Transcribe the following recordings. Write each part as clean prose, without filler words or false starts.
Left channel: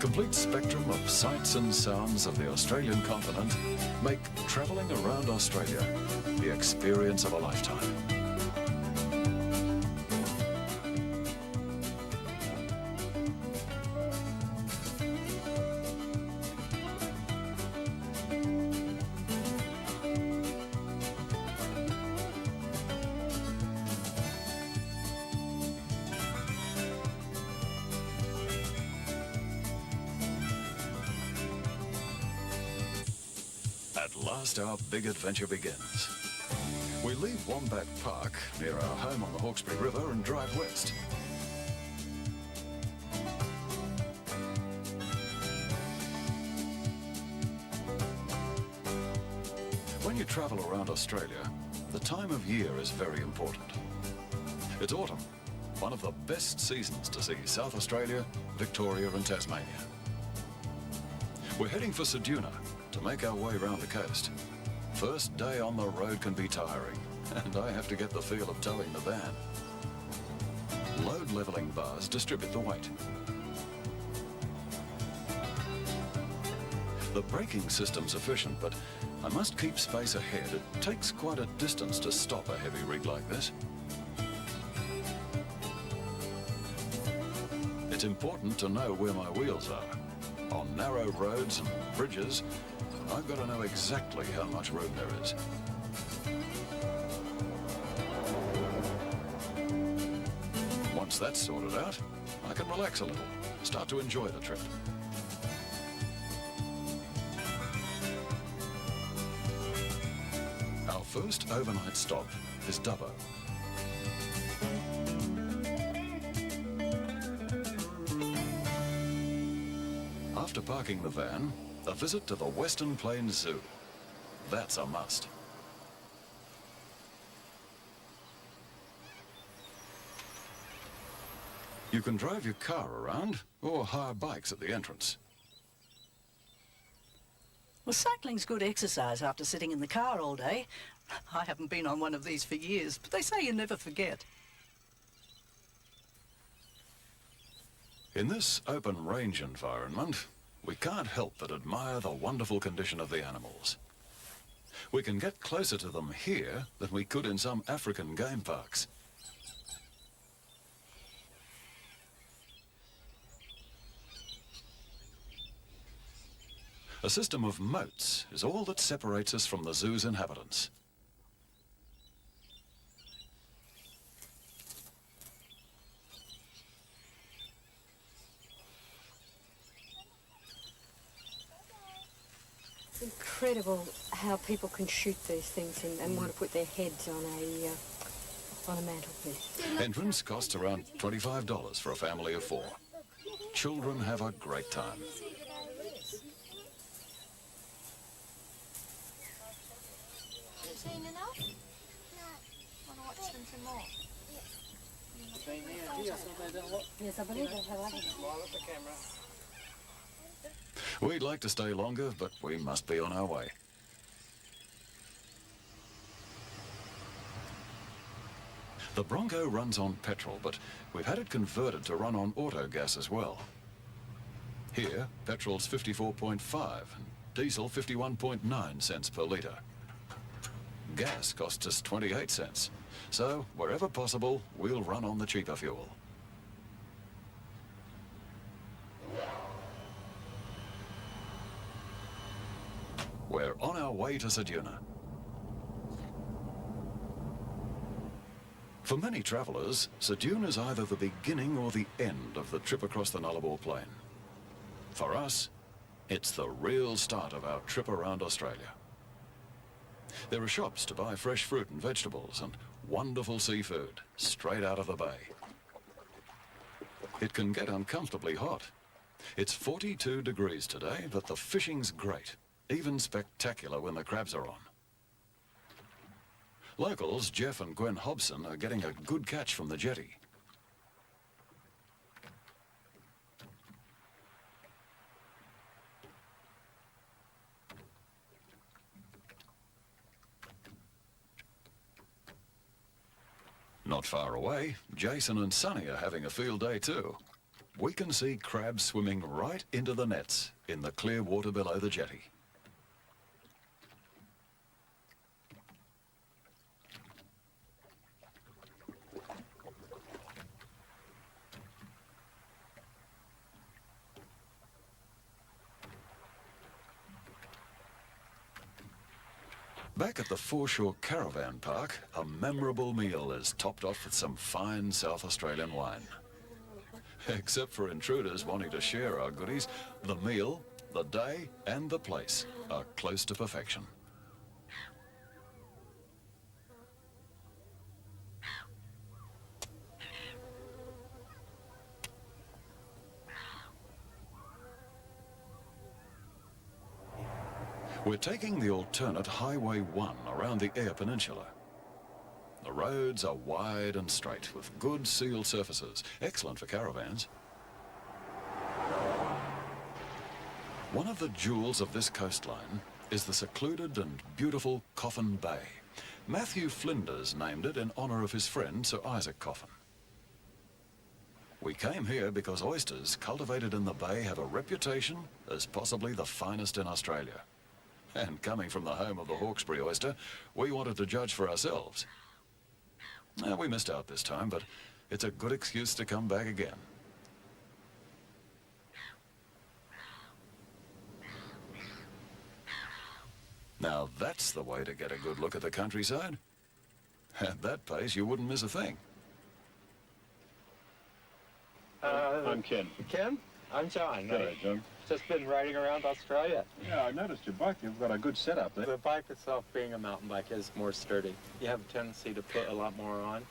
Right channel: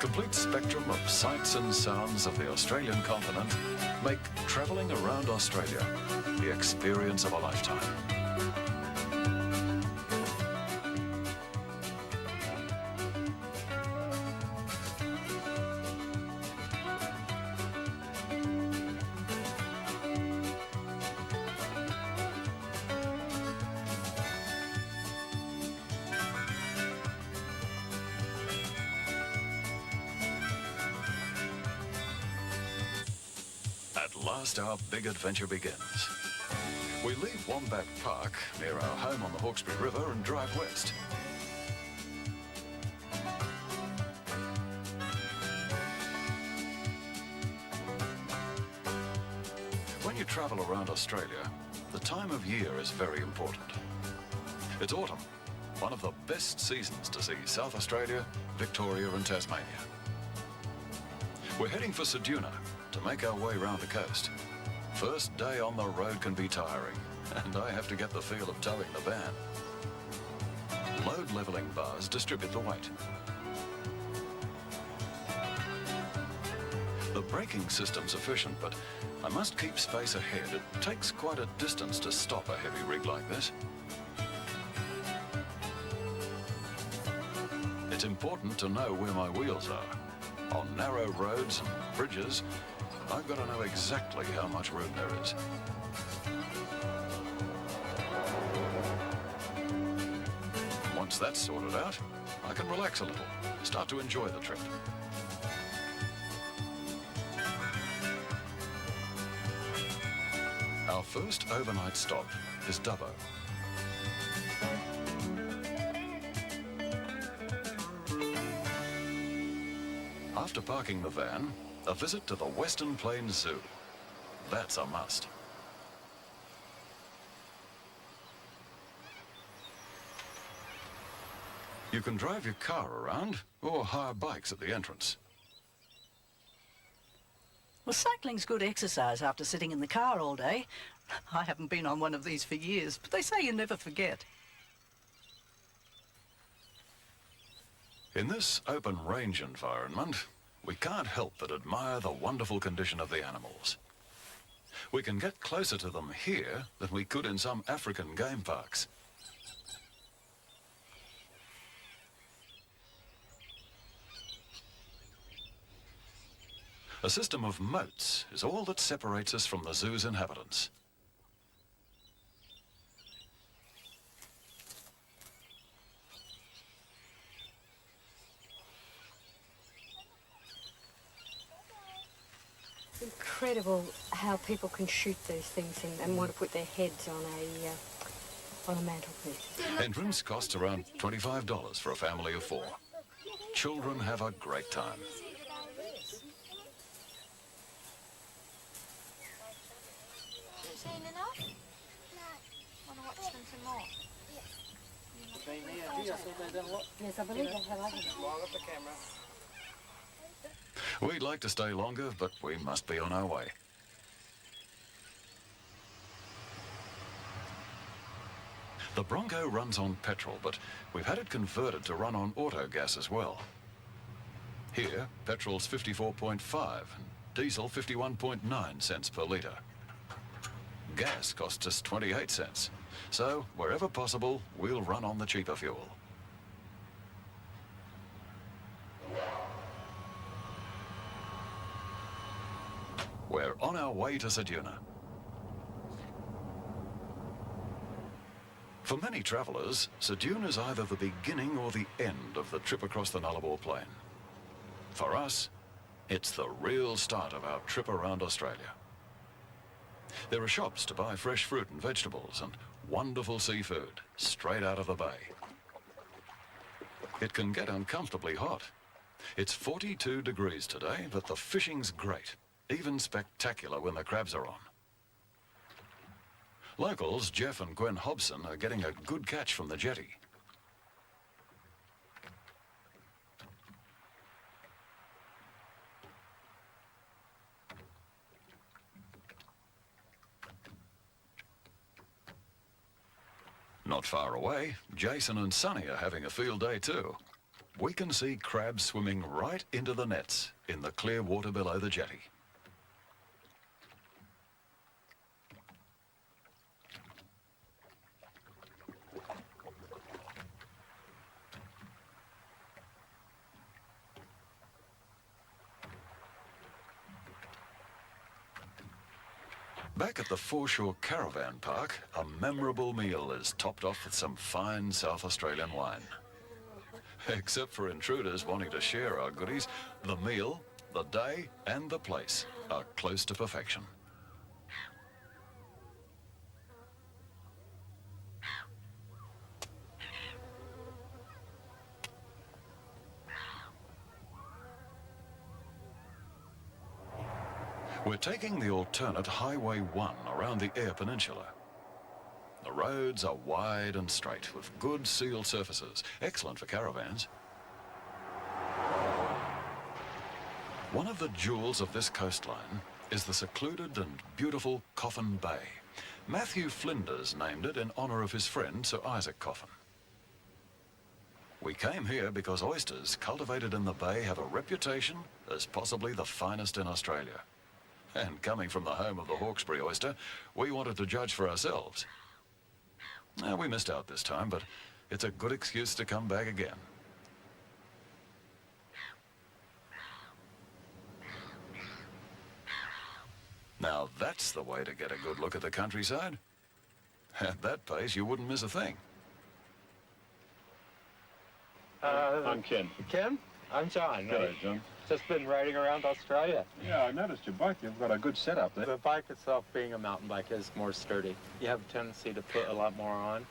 complete spectrum of sights and sounds of the Australian continent make travelling around Australia the experience of a lifetime. At last, our big adventure begins. We leave Wombat Park, near our home on the Hawkesbury River, and drive west. When you travel around Australia, the time of year is very important. It's autumn, one of the best seasons to see South Australia, Victoria and Tasmania. We're heading for Ceduna to make our way round the coast. First day on the road can be tiring, and I have to get the feel of towing the van. Load levelling bars distribute the weight. The braking system's efficient, but I must keep space ahead. It takes quite a distance to stop a heavy rig like this. It's important to know where my wheels are. On narrow roads and bridges, I've got to know exactly how much room there is. Once that's sorted out, I can relax a little, start to enjoy the trip. Our first overnight stop is Dubbo. After parking the van, a visit to the Western Plains Zoo. That's a must. You can drive your car around or hire bikes at the entrance. Well, cycling's good exercise after sitting in the car all day. I haven't been on one of these for years, but they say you never forget. In this open range environment, we can't help but admire the wonderful condition of the animals. We can get closer to them here than we could in some African game parks. A system of moats is all that separates us from the zoo's inhabitants. It's incredible how people can shoot these things and want to put their heads on a mantelpiece. Entrance costs around $25 for a family of 4. Children have a great time. Yes, I believe I have. We'd like to stay longer, but we must be on our way. The Bronco runs on petrol, but we've had it converted to run on auto gas as well. Here, petrol's 54.5 and diesel 51.9 cents per litre. Gas costs us 28 cents, so wherever possible, we'll run on the cheaper fuel. We're on our way to Ceduna. For many travellers, Ceduna is either the beginning or the end of the trip across the Nullarbor Plain. For us, it's the real start of our trip around Australia. There are shops to buy fresh fruit and vegetables and wonderful seafood straight out of the bay. It can get uncomfortably hot. It's 42 degrees today, but the fishing's great, even spectacular when the crabs are on. Locals, Jeff and Gwen Hobson, are getting a good catch from the jetty. Not far away, Jason and Sonny are having a field day too. we can see crabs swimming right into the nets in the clear water below the jetty. Back at the Foreshore Caravan Park, a memorable meal is topped off with some fine South Australian wine. Except for intruders wanting to share our goodies, the meal, the day and the place are close to perfection. We're taking the alternate Highway 1 around the Eyre Peninsula. The roads are wide and straight with good sealed surfaces, excellent for caravans. One of the jewels of this coastline is the secluded and beautiful Coffin Bay. Matthew Flinders named it in honour of his friend Sir Isaac Coffin. We came here because oysters cultivated in the bay have a reputation as possibly the finest in Australia. And coming from the home of the Hawkesbury oyster, we wanted to judge for ourselves. We missed out this time, but it's a good excuse to come back again. Now that's the way to get a good look at the countryside. At that pace, you wouldn't miss a thing. I'm Ken. Ken? I'm John. Hello, John. Just been riding around Australia. Yeah, I noticed your bike. You've got a good setup there. The bike itself, being a mountain bike, is more sturdy. You have a tendency to put a lot more on,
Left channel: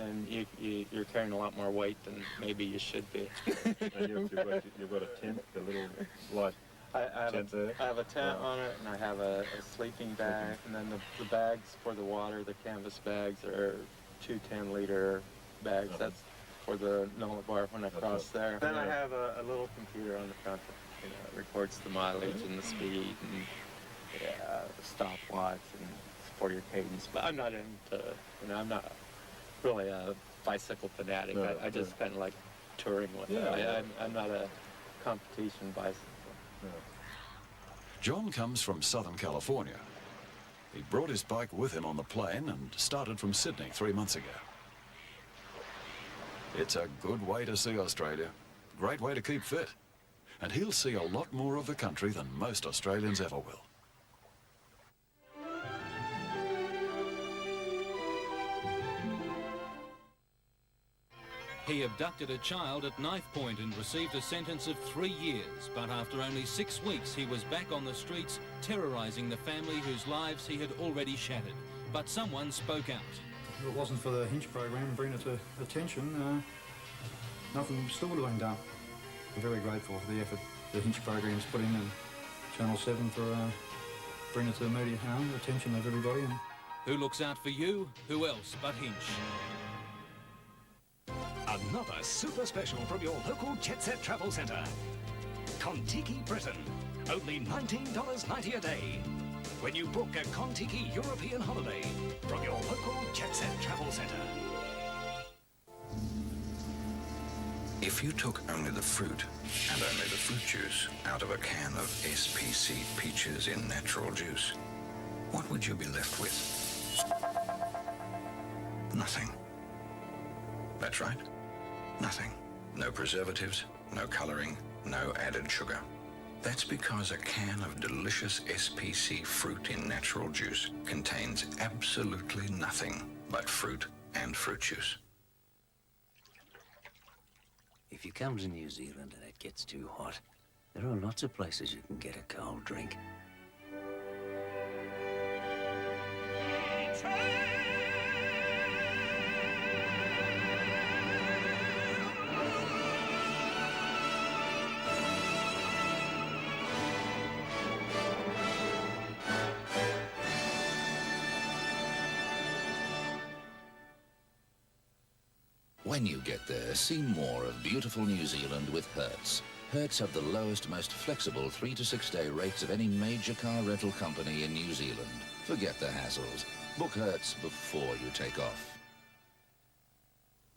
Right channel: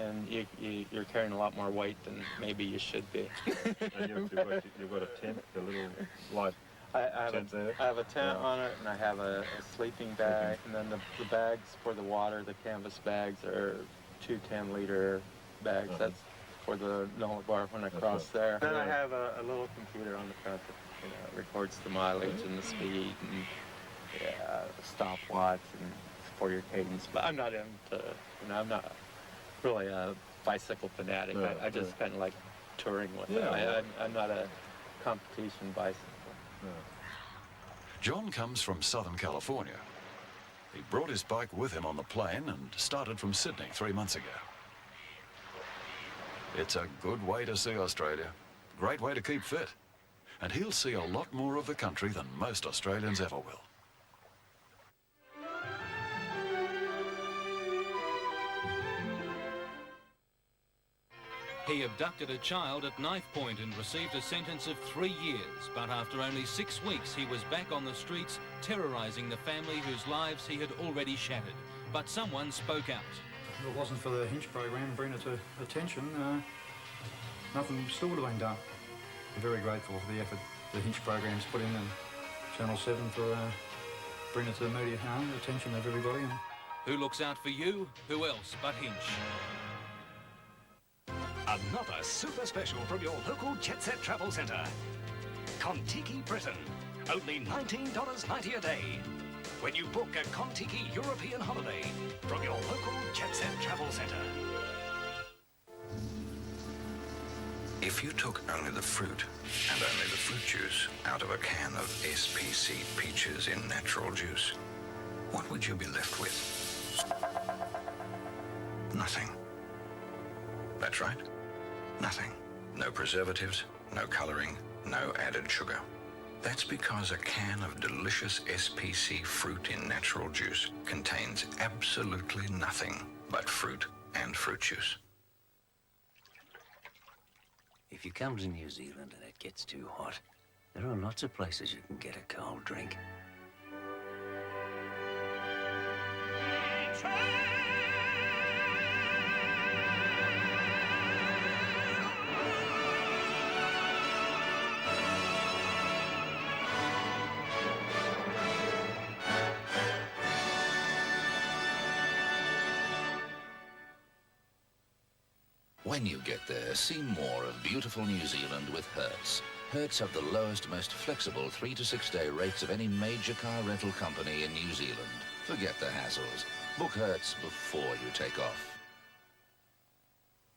and you're carrying a lot more weight than maybe you should be. You've got a tent, a little light I tent there. have a tent on it, and I have a sleeping bag, and then the bags for the water, the canvas bags, are 2 10-liter bags. That's for the Nullet Bar when I cross there. Then I have a little computer on the front that it records the mileage and the speed and stopwatch and for your cadence. But I'm not into, I'm not really a bicycle fanatic. No, I just kind of like touring with it. I'm not a competition bicycle. No. John comes from Southern California. He brought his bike with him on the plane and started from Sydney 3 months ago. It's a good way to see Australia, great way to keep fit, and he'll see a lot more of the country than most Australians ever will. He abducted a child at knife point and received a sentence of 3 years, but after only 6 weeks he was back on the streets terrorising the family whose lives he had already shattered. But someone spoke out. If it wasn't for the Hinch program bringing it to attention, nothing still would have been done. We're very grateful for the effort the Hinch program's put in, and Channel 7 for bringing it to the media home, the attention of everybody. And Who looks out for you? Who else but Hinch? Another super special from your local Jet Set Travel Centre. Kon-Tiki Britain. Only $19.90 a day. When you book a Kon-Tiki European holiday from your local Jet Set Travel Centre. If you took only the fruit and only the fruit juice out of a can of SPC peaches in natural juice, what would you be left with? Nothing. That's right. Nothing. No preservatives, no coloring, no added sugar. That's because a can of delicious SPC fruit in natural juice contains absolutely nothing but fruit and fruit juice. If you come to New Zealand and it gets too hot, there are lots of places you can get a cold drink. When you get there, see more of beautiful New Zealand with Hertz. Hertz have the lowest, most flexible 3 to 6 day rates of any major car rental company in New Zealand. Forget the hassles. Book Hertz before you take off.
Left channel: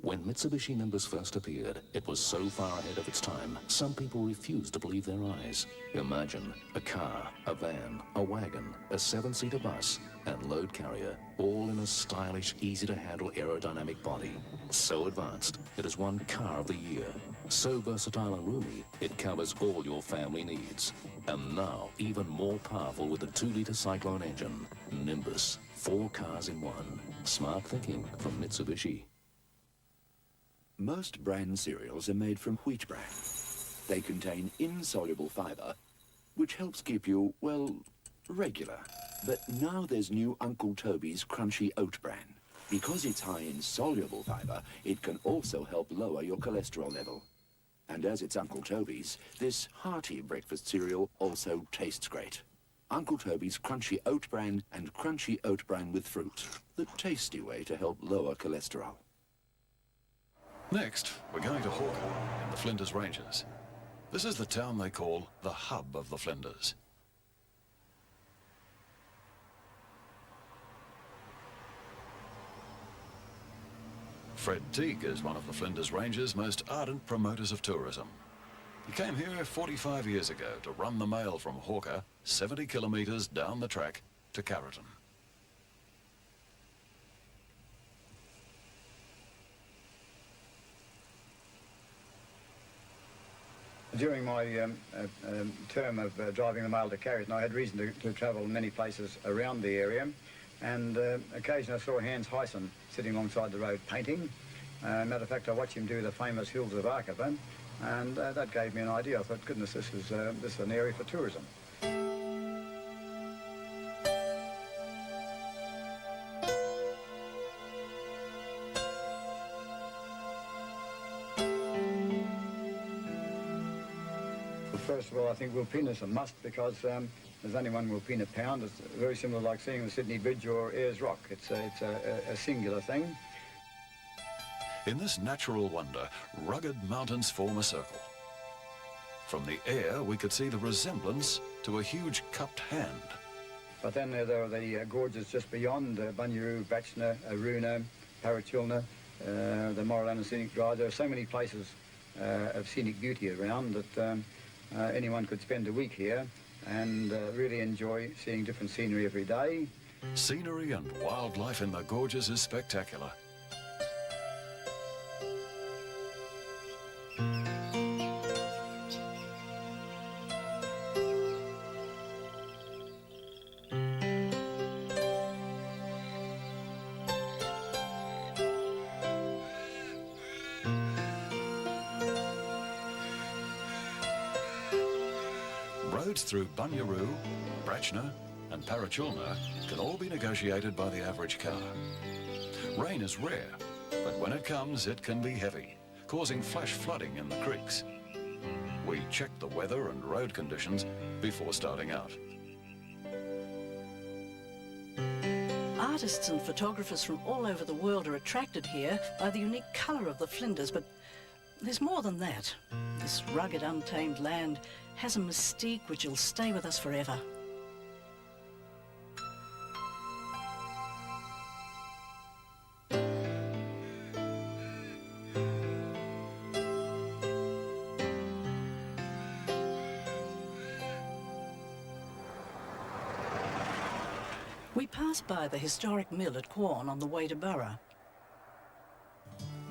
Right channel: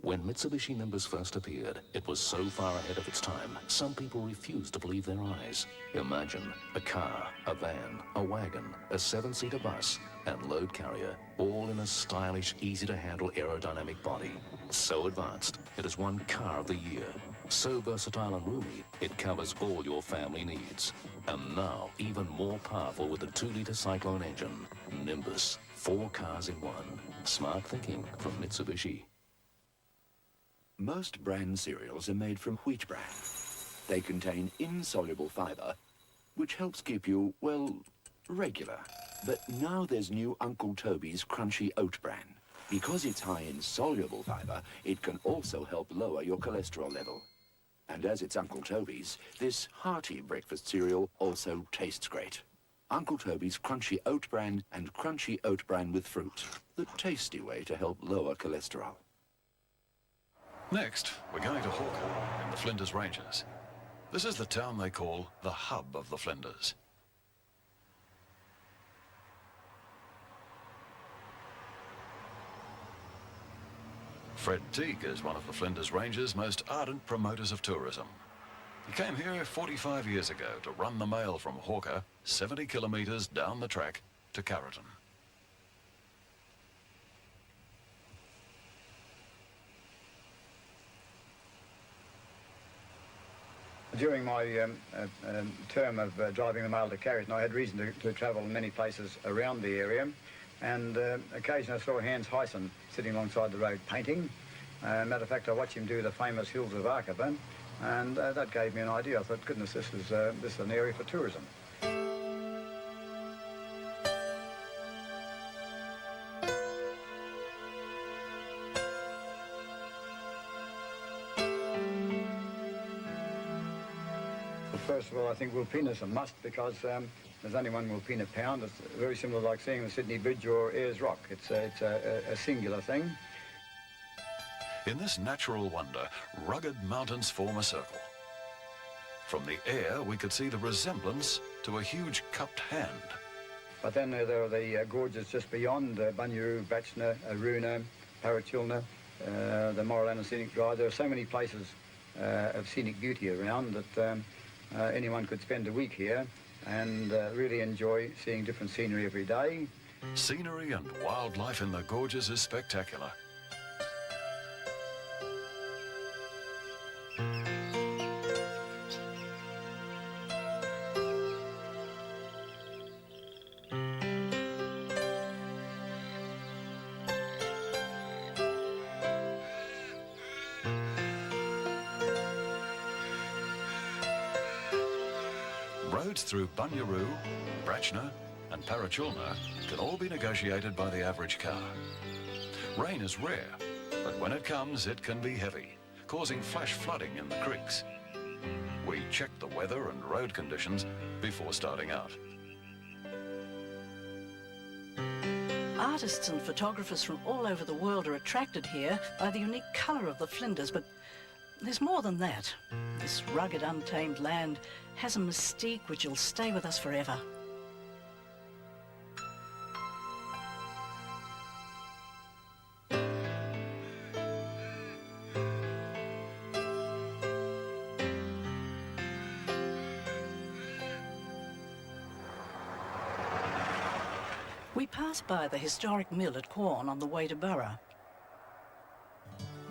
When Mitsubishi Nimbus first appeared, it was so far ahead of its time, some people refused to believe their eyes. Imagine a car, a van, a wagon, a 7-seater bus, and load carrier, all in a stylish, easy-to-handle aerodynamic body. So advanced, it is won Car of the Year. So versatile and roomy, it covers all your family needs. And now, even more powerful with the 2-litre Cyclone engine. Nimbus, 4 cars in one. Smart thinking from Mitsubishi. Most bran cereals are made from wheat bran. They contain insoluble fibre, which helps keep you, well, regular. But now there's new Uncle Toby's crunchy oat bran. Because it's high in soluble fibre, it can also help lower your cholesterol level. And as it's Uncle Toby's, this hearty breakfast cereal also tastes great. Uncle Toby's crunchy oat bran and crunchy oat bran with fruit. The tasty way to help lower cholesterol. Next, we're going to Hawker in the Flinders Ranges. This is the town they call the hub of the Flinders. Fred Teague is one of the Flinders Ranges' most ardent promoters of tourism. He came here 45 years ago to run the mail from Hawker, 70 kilometres down the track to Carrollton. During my term of driving the mail to Carrollton, I had reason to travel many places around the area, and occasionally I saw Hans Hyson sitting alongside the road painting. Matter of fact, I watched him do the famous Hills of Arkavan, and that gave me an idea. I thought, goodness, this is an area for tourism. First of all, I think Wilpena's a must because there's only one Wilpena pound. It's very similar like seeing the Sydney Bridge or Ayers Rock. It's a singular thing. In this natural wonder, rugged mountains form a circle. From the air, we could see the resemblance to a huge cupped hand. But then there are the gorges just beyond, Bunyaroo, Batchner, Aruna, Parachilna, the Moralana Scenic Drive. There are so many places of scenic beauty around that anyone could spend a week here and really enjoy seeing different scenery every day. Scenery and wildlife in the gorges is spectacular. Roads through Bunyaroo, Bratchner and Parachilna can all be negotiated by the average car. Rain is rare, but when it comes it can be heavy, causing flash flooding in the creeks. We check the weather and road conditions before starting out. Artists and photographers from all over the world are attracted here by the unique colour of the Flinders, but there's more than that. This rugged, untamed land has a mystique which will stay with us forever. We pass by the historic mill at Quorn on the way to Burra.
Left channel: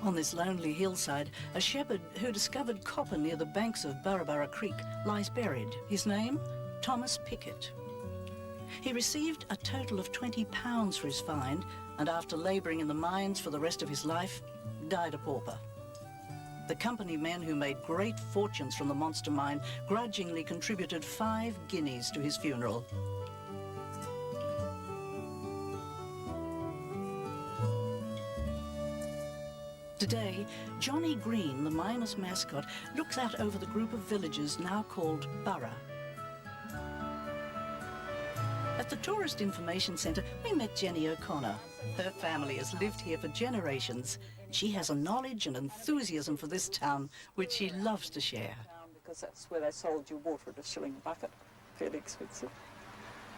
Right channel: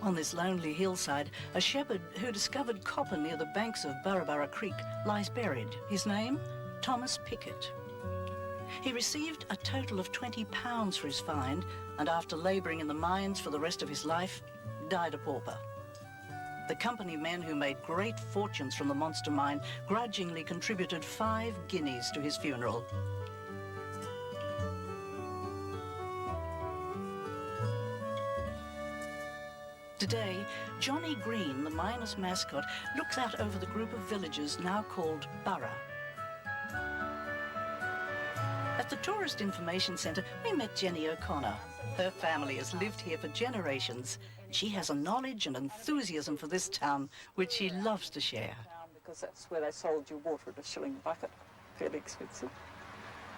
On this lonely hillside, a shepherd who discovered copper near the banks of Burra Creek lies buried. His name? Thomas Pickett. He received a total of £20 for his find, and after labouring in the mines for the rest of his life, died a pauper. The company men who made great fortunes from the monster mine grudgingly contributed 5 guineas to his funeral. Today, Johnny Green, the miners' mascot, looks out over the group of villages now called Burra. At the Tourist Information Centre, we met Jenny O'Connor. Her family has lived here for generations. She has a knowledge and enthusiasm for this town, which she loves to share. Because that's where they sold you water at a shilling a bucket. Fairly expensive.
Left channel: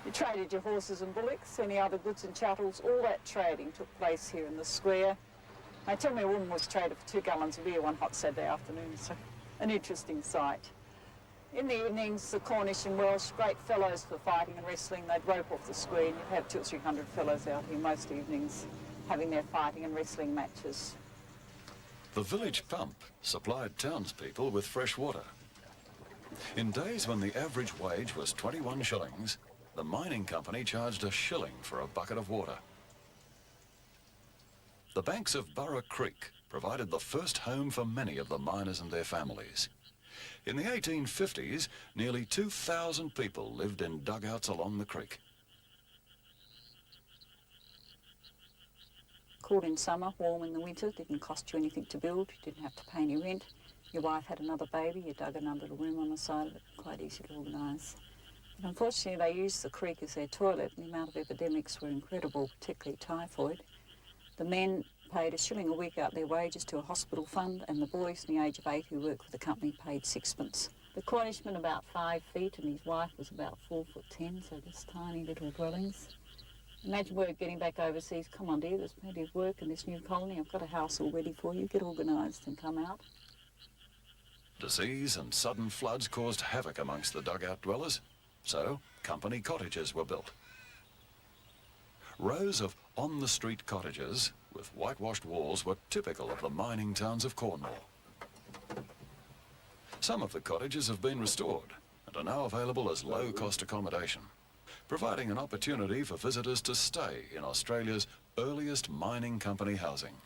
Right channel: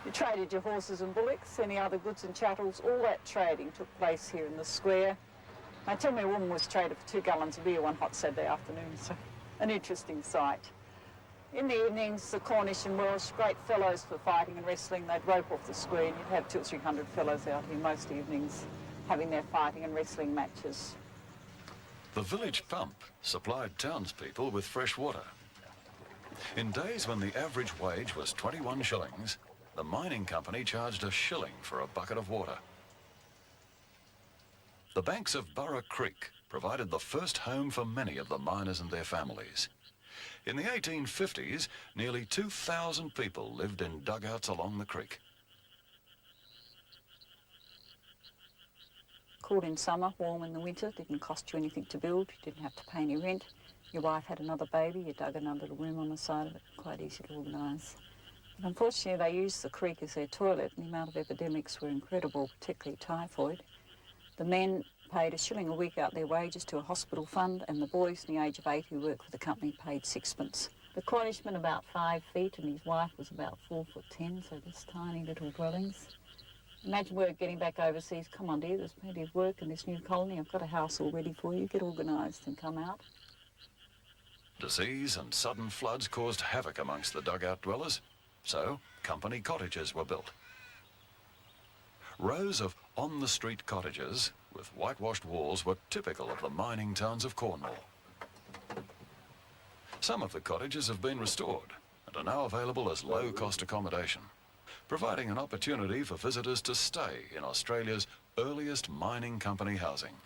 You traded your horses and bullocks, any other goods and chattels. All that trading took place here in the square. They tell me a woman was traded for 2 gallons of beer one hot Saturday afternoon, so an interesting sight. In the evenings, the Cornish and Welsh, great fellows for fighting and wrestling. They'd rope off the screen. You'd have 200 or 300 fellows out here most evenings having their fighting and wrestling matches. The village pump supplied townspeople with fresh water. In days when the average wage was 21 shillings, the mining company charged a shilling for a bucket of water. The banks of Burra Creek provided the first home for many of the miners and their families. In the 1850s, nearly 2,000 people lived in dugouts along the creek. Cool in summer, warm in the winter, didn't cost you anything to build, you didn't have to pay any rent. Your wife had another baby, you dug another little room on the side of it, quite easy to organise. But unfortunately they used the creek as their toilet and the amount of epidemics were incredible, particularly typhoid. The men paid a shilling a week out their wages to a hospital fund, and the boys in the age of 8 who worked for the company paid 6pence. The Cornishman about 5 feet and his wife was about 4'10", so just tiny little dwellings. Imagine word getting back overseas. Come on dear, there's plenty of work in this new colony. I've got a house all ready for you. Get organised and come out. Disease and sudden floods caused havoc amongst the dugout dwellers, so company cottages were built. Rows of on-the-street cottages with whitewashed walls were typical of the mining towns of Cornwall. Some of the cottages have been restored and are now available as low-cost accommodation, providing an opportunity for visitors to stay in Australia's earliest mining company housing.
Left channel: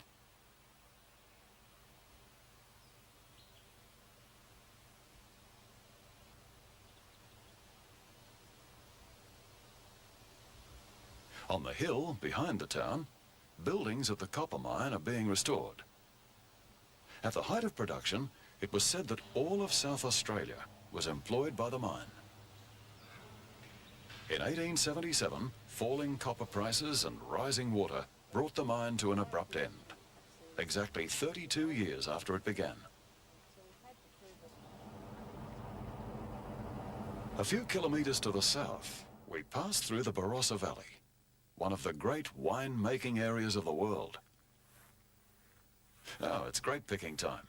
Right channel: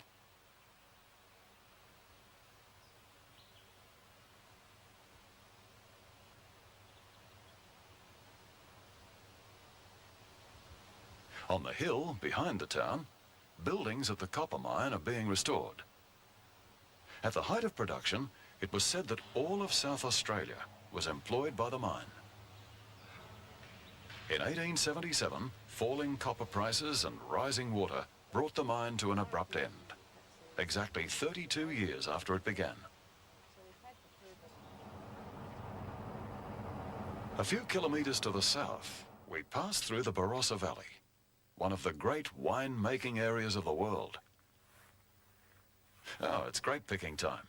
On the hill behind the town, buildings at the copper mine are being restored. At the height of production, it was said that all of South Australia was employed by the mine. In 1877, falling copper prices and rising water brought the mine to an abrupt end, exactly 32 years after it began. A few kilometres to the south, we passed through the Barossa Valley, one of the great wine-making areas of the world. Oh, it's grape picking time.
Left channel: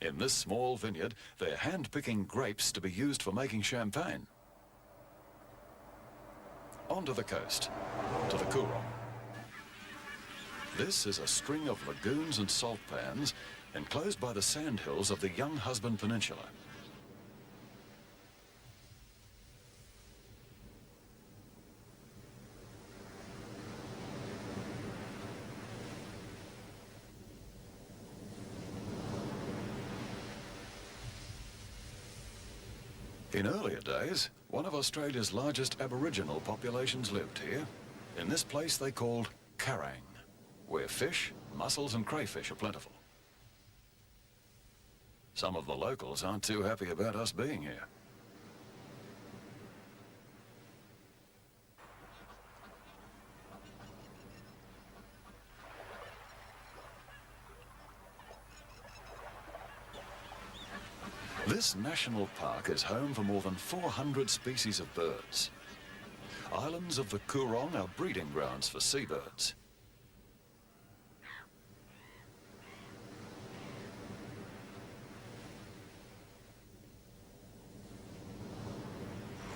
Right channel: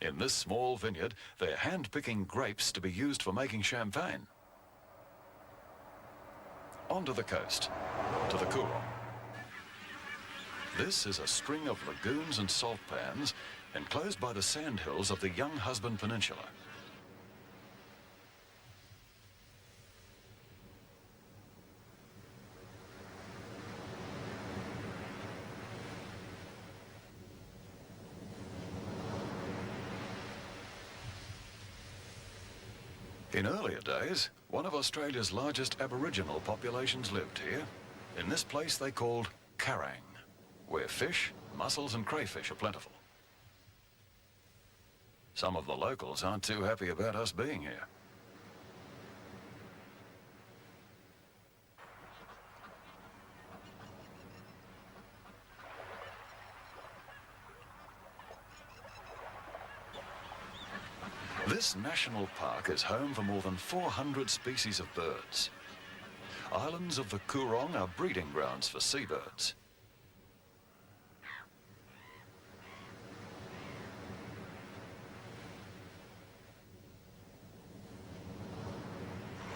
In this small vineyard, they're hand-picking grapes to be used for making champagne. Onto the coast, to the Coorong. This is a string of lagoons and salt pans enclosed by the sandhills of the Young Husband Peninsula. In earlier days, one of Australia's largest Aboriginal populations lived here, in this place they called Karang, where fish, mussels and crayfish are plentiful. Some of the locals aren't too happy about us being here. This national park is home for more than 400 species of birds. Islands of the Coorong are breeding grounds for seabirds.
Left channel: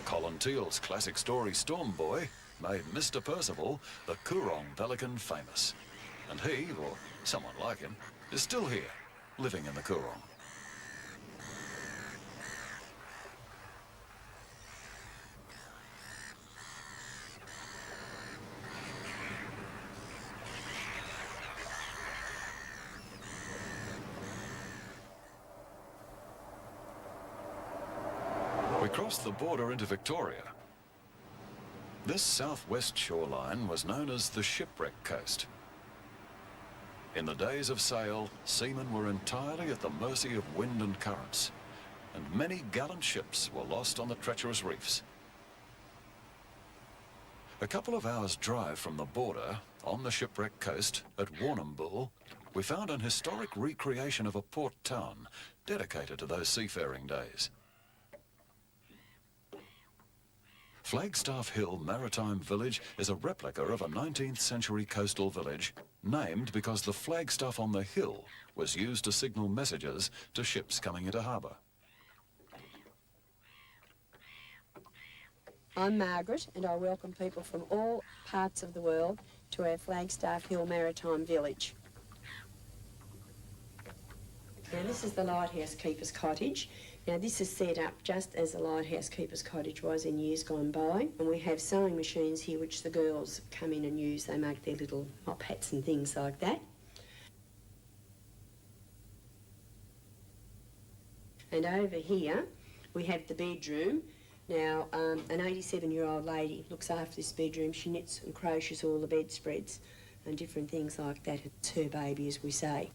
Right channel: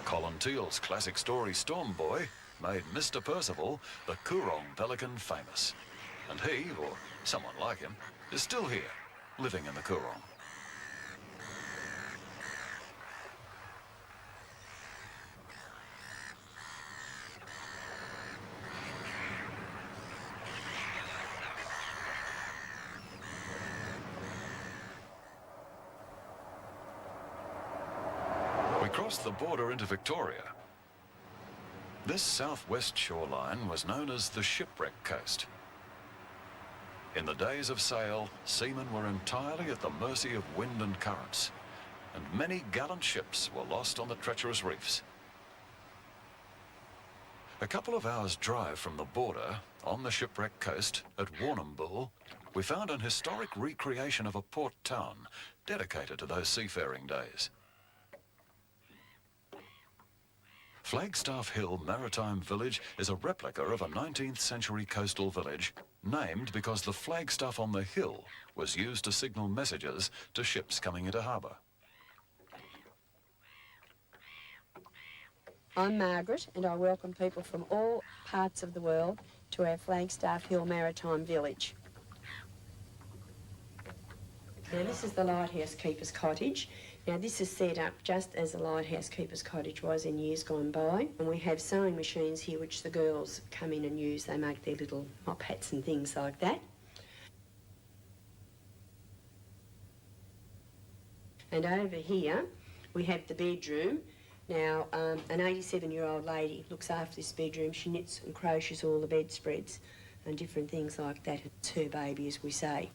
Colin Teal's classic story Storm Boy made Mr. Percival, the Coorong pelican, famous. And he, or someone like him, is still here, living in the Coorong. We crossed the border into Victoria. This southwest shoreline was known as the Shipwreck Coast. In the days of sail, seamen were entirely at the mercy of wind and currents, and many gallant ships were lost on the treacherous reefs. A couple of hours' drive from the border, on the Shipwreck Coast at Warrnambool, we found an historic recreation of a port town dedicated to those seafaring days. Flagstaff Hill Maritime Village is a replica of a 19th century coastal village named because the flagstaff on the hill was used to signal messages to ships coming into harbour. I'm Margaret and I welcome people from all parts of the world to our Flagstaff Hill Maritime Village. Now this is the Lighthouse Keeper's Cottage. Now this is set up just as the Lighthouse Keeper's Cottage was in years gone by, and we have sewing machines here which the girls come in and use. They make their little mop hats and things like that. And over here we have the bedroom. Now an 87-year-old lady looks after this bedroom. She knits and crochets all the bedspreads and different things like that. It's her baby, as we say.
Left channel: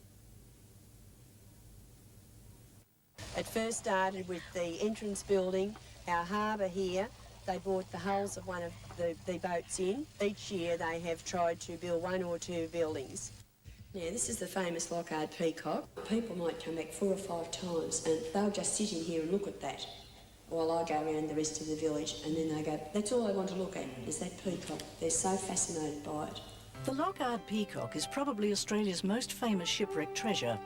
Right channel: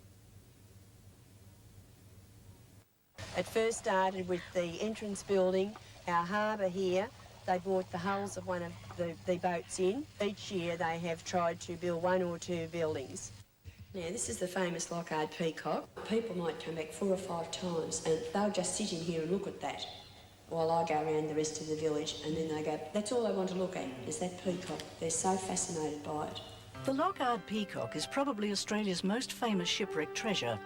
It first started with the entrance building, our harbour here. They brought the hulls of one of the boats in. Each year they have tried to build one or two buildings. Now this is the famous Lockhart peacock. People might come back 4 or 5 times and they'll just sit in here and look at that while I go around the rest of the village, and then they go, that's all I want to look at, is that peacock. They're so fascinated by it. The Lockhart peacock is probably Australia's most famous shipwreck treasure.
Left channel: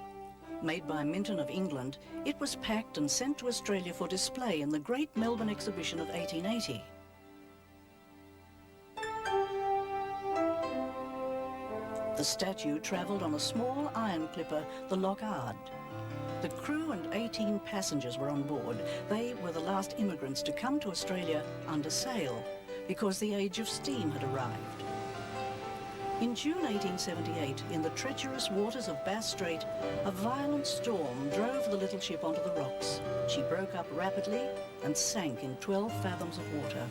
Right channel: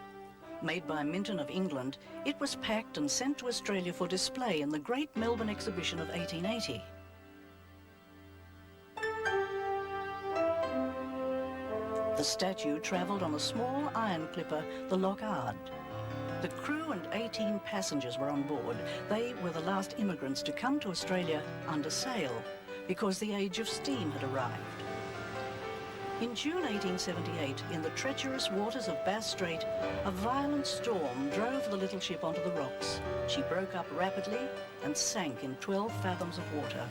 Made by Minton of England, it was packed and sent to Australia for display in the Great Melbourne Exhibition of 1880. The statue travelled on a small iron clipper, the Lockhart. The crew and 18 passengers were on board. They were the last immigrants to come to Australia under sail because the age of steam had arrived. In June 1878, in the treacherous waters of Bass Strait, a violent storm drove the little ship onto the rocks. She broke up rapidly and sank in 12 fathoms of water.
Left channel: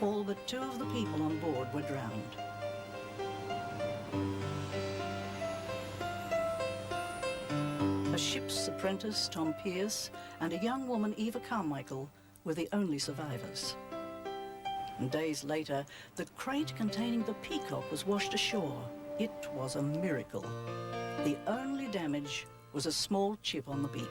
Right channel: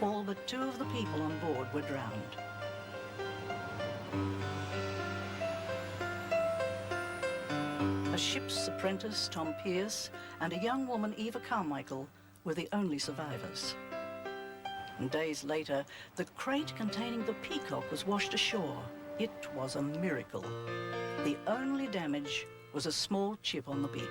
All but 2 of the people on board were drowned. A ship's apprentice, Tom Pearce, and a young woman, Eva Carmichael, were the only survivors. And days later, the crate containing the peacock was washed ashore. It was a miracle. The only damage was a small chip on the beak.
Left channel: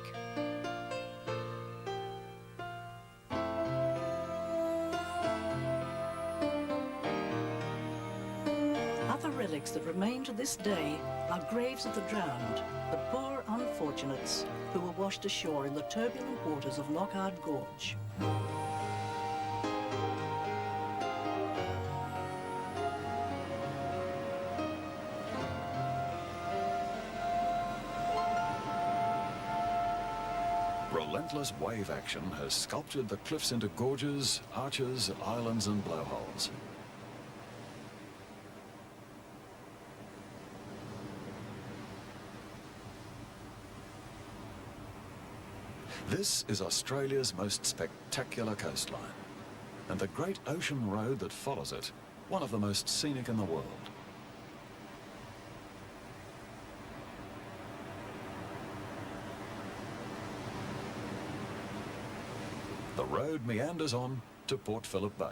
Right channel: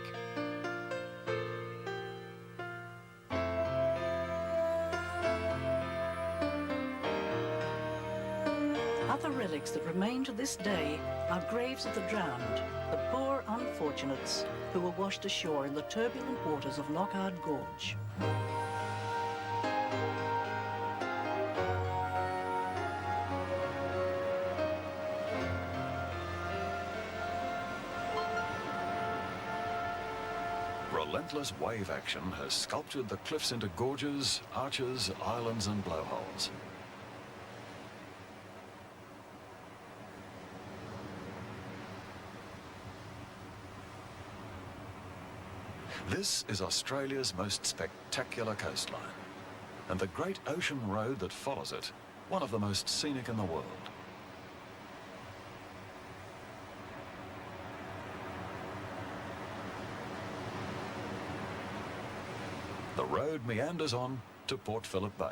Other relics that remain to this day are graves of the drowned, the poor unfortunates who were washed ashore in the turbulent waters of Lockhart Gorge. Relentless wave action has sculpted the cliffs into gorges, arches, islands and blowholes. This is Australia's most spectacular coastline, and the great ocean road that follows it, one of the most scenic in the world. The road meanders on to Port Phillip Bay.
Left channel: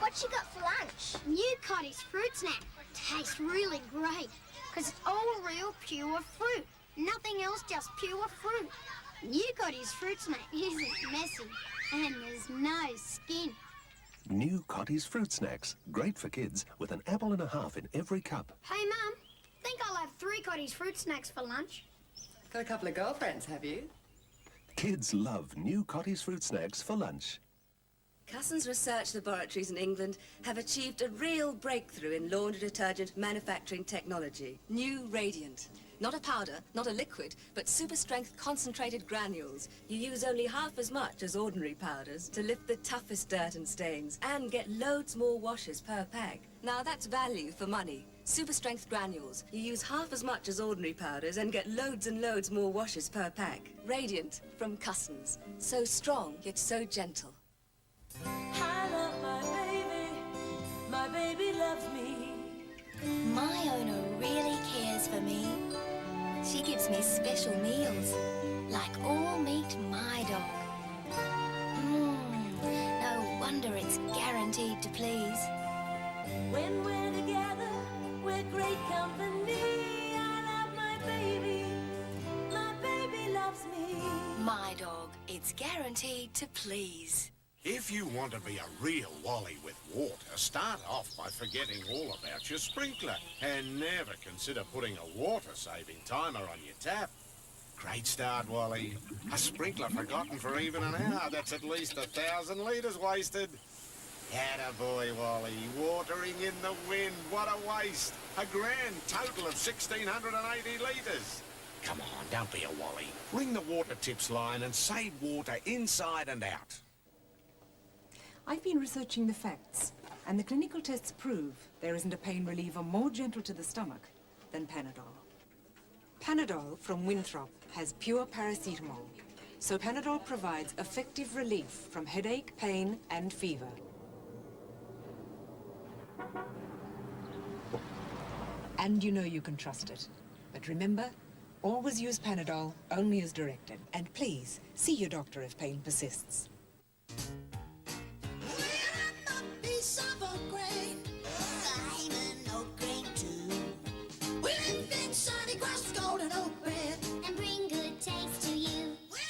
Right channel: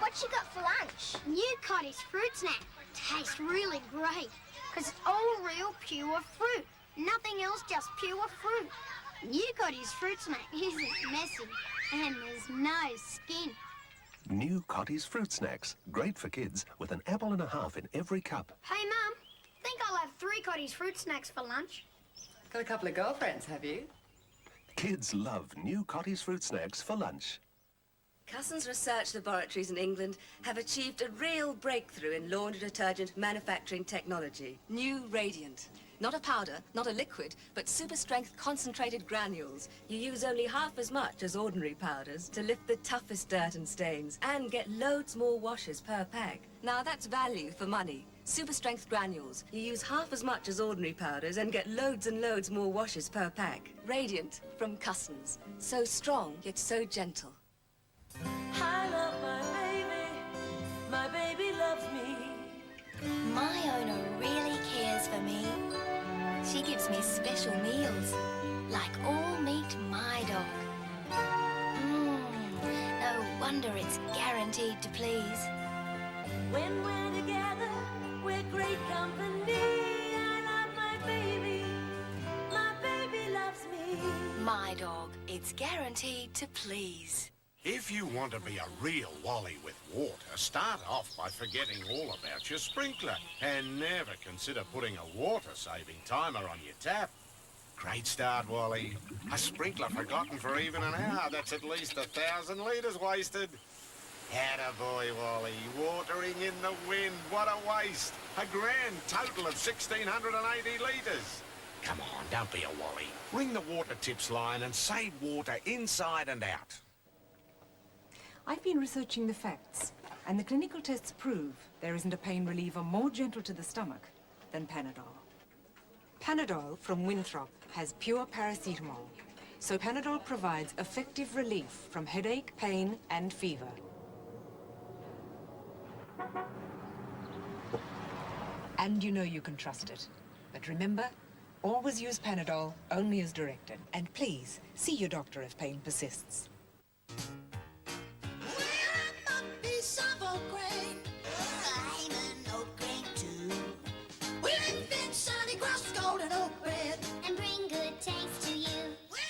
What you got for lunch? New Cotty's fruit snack. Tastes really great, because it's all real pure fruit. Nothing else, just pure fruit. New Cotty's fruit snack isn't messy, and there's no skin. New Cotty's Fruit Snacks. Great for kids with an apple and a half in every cup. Hey, Mum, think I'll have 3 Cotty's fruit snacks for lunch. Got a couple of girlfriends, have you? Kids love New Cotty's Fruit Snacks for lunch. Cussons Research Laboratories in England have achieved a real breakthrough in laundry detergent manufacturing technology. New Radiant. Not a powder, not a liquid, but super strength concentrated granules. You use only half as much as ordinary powders to lift the toughest dirt and stains and get loads more washes per pack. Now that's value for money. Super strength granules. You use half as much as ordinary powders and get loads and loads more washes per pack. Radiant from Cussons. So strong, yet so gentle. I love my baby loves me. My owner really cares for me. She gives me special meals, like all meat my dog. No wonder it's guaranteed to please. When we're together, we're great company. I love my baby. My baby loves me. My dog, it's guaranteed to please. If you want to be a real wally with water, start off by forgetting all about your sprinkler and never consider putting a water-saving timer on your tap. Great start, Wally. A sprinkler forgotten for even an hour, that's at least 1,000 litres wasted. Attaboy, Wally. Watering in the wind, what a waste. A grand total of 1,680 litres. Come on, don't be a Wally. Ring the water tips line and save water inside and out. I've been researching the facts, and the clinical tests prove there isn't a pain reliever more gentle to the stomach than Panadol. Panadol from Winthrop has pure paracetamol, so Panadol provides effective relief from headache, pain, and fever. And you know you can trust it. But remember, always use Panadol only as directed, and please see your doctor if pain persists. Piece of oat grain. I'm an oat grain too. We'll invent Sunny Crust golden oat bread and bring good taste to you. Well,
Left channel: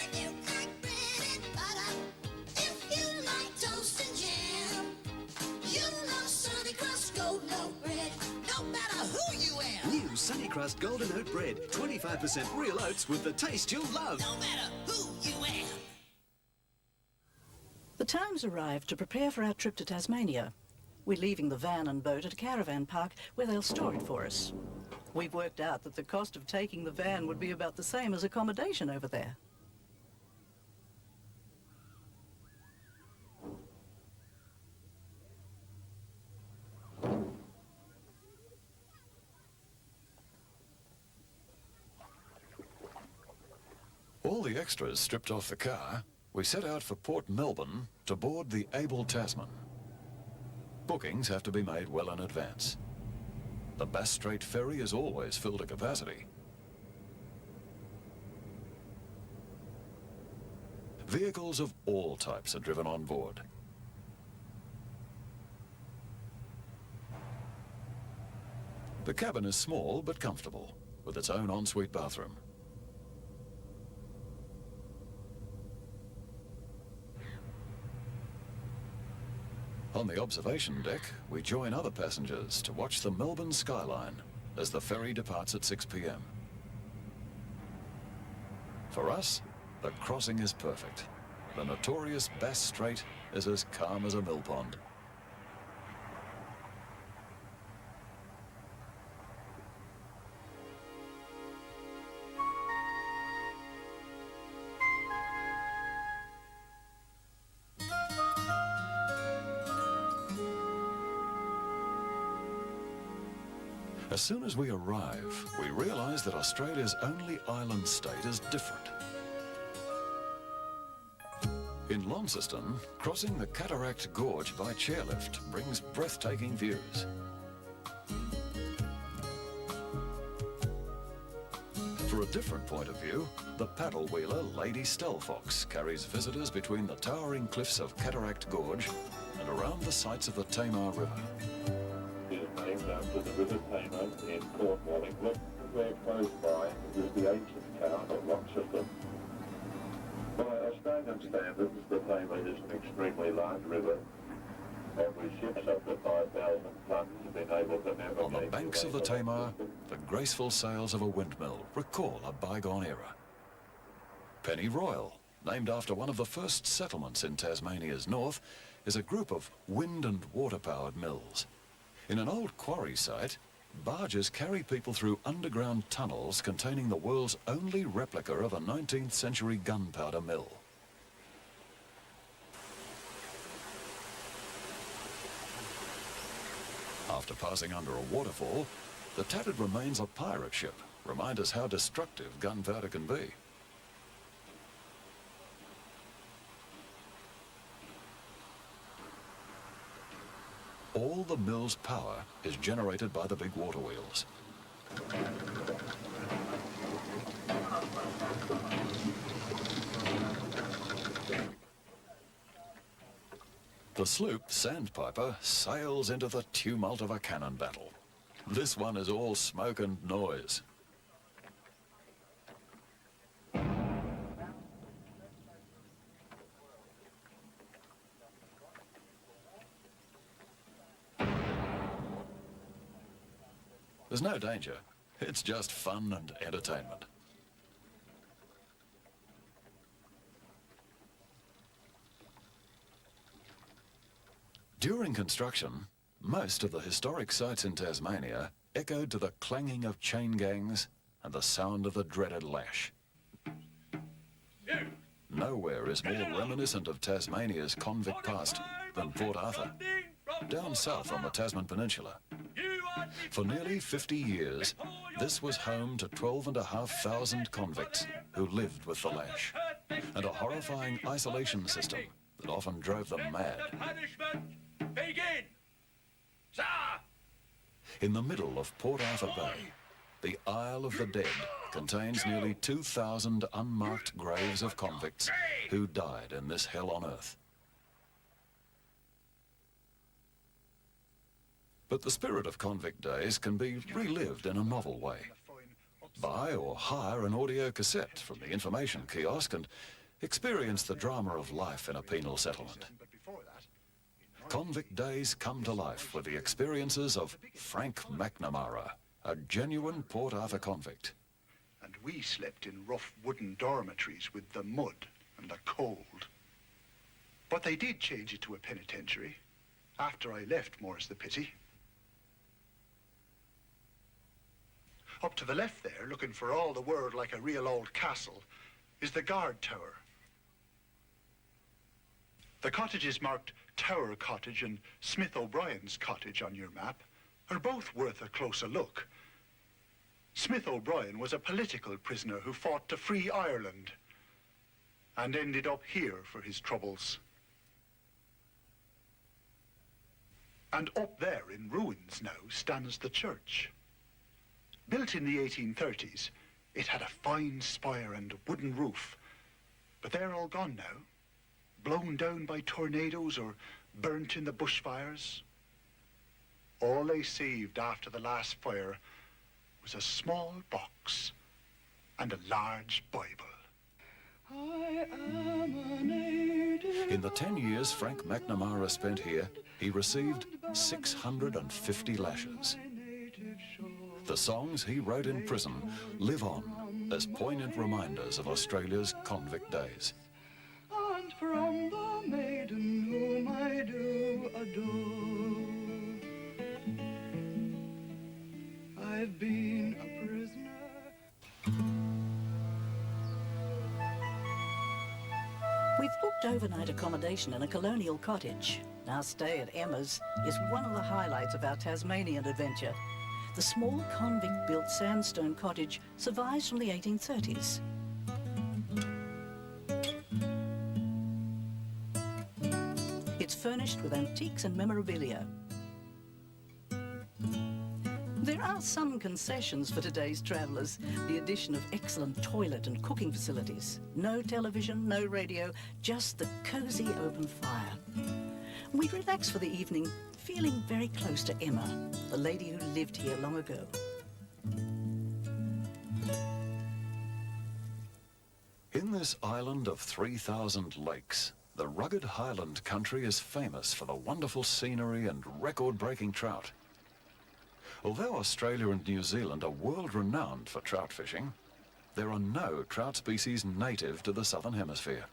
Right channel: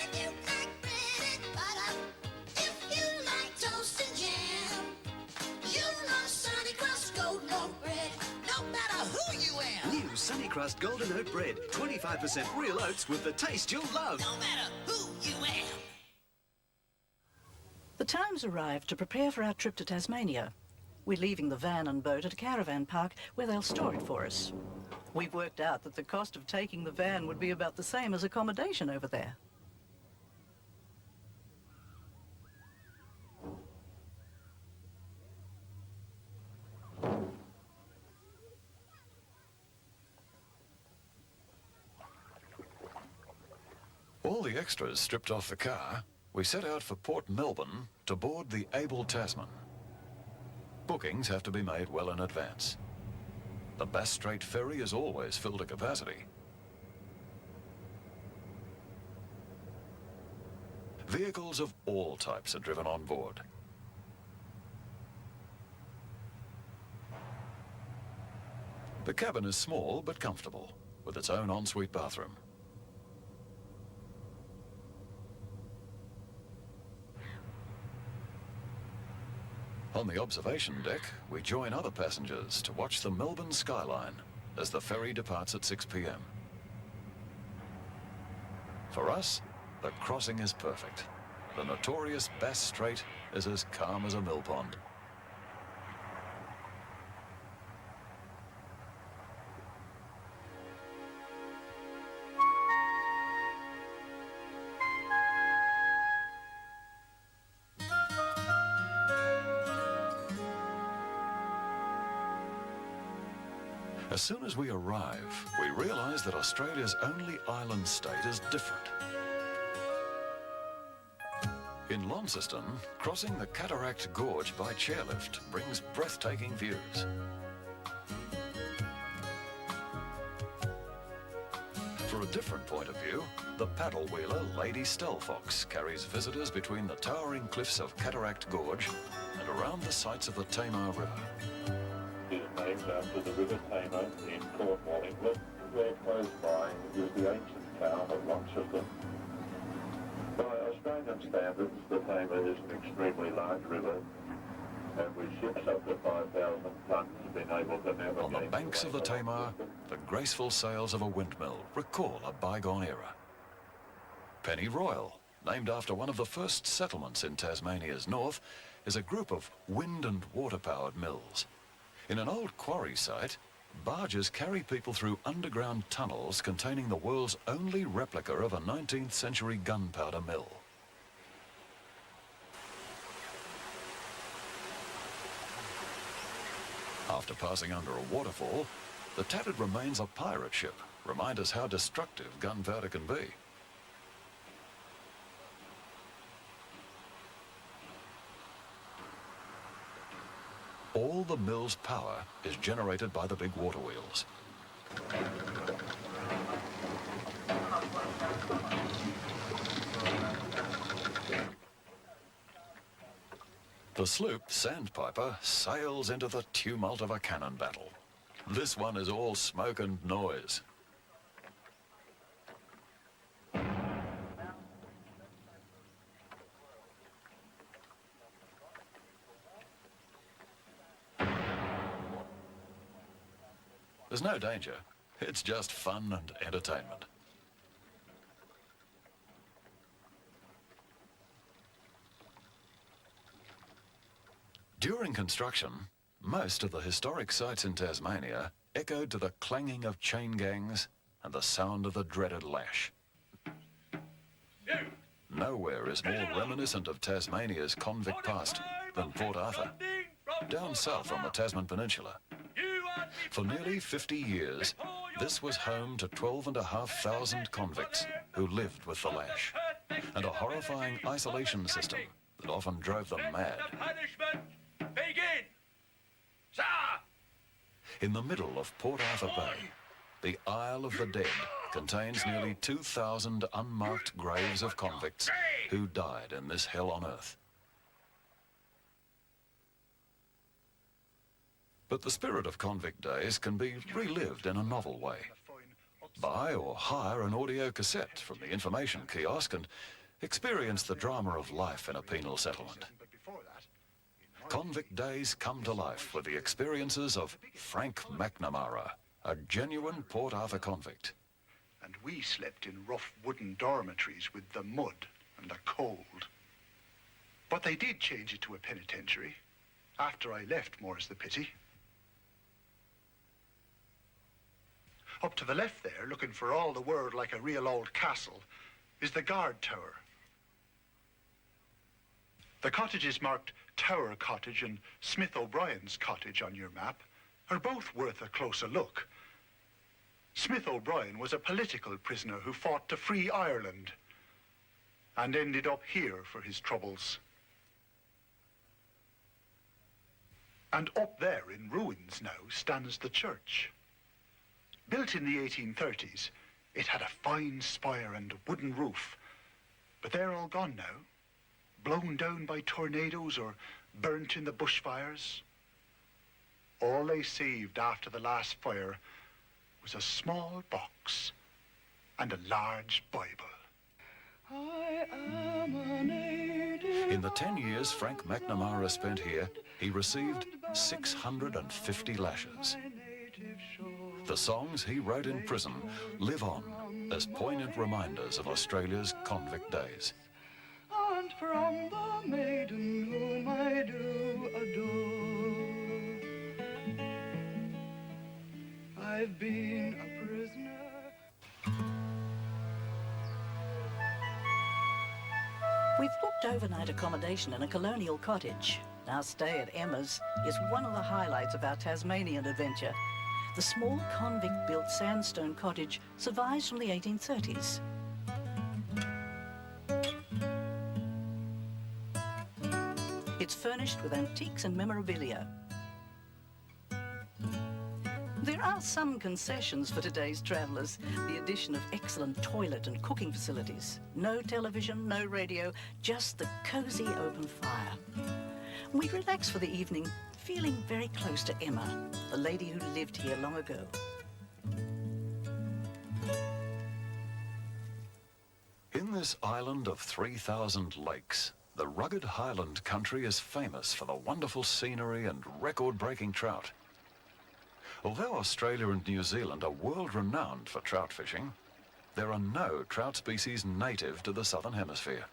if you like bread and butter, if you like toast and jam, you love Sunny Crust golden oat bread, no matter who you am. New Sunny Crust Golden Oat Bread. 25% real oats with the taste you'll love. No matter who you am. The time's arrived to prepare for our trip to Tasmania. We're leaving the van and boat at a caravan park where they'll store it for us. We've worked out that the cost of taking the van would be about the same as accommodation over there. All the extras stripped off the car, we set out for Port Melbourne to board the Able Tasman. Bookings have to be made well in advance. The Bass Strait ferry is always filled to capacity. Vehicles of all types are driven on board. The cabin is small but comfortable, with its own ensuite bathroom. On the observation deck, we join other passengers to watch the Melbourne skyline as the ferry departs at 6 p.m. For us, the crossing is perfect. The notorious Bass Strait is as calm as a mill pond. As soon as we arrive, we realise that Australia's only island state is different. In Launceston, crossing the Cataract Gorge by chairlift brings breathtaking views. For a different point of view, the paddle wheeler Lady Stelfox carries visitors between the towering cliffs of Cataract Gorge and around the sights of the Tamar River. It is named after the River Tamar in Cornwall, England. Very close by is the ancient town of Launceston. By Australian standards, the Tamar is an extremely large river. Average ships up to 5,000 tonnes have been able to navigate. On the banks of the Tamar, the graceful sails of a windmill recall a bygone era. Penny Royal, named after one of the first settlements in Tasmania's north, is a group of wind and water-powered mills. In an old quarry site, barges carry people through underground tunnels containing the world's only replica of a 19th century gunpowder mill. After passing under a waterfall, the tattered remains of pirate ship remind us how destructive gunpowder can be. All the mill's power is generated by the big water wheels. The sloop Sandpiper sails into the tumult of a cannon battle. This one is all smoke and noise. There's no danger. It's just fun and entertainment. During construction, most of the historic sites in Tasmania echoed to the clanging of chain gangs and the sound of the dreaded lash. Nowhere is more reminiscent of Tasmania's convict past than Port Arthur, down south on the Tasman Peninsula. For nearly 50 years, this was home to 12,500 convicts who lived with the lash, and a horrifying isolation system that often drove them mad. In the middle of Port Arthur Bay, the Isle of the Dead contains nearly 2,000 unmarked graves of convicts who died in this hell on earth. But the spirit of convict days can be relived in a novel way. Buy or hire an audio cassette from the information kiosk and experience the drama of life in a penal settlement. Convict days come to life with the experiences of Frank McNamara, a genuine Port Arthur convict. And we slept in rough wooden dormitories with the mud and the cold. But they did change it to a penitentiary. After I left, more's the pity. Up to the left there, looking for all the world like a real old castle, is the guard tower. The cottages marked Tower Cottage and Smith O'Brien's cottage on your map are both worth a closer look. Smith O'Brien was a political prisoner who fought to free Ireland and ended up here for his troubles. And up there in ruins now stands the church. Built in the 1830s, it had a fine spire and a wooden roof, but they're all gone now, blown down by tornadoes or burnt in the bushfires. All they saved after the last fire was a small box and a large Bible. In the 10 years Frank McNamara spent here, he received 650 lashes. The songs he wrote in prison live on as poignant reminders of Australia's convict days. And from the maiden whom I do adore, I've been a prisoner. We've booked overnight accommodation in a colonial cottage. Our stay at Emma's is one of the highlights of our Tasmanian adventure. The small convict-built sandstone cottage survives from the 1830s. It's furnished with antiques and memorabilia. There are some concessions for today's travellers. The addition of excellent toilet and cooking facilities. No television, no radio, just the cosy open fire. We relax for the evening, feeling very close to Emma, the lady who lived here long ago. In this island of 3,000 lakes, the rugged highland country is famous for the wonderful scenery and record-breaking trout. Although Australia and New Zealand are world-renowned for trout fishing, there are no trout species native to the Southern Hemisphere.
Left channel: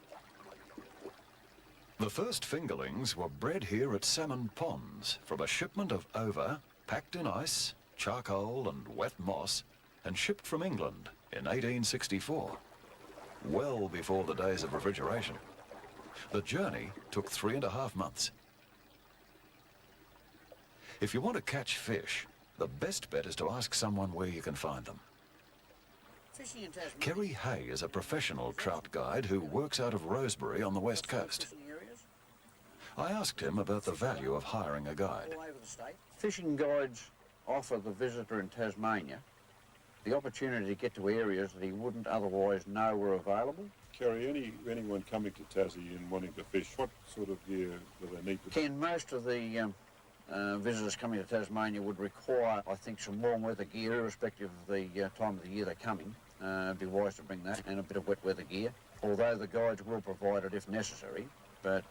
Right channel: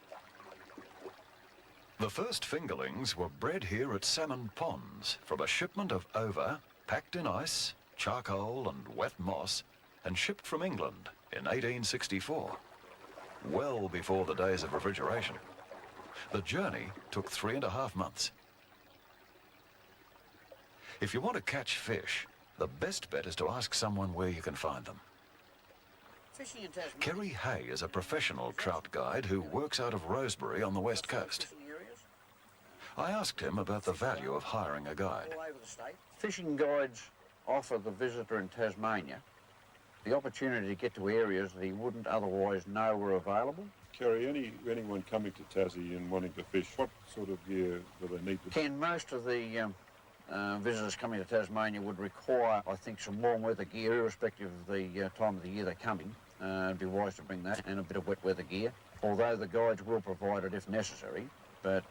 The first fingerlings were bred here at Salmon Ponds from a shipment of ova packed in ice, charcoal and wet moss and shipped from England in 1864, well before the days of refrigeration. The journey took 3.5 months. If you want to catch fish, the best bet is to ask someone where you can find them. Kerry Hay is a professional trout guide who works out of Rosebery on the west coast. I asked him about the value of hiring a guide. Fishing guides offer the visitor in Tasmania the opportunity to get to areas that he wouldn't otherwise know were available. Kerry, anyone coming to Tassie and wanting to fish, what sort of gear do they need to Ken, most of the visitors coming to Tasmania would require, I think, some warm weather gear, irrespective of the time of the year they're coming. It'd be wise to bring that, and a bit of wet weather gear, although the guides will provide it if necessary. But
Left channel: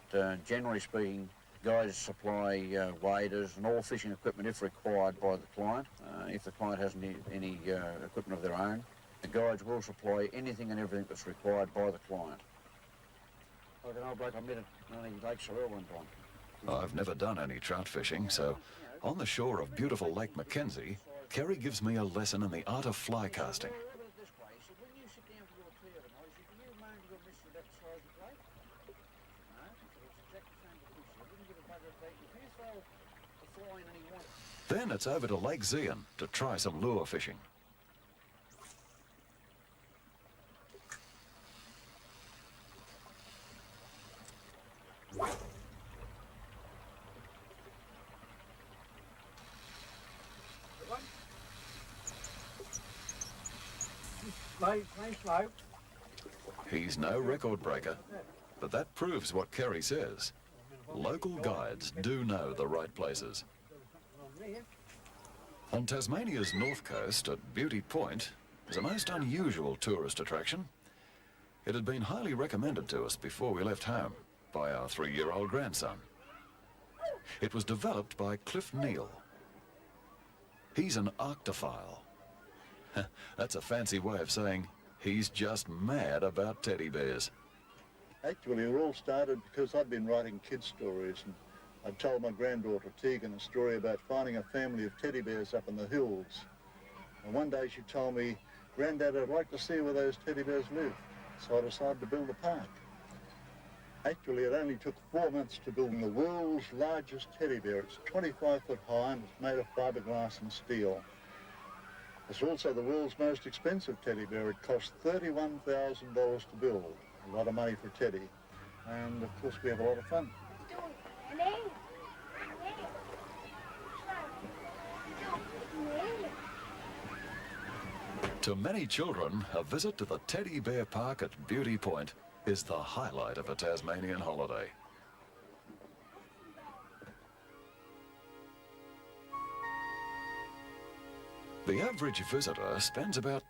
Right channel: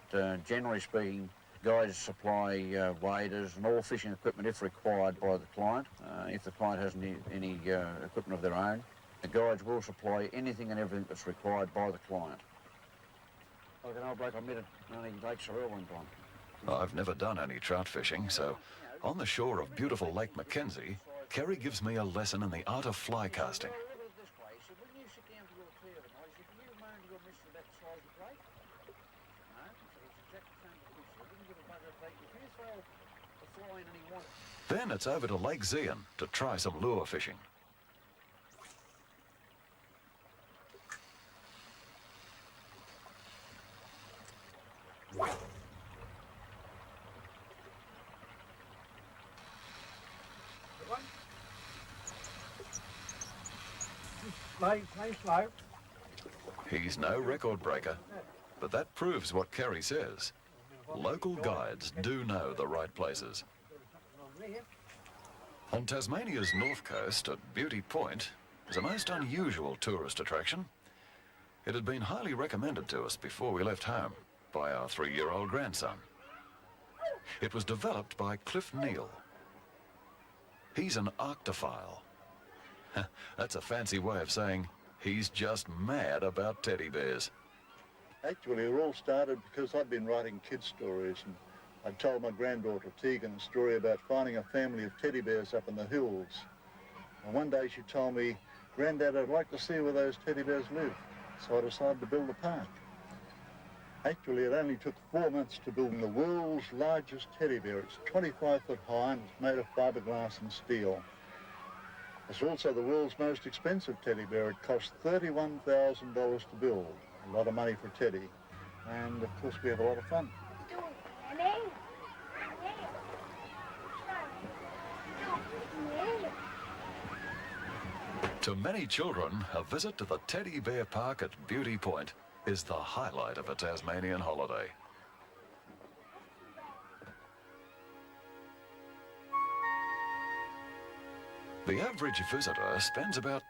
generally speaking, guides supply waders and all fishing equipment if required by the client. If the client has any equipment of their own, the guides will supply anything and everything that's required by the client. Like an old bloke I met at Lake Sorrel one time. I've never done any trout fishing, so on the shore of beautiful Lake Mackenzie, Kerry gives me a lesson in the art of fly casting. Then it's over to Lake Zeehan to try some lure fishing. Slow. He's no record breaker, but that proves what Kerry says. Local guides do know the right places. On Tasmania's north coast at Beauty Point is a most unusual tourist attraction. It had been highly recommended to us before we left home by our 3-year-old grandson. It was developed by Cliff Neal. He's an arctophile. That's a fancy way of saying he's just mad about teddy bears. Actually, it all started because I'd been writing kids' stories, and I told my granddaughter Tegan a story about finding a family of teddy bears up in the hills. And one day she told me, "Granddad, I'd like to see where those teddy bears live." So I decided to build a park. Actually, it only took 4 months to build the world's largest teddy bear. It's 25 foot high and it's made of fiberglass and steel. It's also the world's most expensive teddy bear. It cost $31,000 to build. A lot of money for Teddy. And of course we have a lot of fun. To many children, a visit to the Teddy Bear Park at Beauty Point is the highlight of a Tasmanian holiday. The average visitor spends about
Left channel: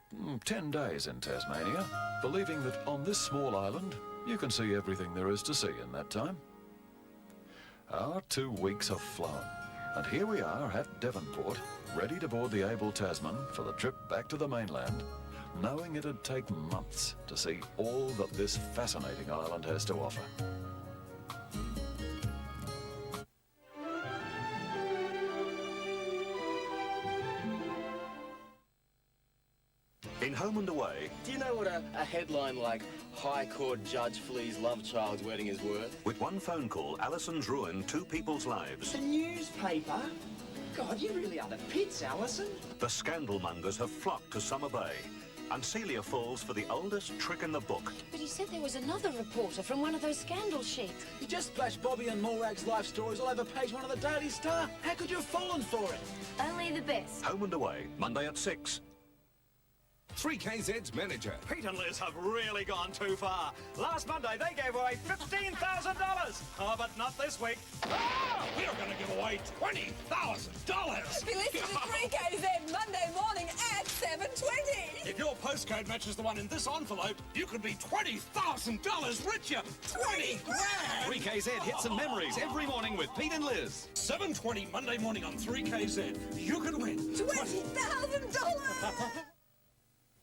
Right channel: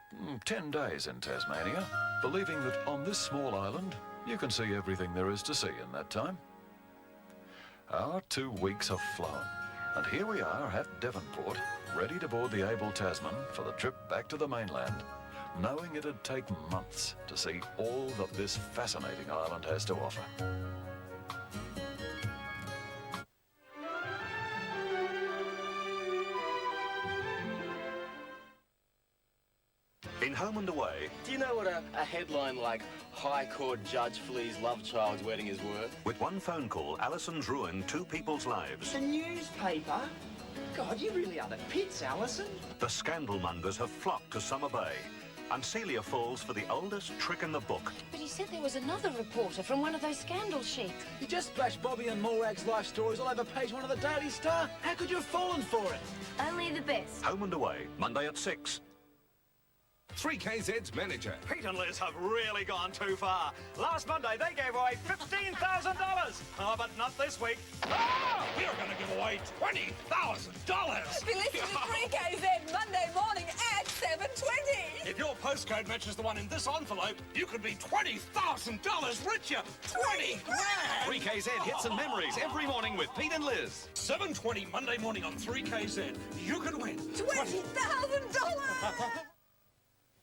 10 days in Tasmania, believing that on this small island, you can see everything there is to see in that time. Our 2 weeks have flown, and here we are at Devonport, ready to board the Able Tasman for the trip back to the mainland, knowing it'd take months to see all that this fascinating island has to offer. In Home and Away. Do you know what a headline like High Court Judge flees love child's wedding is worth? With one phone call, Alison's ruined 2 people's lives. The newspaper? God, you really are the pits, Alison. The scandalmongers have flocked to Summer Bay. And Celia falls for the oldest trick in the book. But he said there was another reporter from one of those scandal sheets. You just splashed Bobby and Morag's life stories all over page 1 of the Daily Star. How could you have fallen for it? Only the best. Home and Away, Monday at 6. 3KZ's manager. Pete and Liz have really gone too far. Last Monday, they gave away $15,000. Oh, but not this week. Ah, we are going to give away $20,000. Be listening to 3KZ Monday morning at 7:20. If your postcode matches the one in this envelope, you could be $20,000 richer. 20 grand! 3KZ hits and memories every morning with Pete and Liz. 7:20 Monday morning on 3KZ. You could win $20,000.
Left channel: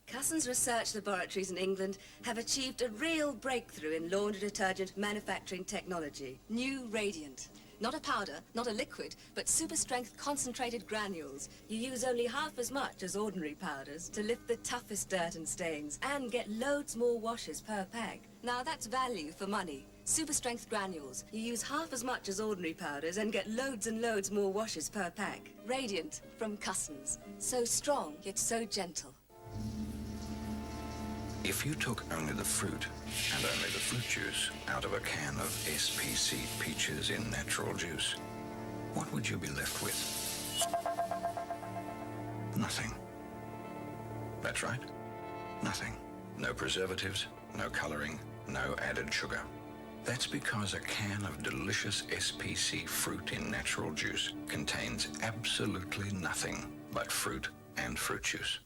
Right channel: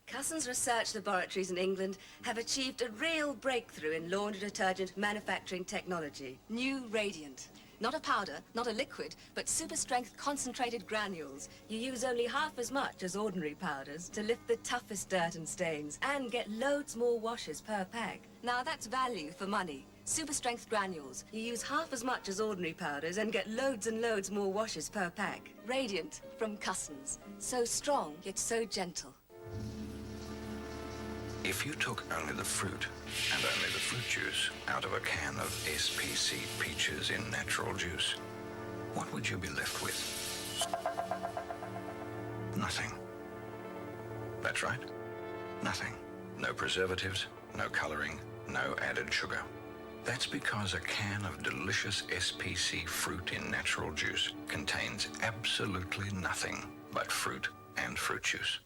Cussons Research Laboratories in England have achieved a real breakthrough in laundry detergent manufacturing technology. New Radiant. Not a powder, not a liquid, but super strength concentrated granules. You use only half as much as ordinary powders to lift the toughest dirt and stains and get loads more washes per pack. Now that's value for money. Super strength granules. You use half as much as ordinary powders and get loads and loads more washes per pack. Radiant from Cussons. So strong, yet so gentle. If you took only the fruit and only the fruit juice out of a can of SPC peaches in natural juice, what would you be left with? Nothing. That's right. Nothing. No preservatives, no colouring, no added sugar. That's because a can of delicious SPC fruit in natural juice contains absolutely nothing but fruit and fruit juice.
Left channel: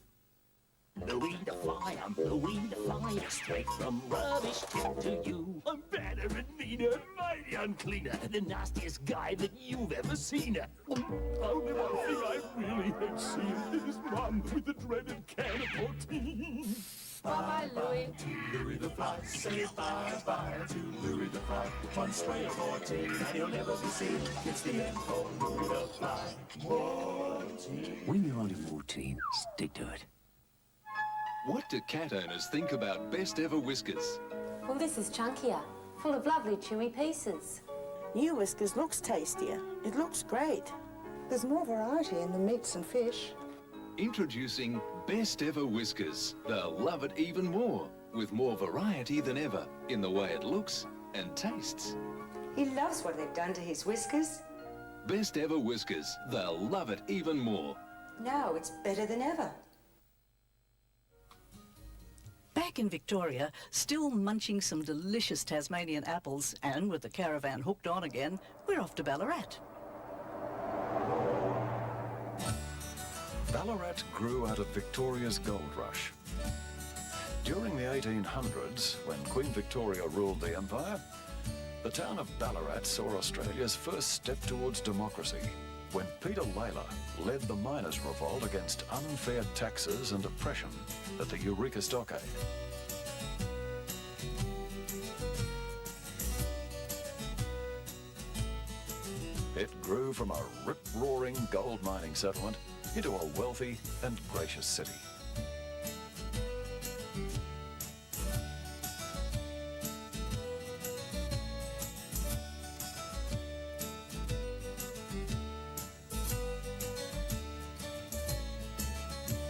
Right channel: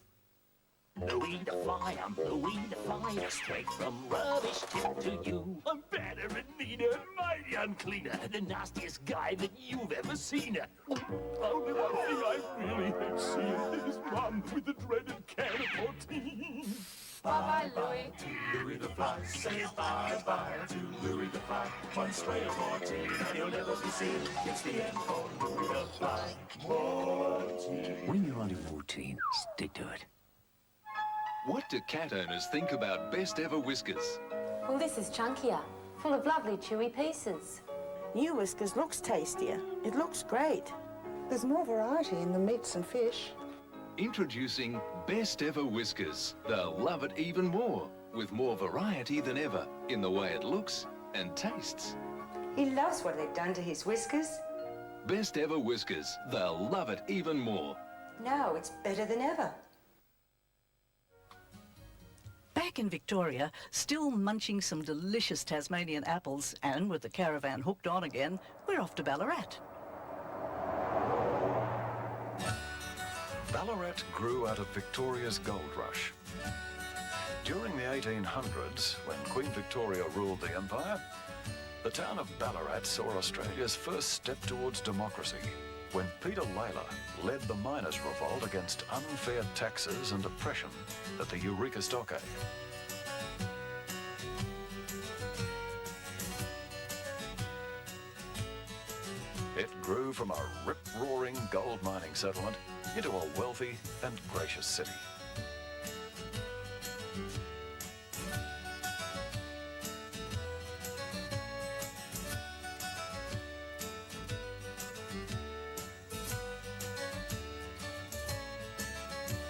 Louis the Fly, I'm Louis the Fly, straight from rubbish tip to you. I'm badder and meaner, mighty uncleaner, the nastiest guy that you've ever seen. Oh, the one thing I really hate seeing is Mum with the dreaded can of 14. Bye-bye, Louis. To Louis the Fly, say bye-bye to Louis the Fly. One spray of 14 and he'll never be seen. It's the end for Louis the Fly. 14. When you're only 14, stick to it. What do cat owners think about best ever whiskers? Well, this is chunkier, full of lovely chewy pieces. New Whiskers looks tastier. It looks great. There's more variety in the meats and fish. Introducing Best Ever Whiskers. They'll love it even more, with more variety than ever in the way it looks and tastes. He loves what they've done to his whiskers. Best Ever Whiskers. They'll love it even more. Now it's better than ever. Back in Victoria, still munching some delicious Tasmanian apples, and with the caravan hooked on again, we're off to Ballarat. Ballarat grew out of Victoria's gold rush. During the 1800s, when Queen Victoria ruled the empire, the town of Ballarat saw Australia's first step towards democracy when Peter Lalor led the miners' revolt against unfair taxes and oppression at the Eureka Stockade. It grew from a rip-roaring gold mining settlement into a wealthy and gracious city.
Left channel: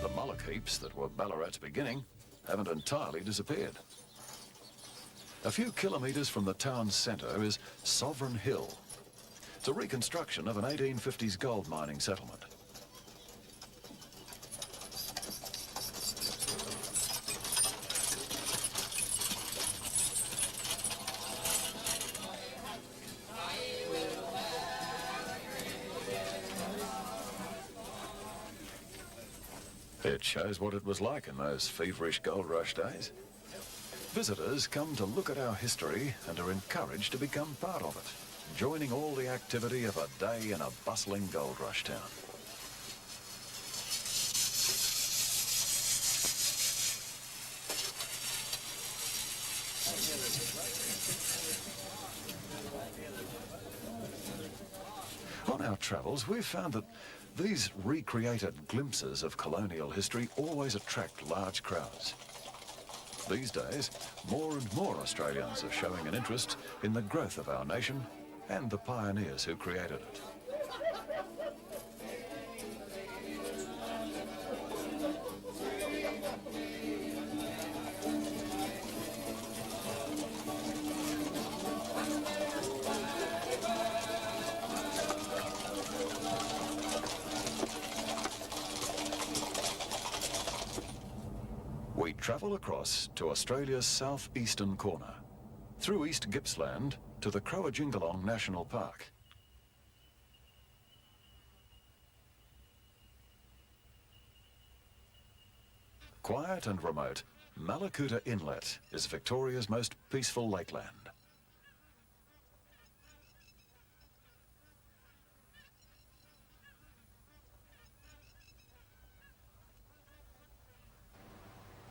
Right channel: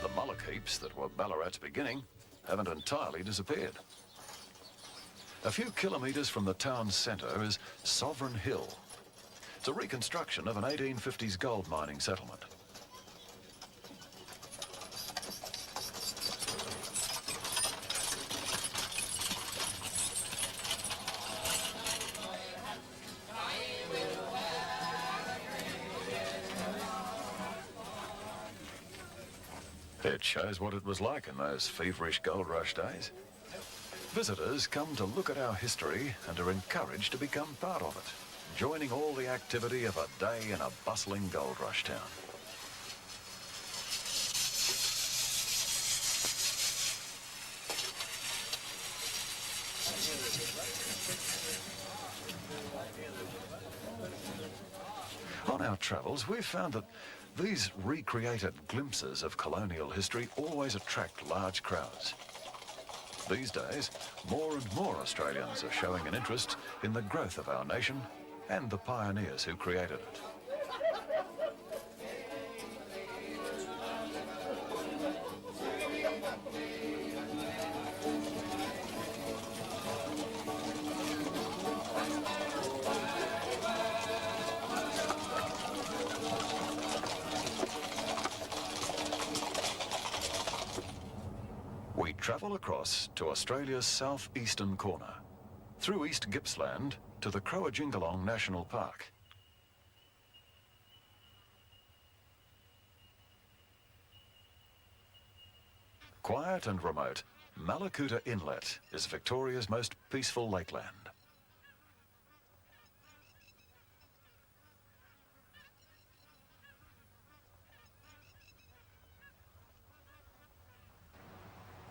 The mullock heaps that were Ballarat's beginning haven't entirely disappeared. A few kilometres from the town's centre is Sovereign Hill. It's a reconstruction of an 1850s gold mining settlement. It shows what it was like in those feverish gold rush days. Visitors come to look at our history and are encouraged to become part of it, joining all the activity of a day in a bustling gold rush town. On our travels, we've found that these recreated glimpses of colonial history always attract large crowds. These days, more and more Australians are showing an interest in the growth of our nation and the pioneers who created it. We travel across to Australia's southeastern corner, through East Gippsland to the Croajingolong National Park. Quiet and remote, Malakuta Inlet is Victoria's most peaceful lakeland.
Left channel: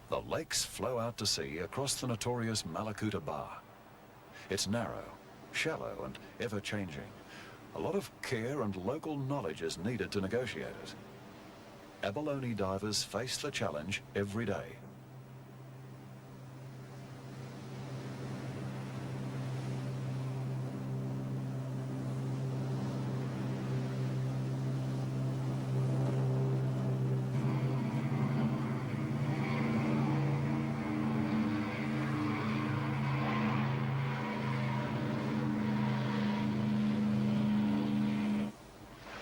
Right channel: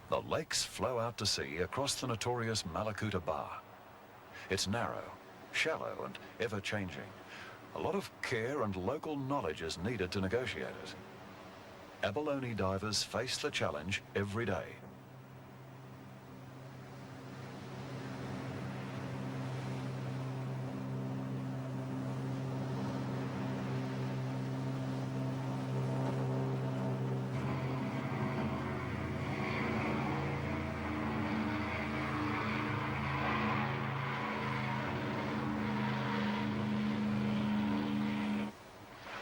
The lakes flow out to sea across the notorious Malakuta Bar. It's narrow, shallow and ever-changing. A lot of care and local knowledge is needed to negotiate it. Abalone divers face the challenge every day.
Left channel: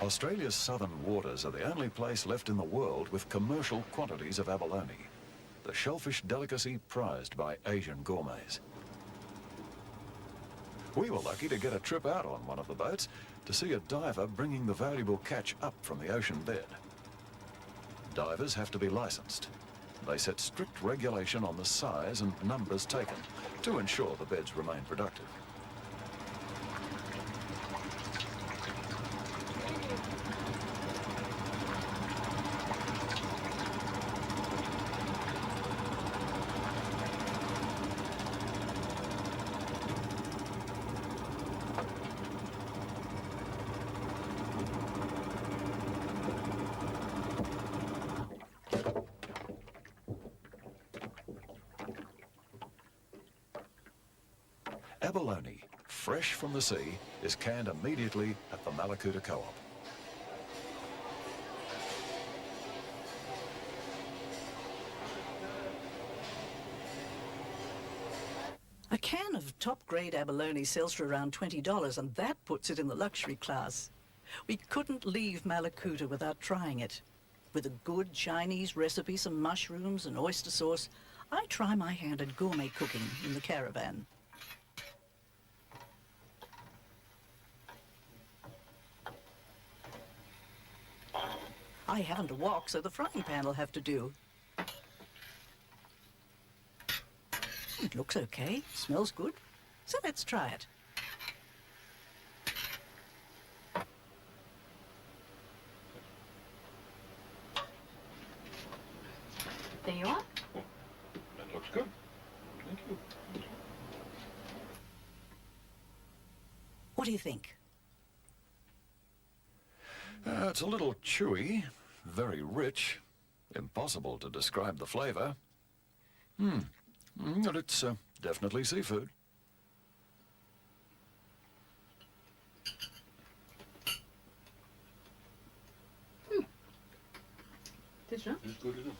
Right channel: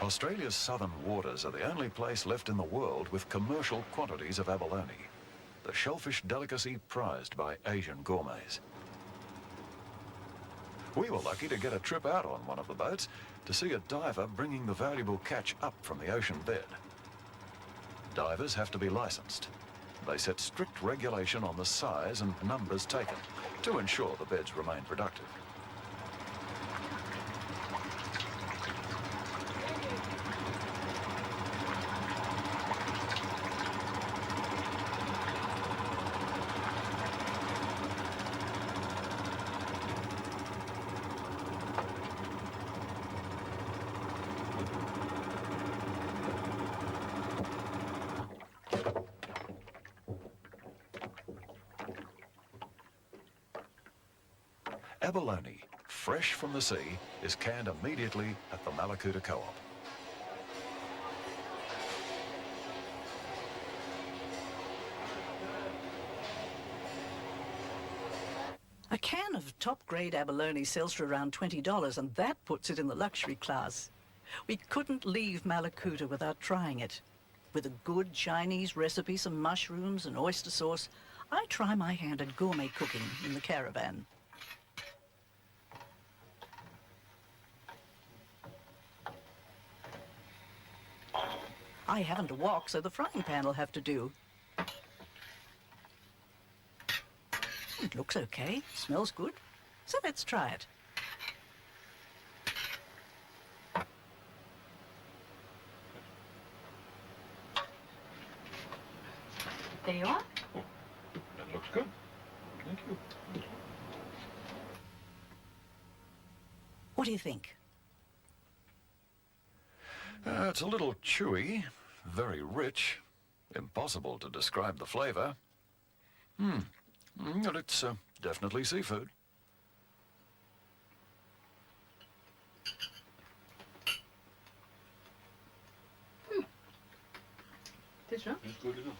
Australia's southern waters are the only place left in the world with commercial quantities of abalone. the shellfish delicacy prized by Asian gourmets. We were lucky to get a trip out on one of the boats to see a diver bringing the valuable catch up from the ocean bed. Divers have to be licensed. They set strict regulation on the size and numbers taken to ensure the beds remain productive. Abalone, fresh from the sea, is canned immediately at the Malakuta Co-op. A can of top-grade abalone sells for around $20, and that puts it in the luxury class. We couldn't leave Malakuta without trying it. With a good Chinese recipe, some mushrooms and oyster sauce, I try my hand at gourmet cooking in the caravan. I haven't a wok, so the frying pan will have to do. It looks okay, smells good, so let's try it. There you are. That looks good. Thank you. What do you think? It's a little chewy, very rich, impossible to describe the flavour. But it's definitely seafood. It's good enough.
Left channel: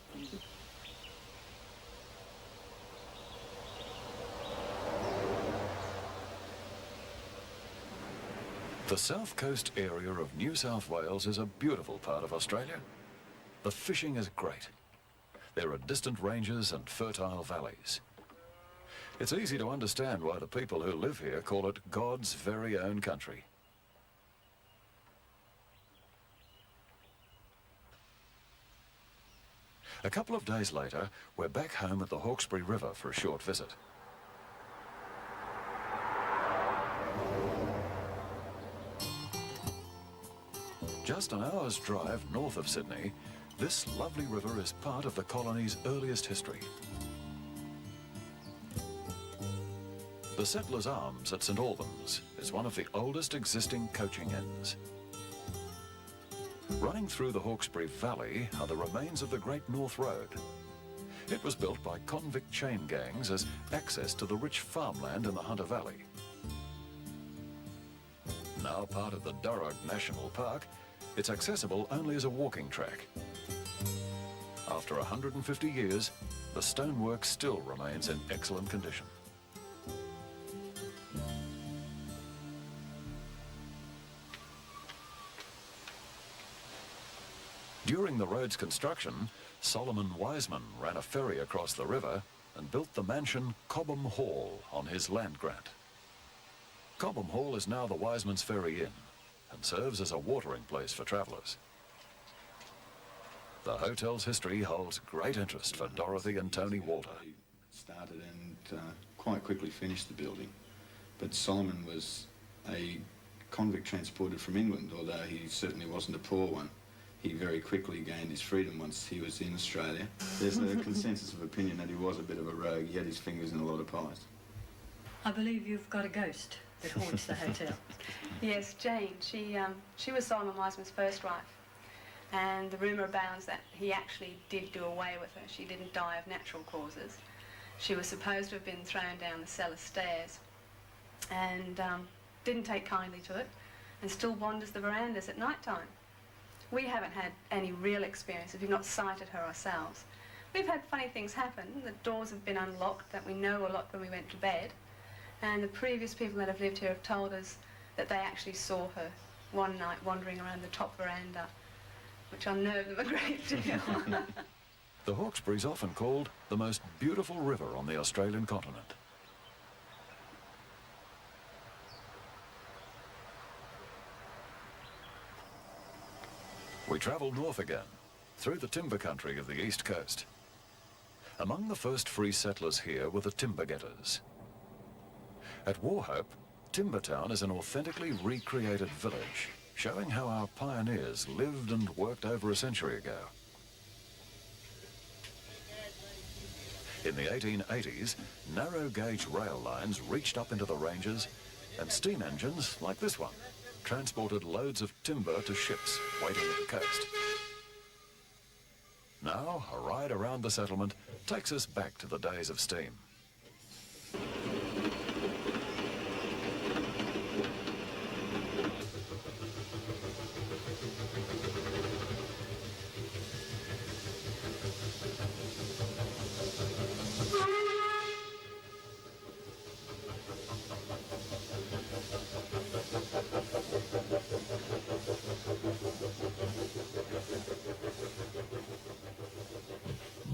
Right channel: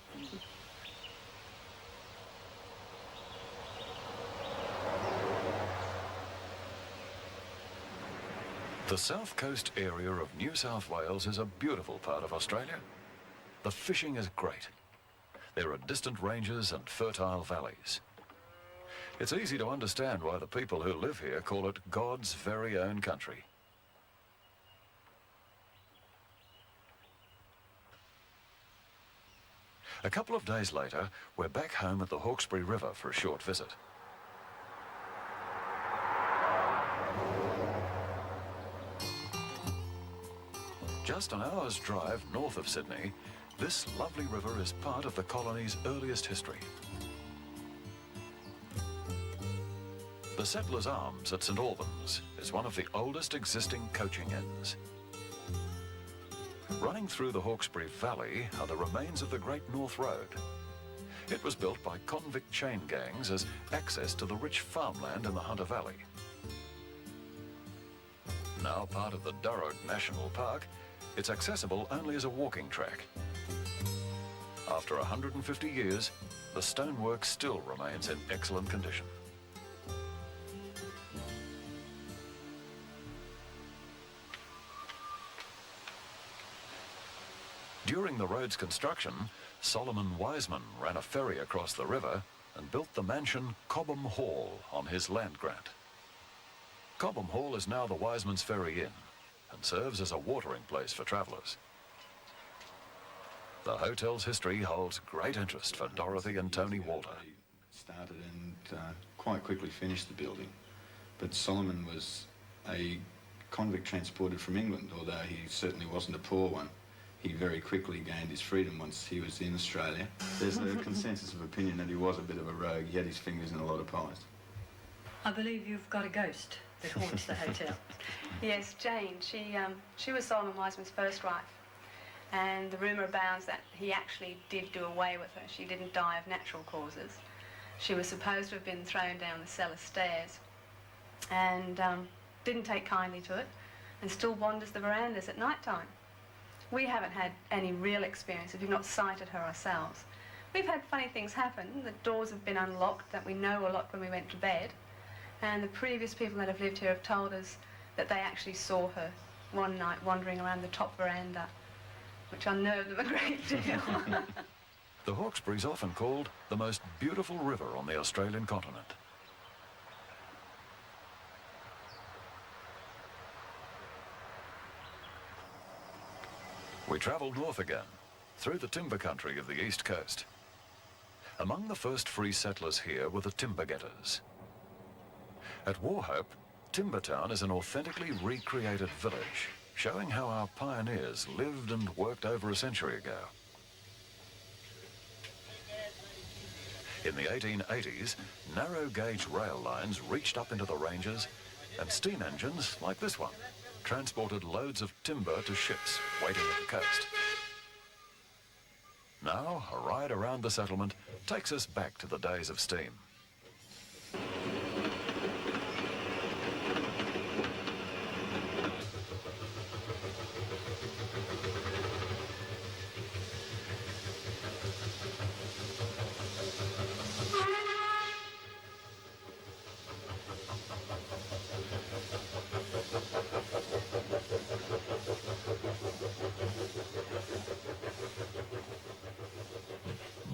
The south coast area of New South Wales is a beautiful part of Australia. The fishing is great. There are distant ranges and fertile valleys. It's easy to understand why the people who live here call it God's very own country. A couple of days later, we're back home at the Hawkesbury River for a short visit. Just an hour's drive north of Sydney, this lovely river is part of the colony's earliest history. The Settlers' Arms at St Albans is one of the oldest existing coaching inns. Running through the Hawkesbury Valley are the remains of the Great North Road. It was built by convict chain gangs as access to the rich farmland in the Hunter Valley. Now part of the Durrow National Park, it's accessible only as a walking track. After 150 years, the stonework still remains in excellent condition. During the road's construction, Solomon Wiseman ran a ferry across the river and built the mansion Cobham Hall on his land grant. Cobham Hall is now the Wiseman's Ferry Inn and serves as a watering place for travellers. The hotel's history holds great interest for Dorothy and Tony Walter. Started and quite quickly finished the building, but Solomon was a convict transported from England, although he certainly wasn't a poor one. He very quickly gained his freedom once he was in Australia. There's a consensus of opinion that he was a bit of a rogue. He had his fingers in a lot of pies. I believe you've got a ghost that haunts the hotel. Yes, Jane. She was Solomon Wiseman's first wife, and the rumour abounds that he actually did do away with her. She didn't die of natural causes. She was supposed to have been thrown down the cellar stairs and didn't take kindly to it and still wanders the verandas at night time. We haven't had any real experience. We've not sighted her ourselves. We've had funny things happen. The doors have been unlocked that we know a lot when we went to bed. And the previous people that have lived here have told us that they actually saw her one night wandering around the top veranda, which unnerved them a great deal. The Hawkesbury's often called the most beautiful river on the Australian continent. We travel north again, through the timber country of the east coast. Among the first free settlers here were the timber getters. At Wauchope, Timbertown is an authentically recreated village, showing how our pioneers lived and worked over a century ago. In the 1880s, narrow-gauge rail lines reached up into the ranges, and steam engines, like this one, transported loads of timber to ships waiting at the coast. Now, a ride around the settlement takes us back to the days of steam.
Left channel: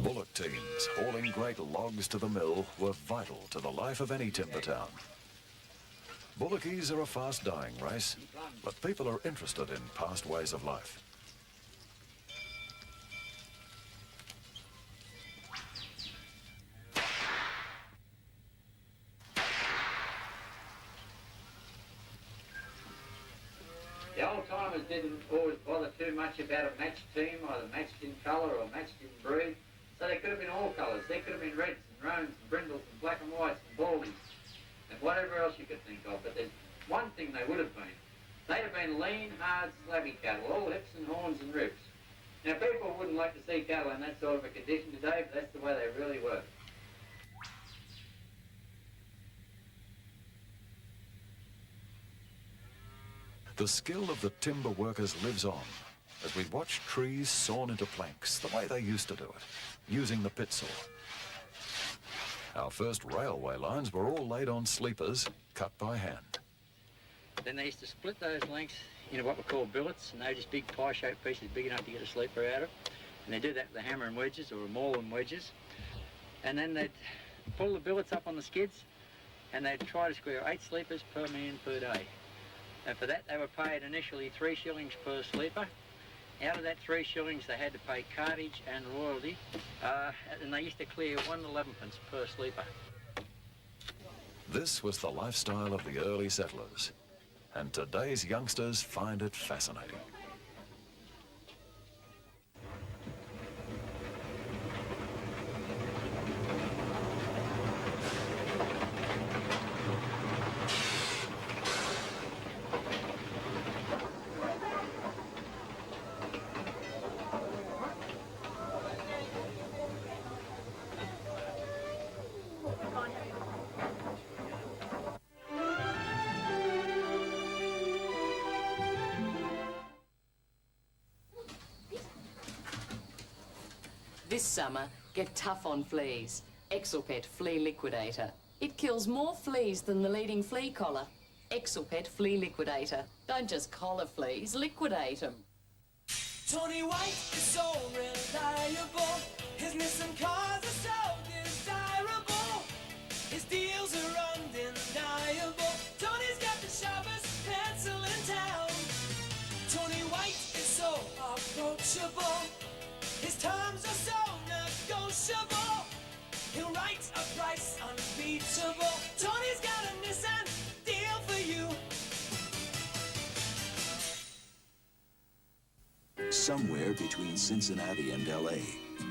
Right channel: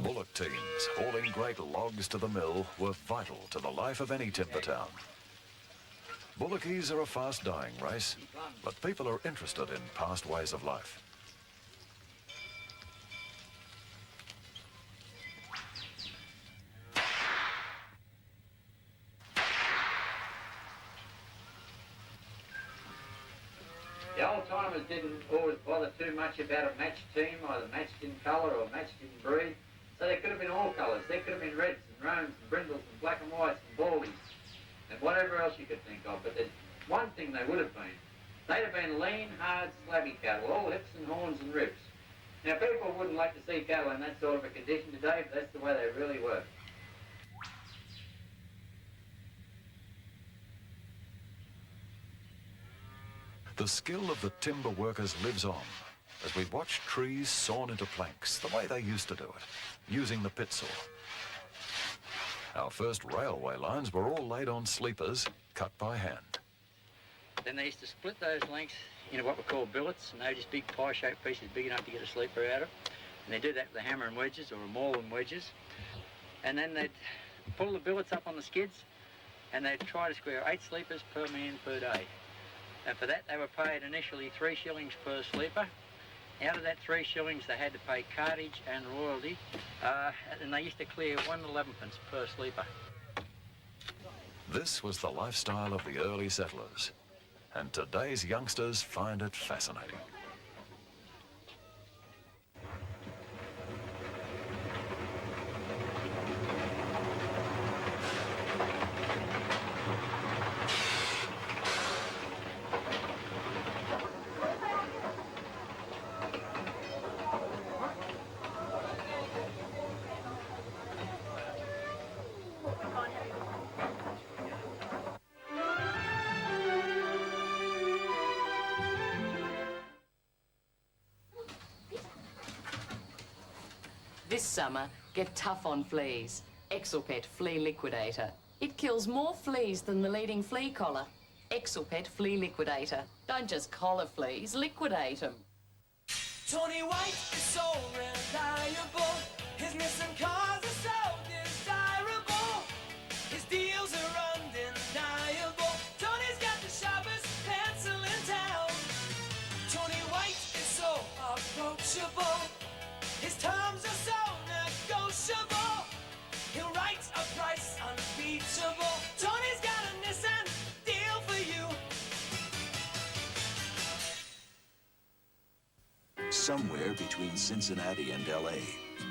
Bullock teams hauling great logs to the mill were vital to the life of any timber town. Bullockies are a fast-dying race, but people are interested in past ways of life. The old-timers didn't always bother too much about a matched team, either matched in colour or matched in breed. So there could have been all colours. There could have been reds and roans and brindles and black and whites and baldies and whatever else you could think of. But there's one thing they would have been. They'd have been lean, hard, slabby cattle, all hips and horns and ribs. Now, people wouldn't like to see cattle in that sort of a condition today, but that's the way they really were. The skill of the timber workers lives on as we watch trees sawn into planks the way they used to do it, using the pit saw. Our first railway lines were all laid on sleepers, cut by hand. Then they used to split those lengths into what were called billets, and they were just big pie-shaped pieces big enough to get a sleeper out of. And they did that with a hammer and wedges, or a maul and wedges. And then they'd pull the billets up on the skids, and they'd try to square 8 sleepers per man per day. And for that, they were paid initially 3 shillings per sleeper. Out of that 3 shillings, they had to pay cartage and royalty, and they used to clear 1.11 per sleeper. This was the lifestyle of the early settlers, and today's youngsters find it fascinating. This summer, get tough on fleas. Exelpet Flea Liquidator. It kills more fleas than the leading flea collar. Exelpet Flea Liquidator. Don't just collar fleas, liquidate them. Tony White is so reliable. His missing cars are so desirable. His deals are undeniable. Tony's got the sharpest pencil in town. Tony White is so approachable. His terms are so negotiable. He'll write a price unbeatable. Tony's got a Nissan deal for you. Somewhere between Cincinnati and L.A.,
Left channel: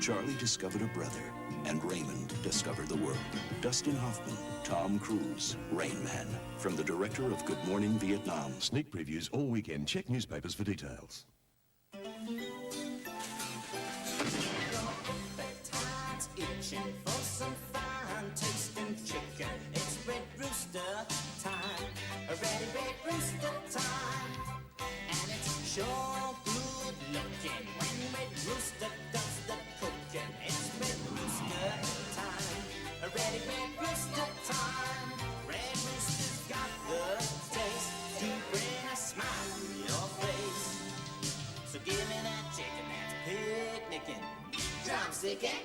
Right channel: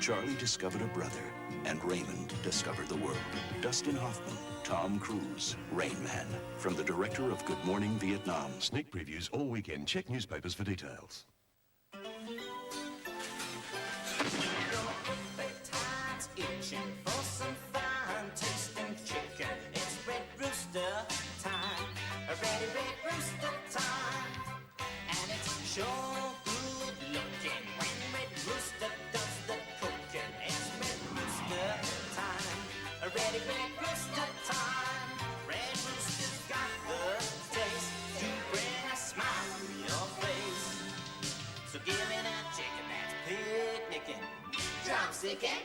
Charlie discovered a brother, and Raymond discovered the world. Dustin Hoffman, Tom Cruise, Rain Man, from the director of Good Morning Vietnam. Sneak previews all weekend. Check newspapers for details. Itching for some fine tasting chicken. It's Red Rooster time. A red rooster time. And it's sure good looking when Red Rooster does the cooking. It's Red Rooster time. A red rooster time. Red Rooster's got the taste to bring a smile on your face. So give me that chicken that's picnicking, drumsticking.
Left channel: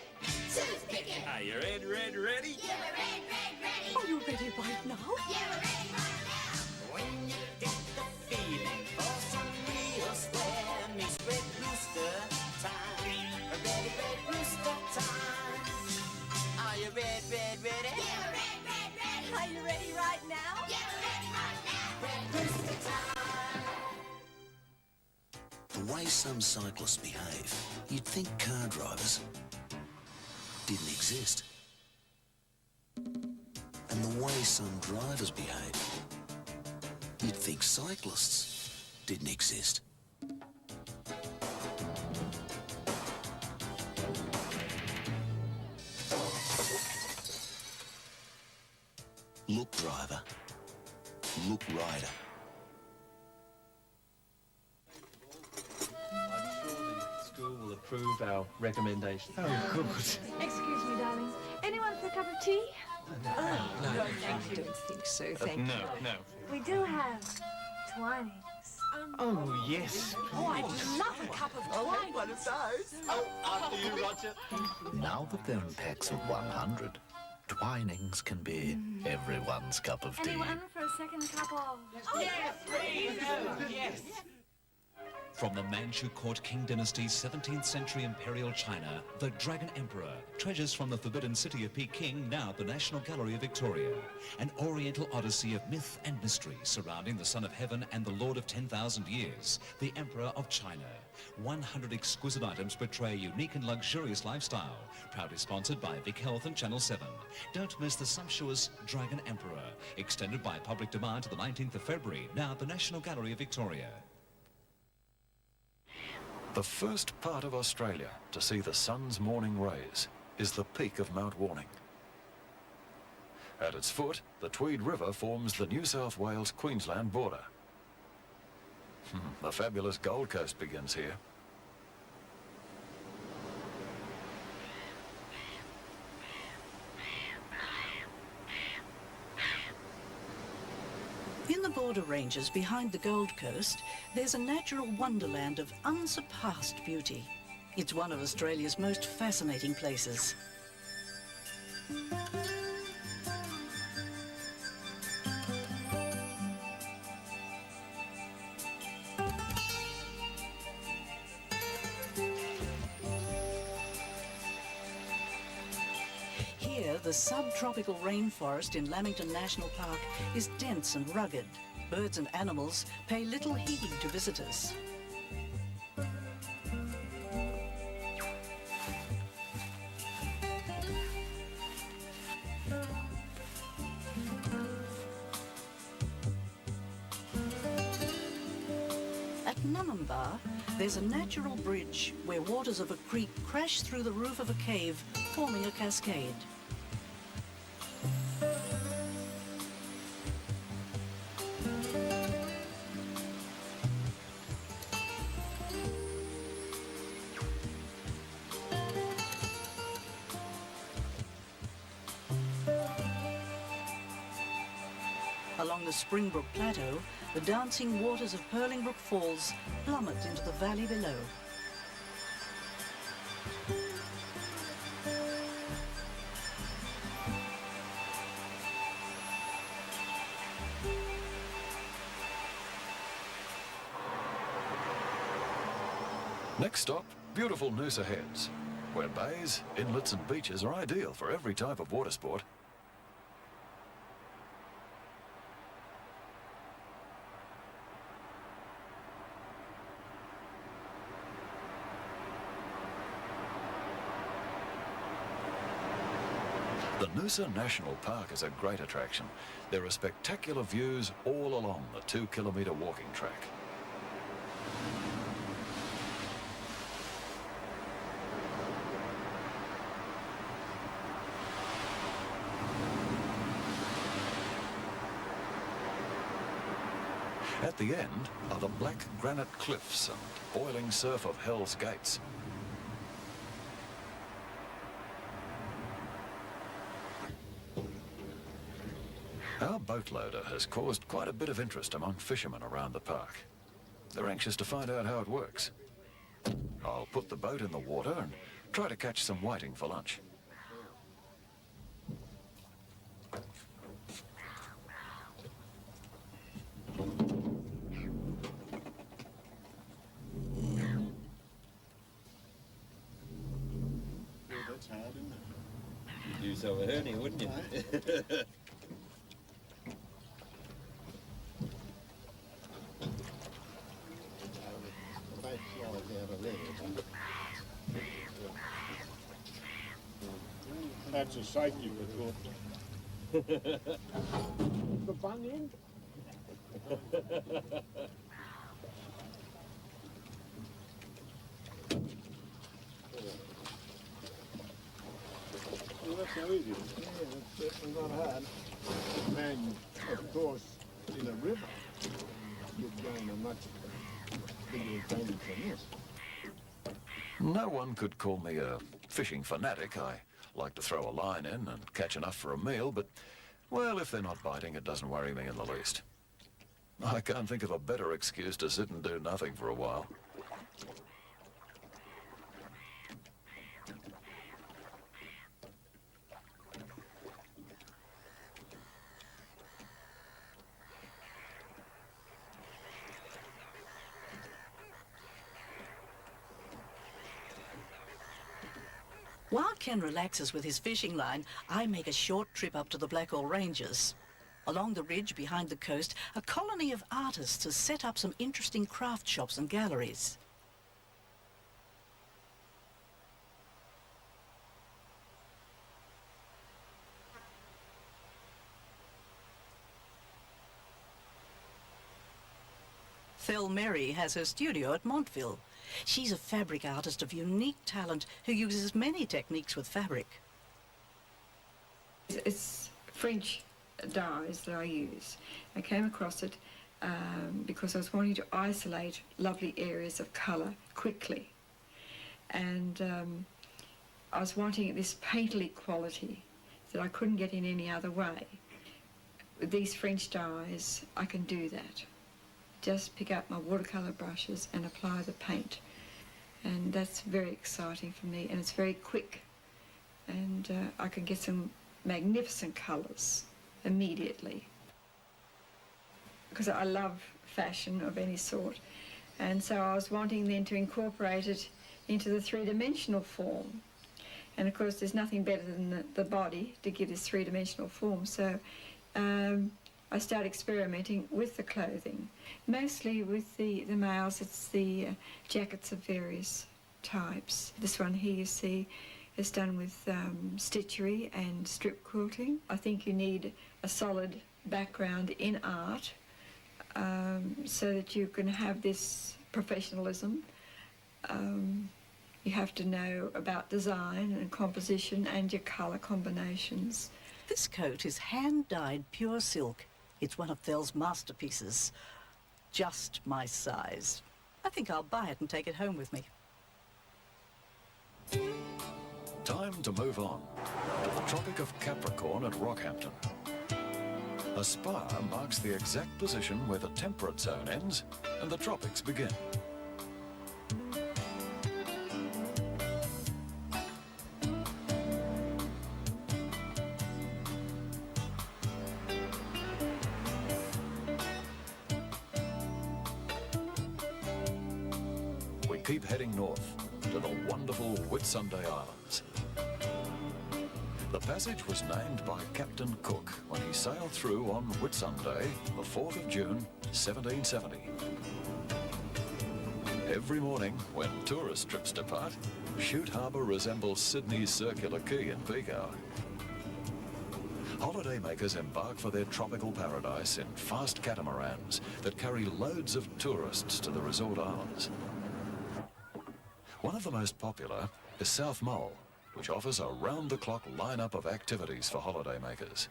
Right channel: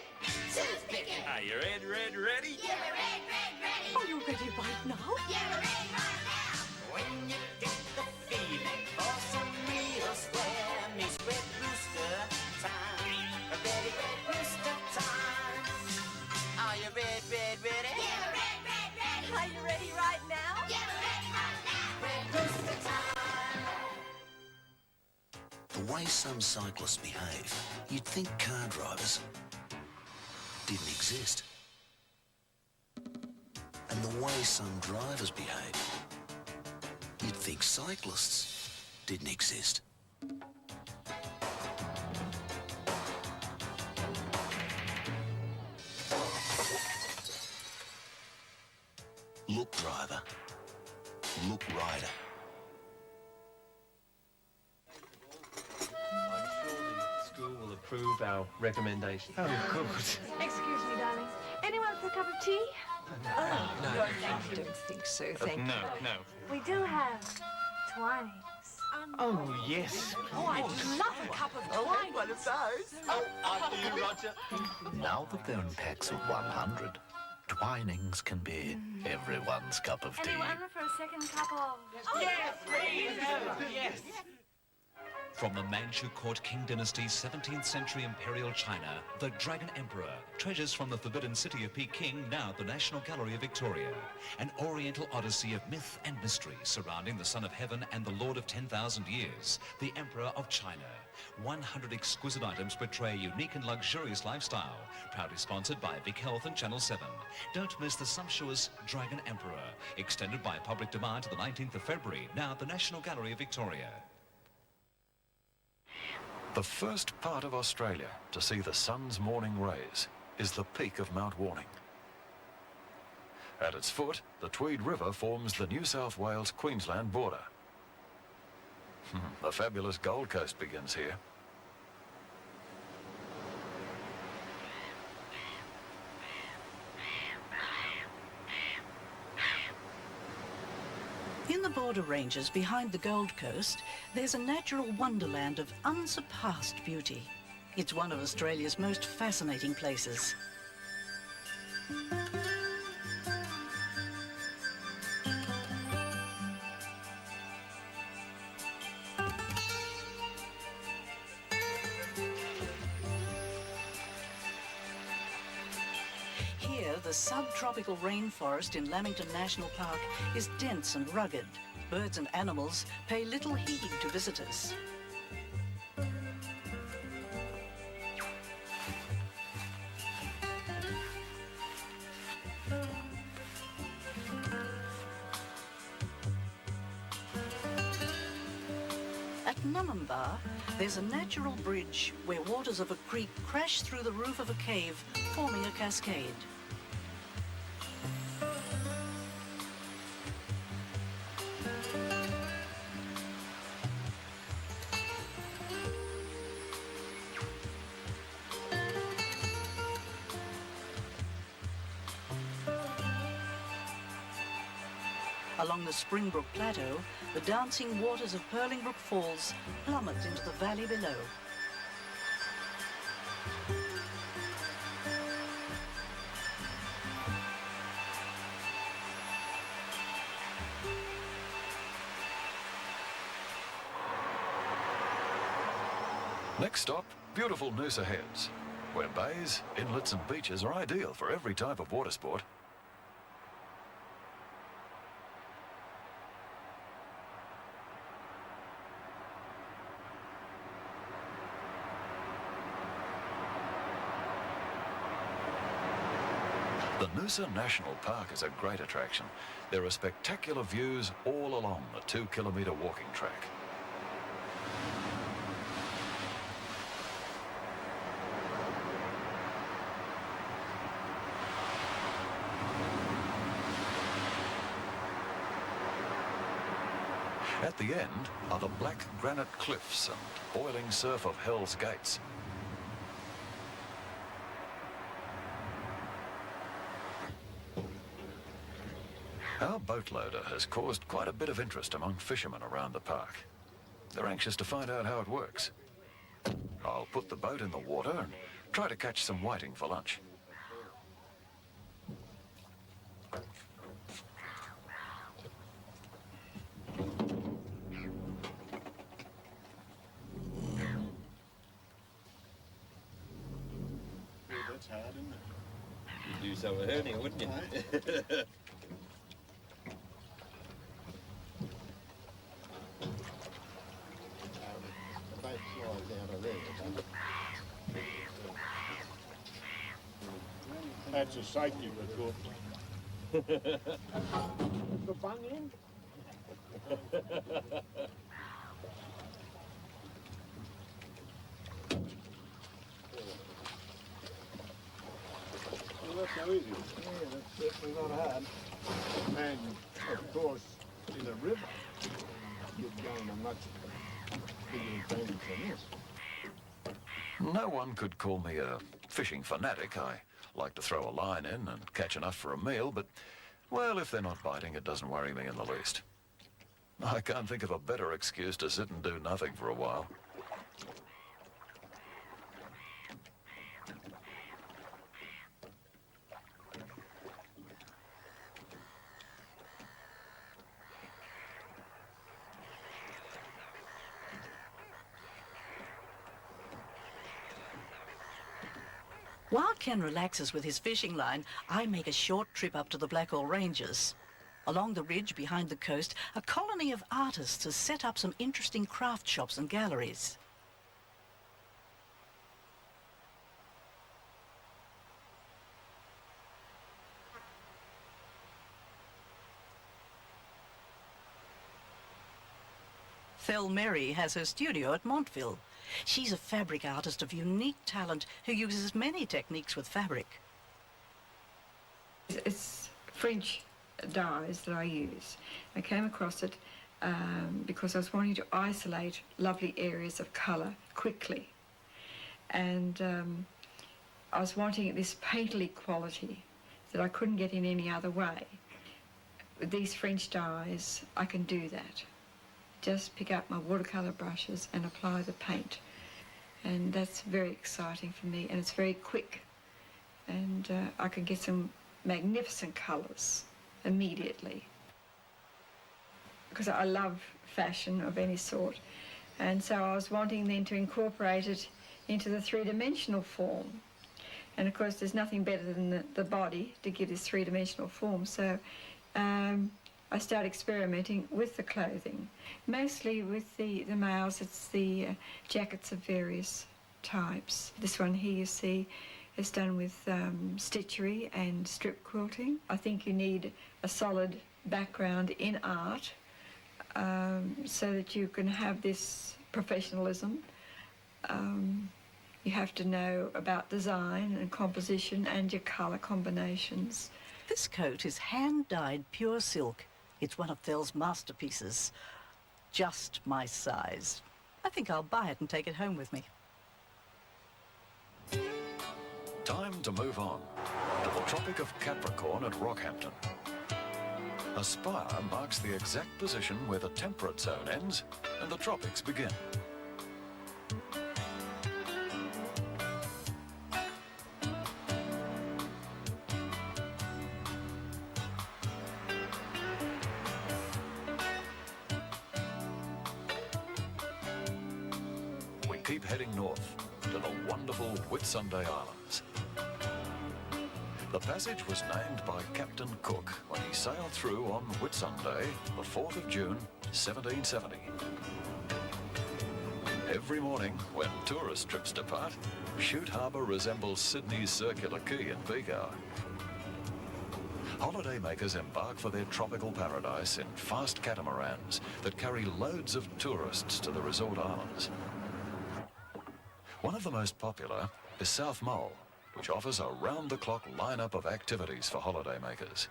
way some cyclists behave, you'd think car drivers didn't exist. And the way some drivers behave, you'd think cyclists didn't exist. Look, driver. Look, rider. School will approve our recommendation. Oh, good. Excuse me, darling. Anyone for a cup of tea? Oh, no. I don't think so, thank No, you. no. We do have Twinings. Oh, yes. Oh, I'd love a cup of Twinings. One of those. Oh, after you, Roger. Now that they're in packs of 100, Twinings can be everyone's cup of tea. Anyone for a second cup of... Yes, please. Yes. From the Manchu Court King Dynasty's 17th century imperial China, the Dragon Emperor, treasures from the forbidden city of Peking, now the National Gallery of Victoria. An oriental odyssey of myth and mystery surrounding the Son of Heaven and the Lord of 10,000 Years, the Emperor of China. 100 exquisite items portray a unique and luxurious lifestyle. Proudly sponsored by Vic Health and Channel 7. Don't miss the sumptuous Dragon Emperor, extended by public demand to the 19th of February, now the National Gallery of Victoria. The first part of Australia to see the sun's morning rays is the peak of Mount Warning. At its foot, the Tweed River forms the New South Wales-Queensland border. The fabulous Gold Coast begins here. In the border ranges behind the Gold Coast, there's a natural wonderland of unsurpassed beauty. It's one of Australia's most fascinating places. Here, the subtropical rainforest in Lamington National Park is dense and rugged. Birds and animals pay little heed to visitors. At Nummumbar, there's a natural bridge where waters of a creek crash through the roof of a cave, forming a cascade. Along the Springbrook Plateau, the dancing waters of Purlingbrook Falls plummet into the valley below. Next stop, beautiful Noosa Heads, where bays, inlets and beaches are ideal for every type of water sport. The Noosa National Park is a great attraction. There are spectacular views all along the 2-kilometre walking track. At the end are the black granite cliffs and boiling surf of Hell's Gates. Our boatloader has caused quite a bit of interest among fishermen around the park. They're anxious to find out how it works. I'll put the boat in the water and try to catch some whiting for lunch. That's hard, isn't it? You'd use over hernia, wouldn't you? That's a safety precaution. The bung end? Well, that's how easy. Yeah, that's certainly not hard. And, of course, in a river, you're going a much bigger advantage than this. No one could call me a fishing fanatic. I like to throw a line in and catch enough for a meal, but, well, if they're not biting, it doesn't worry me in the least. I can't think of a better excuse to sit and do nothing for a while. While Ken relaxes with his fishing line, I make a short trip up to the Blackall Ranges. Along the ridge behind the coast, a colony of artists has set up some interesting craft shops and galleries. Thel Merry has her studio at Montville. She's a fabric artist of unique talent who uses many techniques with fabric. It's French dyes that I use. I came across it because I was wanting to isolate lovely areas of colour quickly. And I was wanting this painterly quality that I couldn't get in any other way. With these French dyes, I can do that. Just pick up my watercolour brushes and apply the paint. And that's very exciting for me, and it's very quick. And I can get some magnificent colours immediately. Because I love fashion of any sort. And so I was wanting then to incorporate it into the three-dimensional form. And of course there's nothing better than the body to give this three-dimensional form. So I started experimenting with the clothing. Mostly with the males, it's the jackets of various types. This one here you see is done with stitchery and strip quilting. I think you need a solid background in art so that you can have this professionalism. You have to know about design and composition and your colour combinations. This coat is hand-dyed pure silk. It's one of Thel's masterpieces. Just my size. I think I'll buy it and take it home with me. Time to move on to the Tropic of Capricorn at Rockhampton. A spire marks the exact position where the temperate zone ends and the tropics begin. We keep heading north to the wonderful Whitsunday Islands. The passage was named by Captain Cook when he sailed through on Whitsunday, the 4th of June, 1770. Every morning, when tourist trips depart, Chute Harbour resembles Sydney's Circular Quay in peak hour. Holidaymakers embark for their tropical paradise in fast catamarans that carry loads of tourists to the resort islands. One of the most popular is South Mole, which offers a round-the-clock lineup of activities for holidaymakers.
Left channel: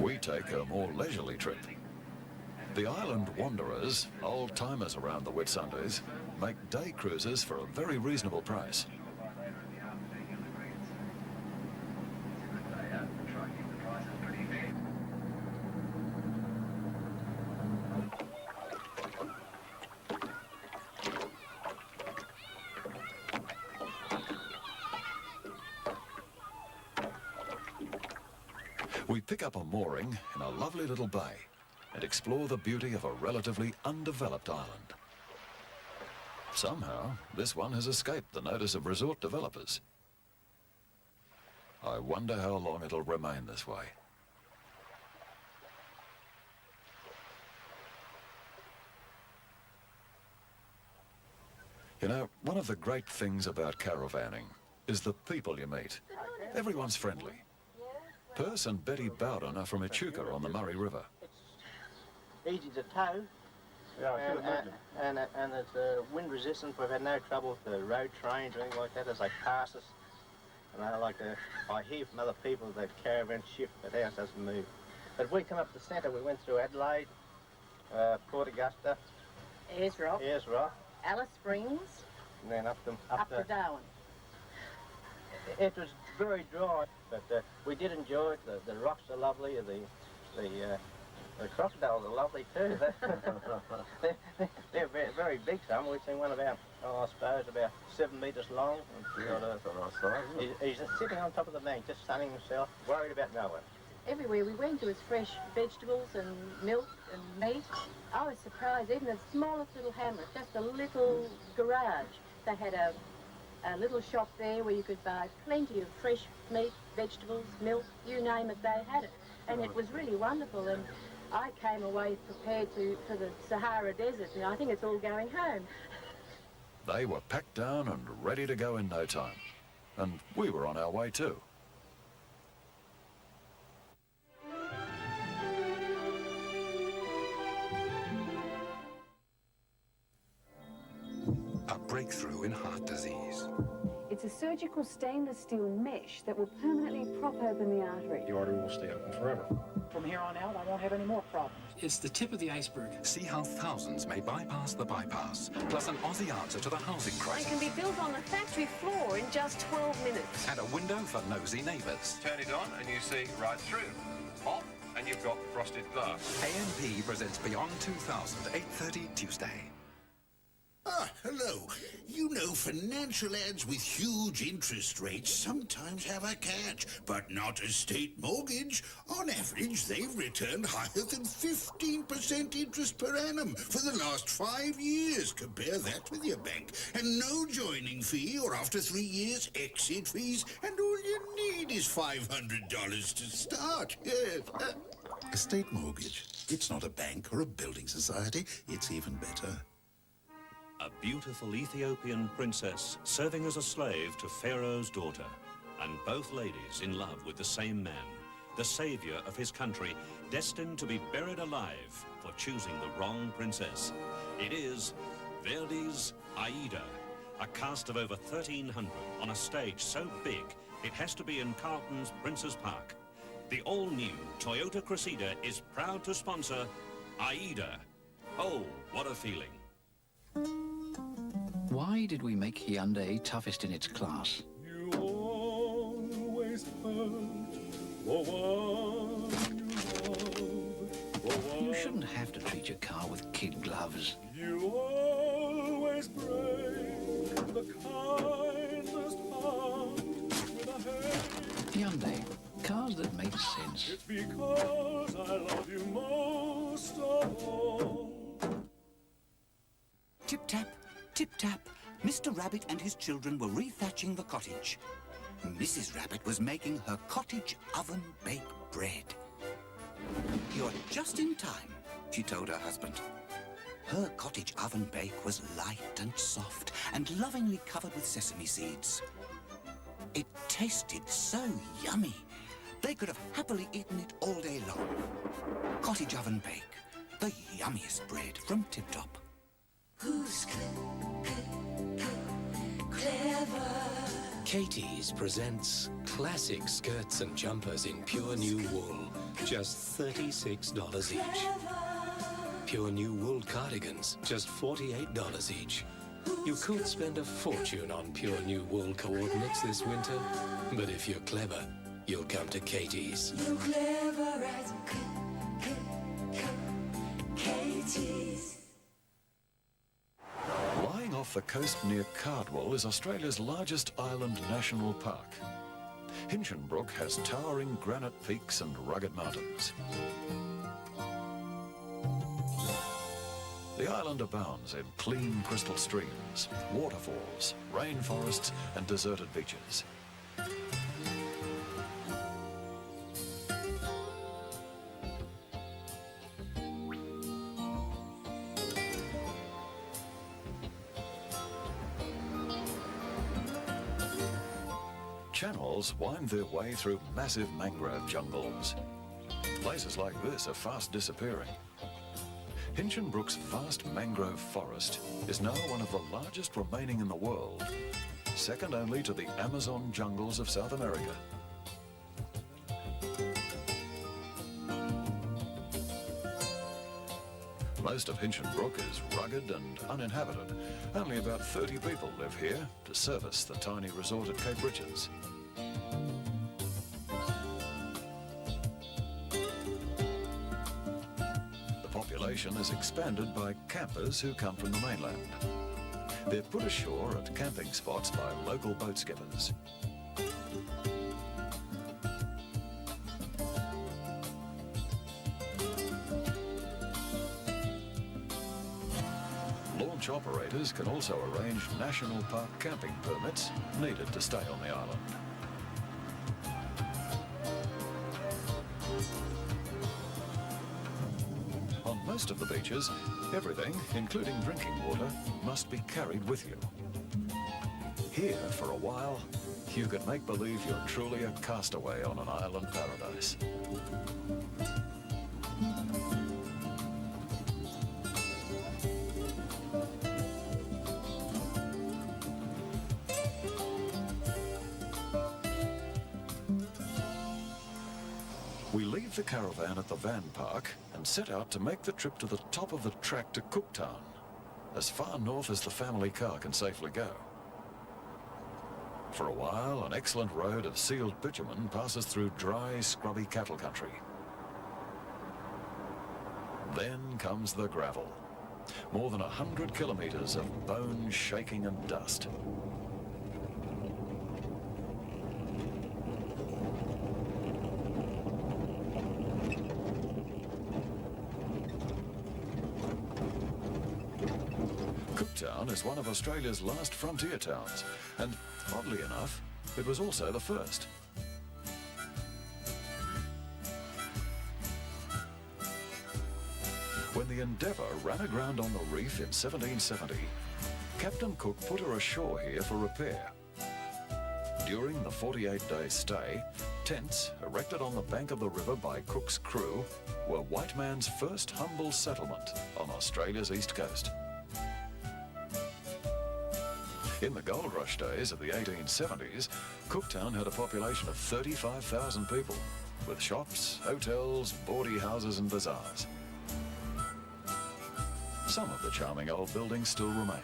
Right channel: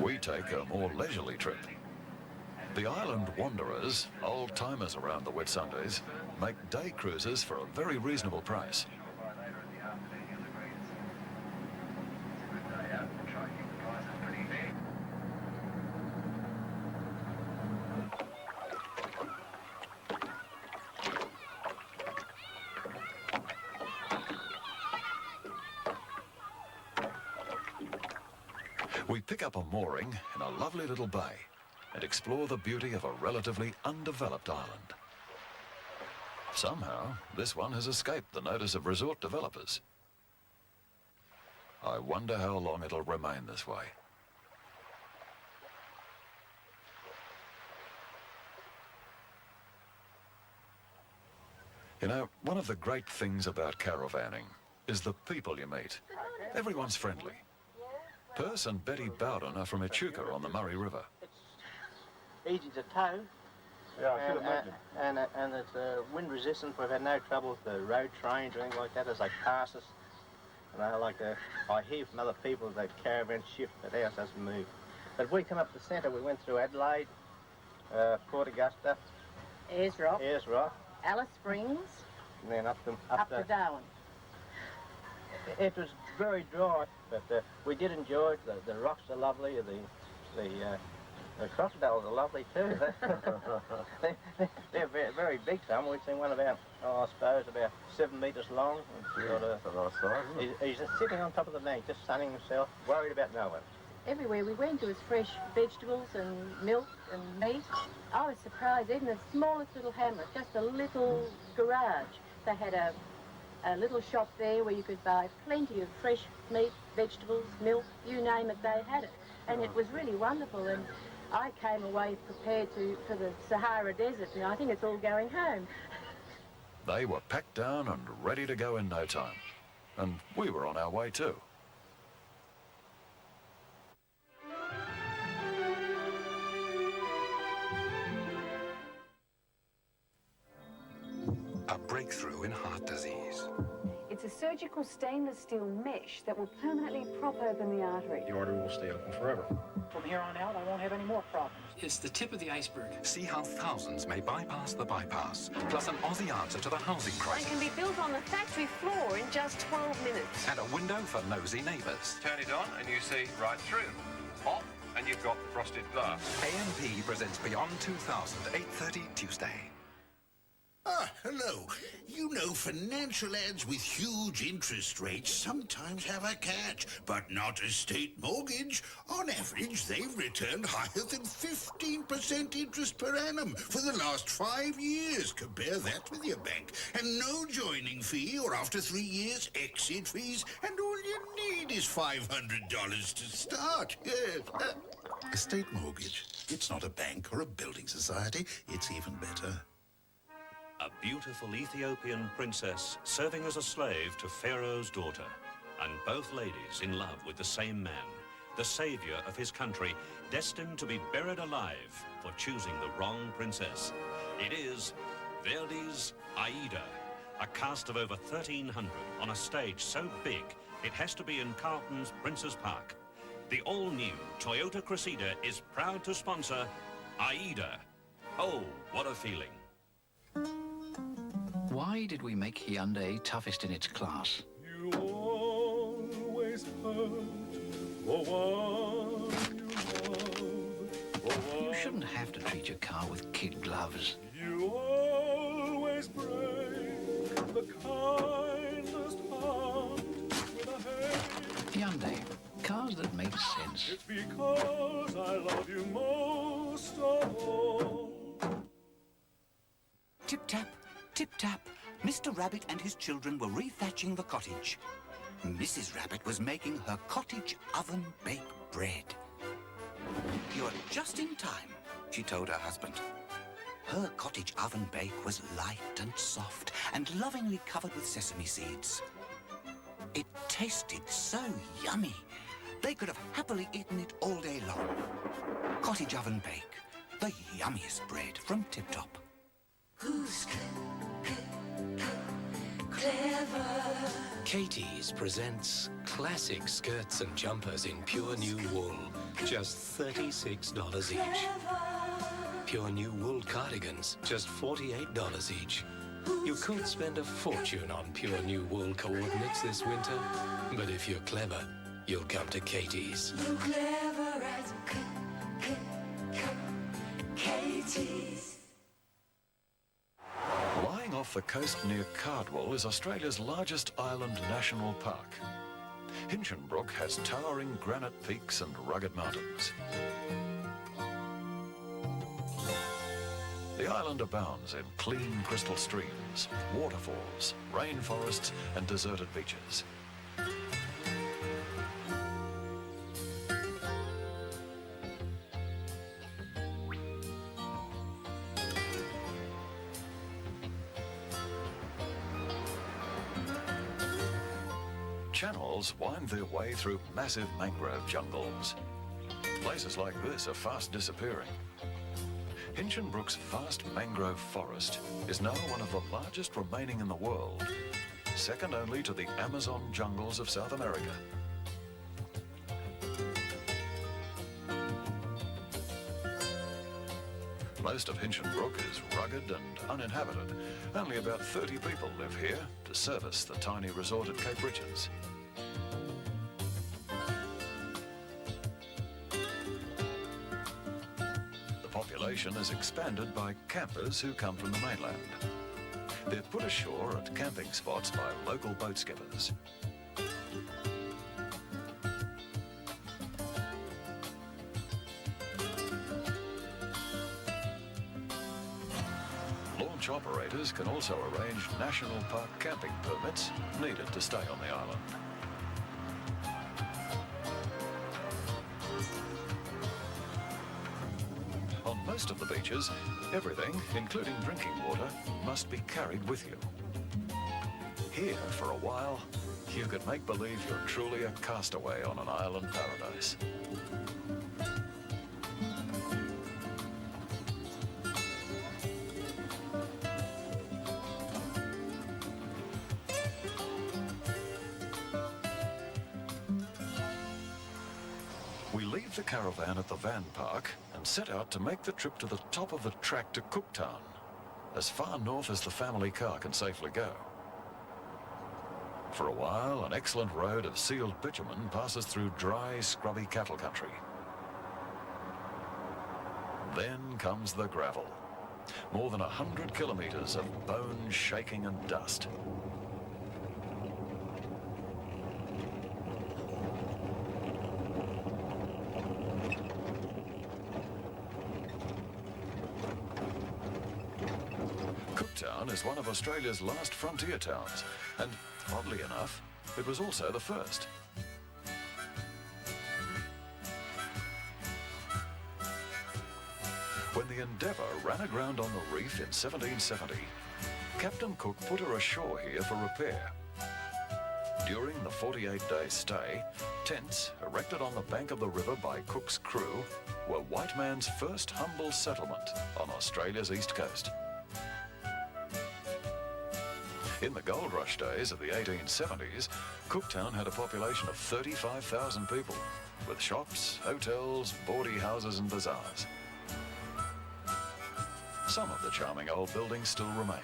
We take a more leisurely trip. The island wanderers, old-timers around the Whitsundays, make day cruises for a very reasonable price. We pick up a mooring in a lovely little bay and explore the beauty of a relatively undeveloped island. Somehow, this one has escaped the notice of resort developers. I wonder how long it'll remain this way. You know, one of the great things about caravanning is the people you meet. Everyone's friendly. Perce and Betty Bowden are from Echuca on the Murray River. Easy to tow. Yeah, I could imagine. And it's wind resistant. We've had no trouble with the road trains or anything like that as they pass us. And I hear from other people that caravans shift, but ours doesn't move. But we come up the centre. We went through Adelaide, Port Augusta, Ayers Rock, Alice Springs, and then up to Darwin. It was very dry, but we did enjoy it. The rocks are lovely. The crocodiles are lovely too. They're very, very big. Some we've seen one about, I suppose, about 7 metres long. He's just sitting on top of the bank, just sunning himself, worried about no one. Everywhere we went, there was fresh vegetables and milk and meat. I was surprised, even the smallest little hamlet, just a little garage. They had a little shop there where you could buy plenty of fresh meat, vegetables, milk, you name it, they had it. And it was really wonderful. And I came away prepared for the Sahara Desert, and I think it's all going home. They were packed down and ready to go in no time. And we were on our way too. A breakthrough in heart disease. It's a surgical stainless steel mesh that will permanently prop open the artery. The artery will stay open forever. From here on out, I won't have any more problems. It's the tip of the iceberg. See how thousands may bypass the bypass, plus an Aussie answer to the housing crisis. It can be built on the factory floor in just 12 minutes. And a window for nosy neighbours. Turn it on and you see right through. Off and you've got frosted glass. ANP presents Beyond 2000, 8:30 Tuesday. Ah, hello. You know, financial ads with huge interest rates sometimes have a catch, but not Estate Mortgage. On average, they've returned higher than 15% interest per annum for the last 5 years. Compare that with your bank. And no joining fee, or after 3 years, exit fees, and all you need is $500 to start. Yes. Estate Mortgage. It's not a bank or a building society. It's even better. A beautiful Ethiopian princess serving as a slave to Pharaoh's daughter, and both ladies in love with the same man, the savior of his country, destined to be buried alive for choosing the wrong princess. It is Verdi's Aida, a cast of over 1,300 on a stage so big it has to be in Carlton's Prince's Park. The all-new Toyota Cressida is proud to sponsor Aida. Oh, what a feeling. Why did we make Hyundai toughest in its class? You always hurt for one you love. You shouldn't have to treat your car with kid gloves. You always break the kindest heart with a hate. Hyundai, cars that make sense. It's because I love you most of all. Tip-tap, tip-tap. Mr. Rabbit and his children were rethatching the cottage. Mrs. Rabbit was making her cottage oven-baked bread. "You're just in time," she told her husband. Her cottage oven bake was light and soft and lovingly covered with sesame seeds. It tasted so yummy. They could have happily eaten it all day long. Cottage oven bake, the yummiest bread from Tip Top. Who's clever? Katie's presents classic skirts and jumpers in pure new wool, just $36 each. Pure new wool cardigans, just $48 each. You could spend a fortune on pure new wool coordinates this winter, but if you're clever, you'll come to Katie's. You're clever as Katie's. Lying off the coast near Cardwell is Australia's largest island national park. Hinchinbrook has towering granite peaks and rugged mountains. The island abounds in clean crystal streams, waterfalls, rainforests and deserted beaches. Channels wind their way through massive mangrove jungles. Places like this are fast disappearing. Hinchinbrook's vast mangrove forest is now one of the largest remaining in the world, second only to the Amazon jungles of South America. Most of Hinchinbrook is rugged and uninhabited. Only about 30 people live here to service the tiny resort at Cape Richards. The population is expanded by campers who come from the mainland. They're put ashore at camping spots by local boat skippers. Launch operators can also arrange national park camping permits needed to stay on the island. On most of the beaches, everything, including drinking water, must be carried with you. Here, for a while, you can make believe you're truly a castaway on an island paradise. We leave the caravan at the van park and set out to make the trip to the top of the track to Cooktown, as far north as the family car can safely go. For a while, an excellent road of sealed bitumen passes through dry, scrubby cattle country. Then comes the gravel. More than 100 kilometres of bone shaking and dust. Cooktown is one of Australia's last frontier towns, and oddly enough, it was also the first. When the Endeavour ran aground on the reef in 1770, Captain Cook put her ashore here for repair. During the 48-day stay, tents erected on the bank of the river by Cook's crew were white man's first humble settlement on Australia's east coast. In the gold rush days of the 1870s, Cooktown had a population of 35,000 people, with shops, hotels, bawdy houses and bazaars. Some of the charming old buildings still remain.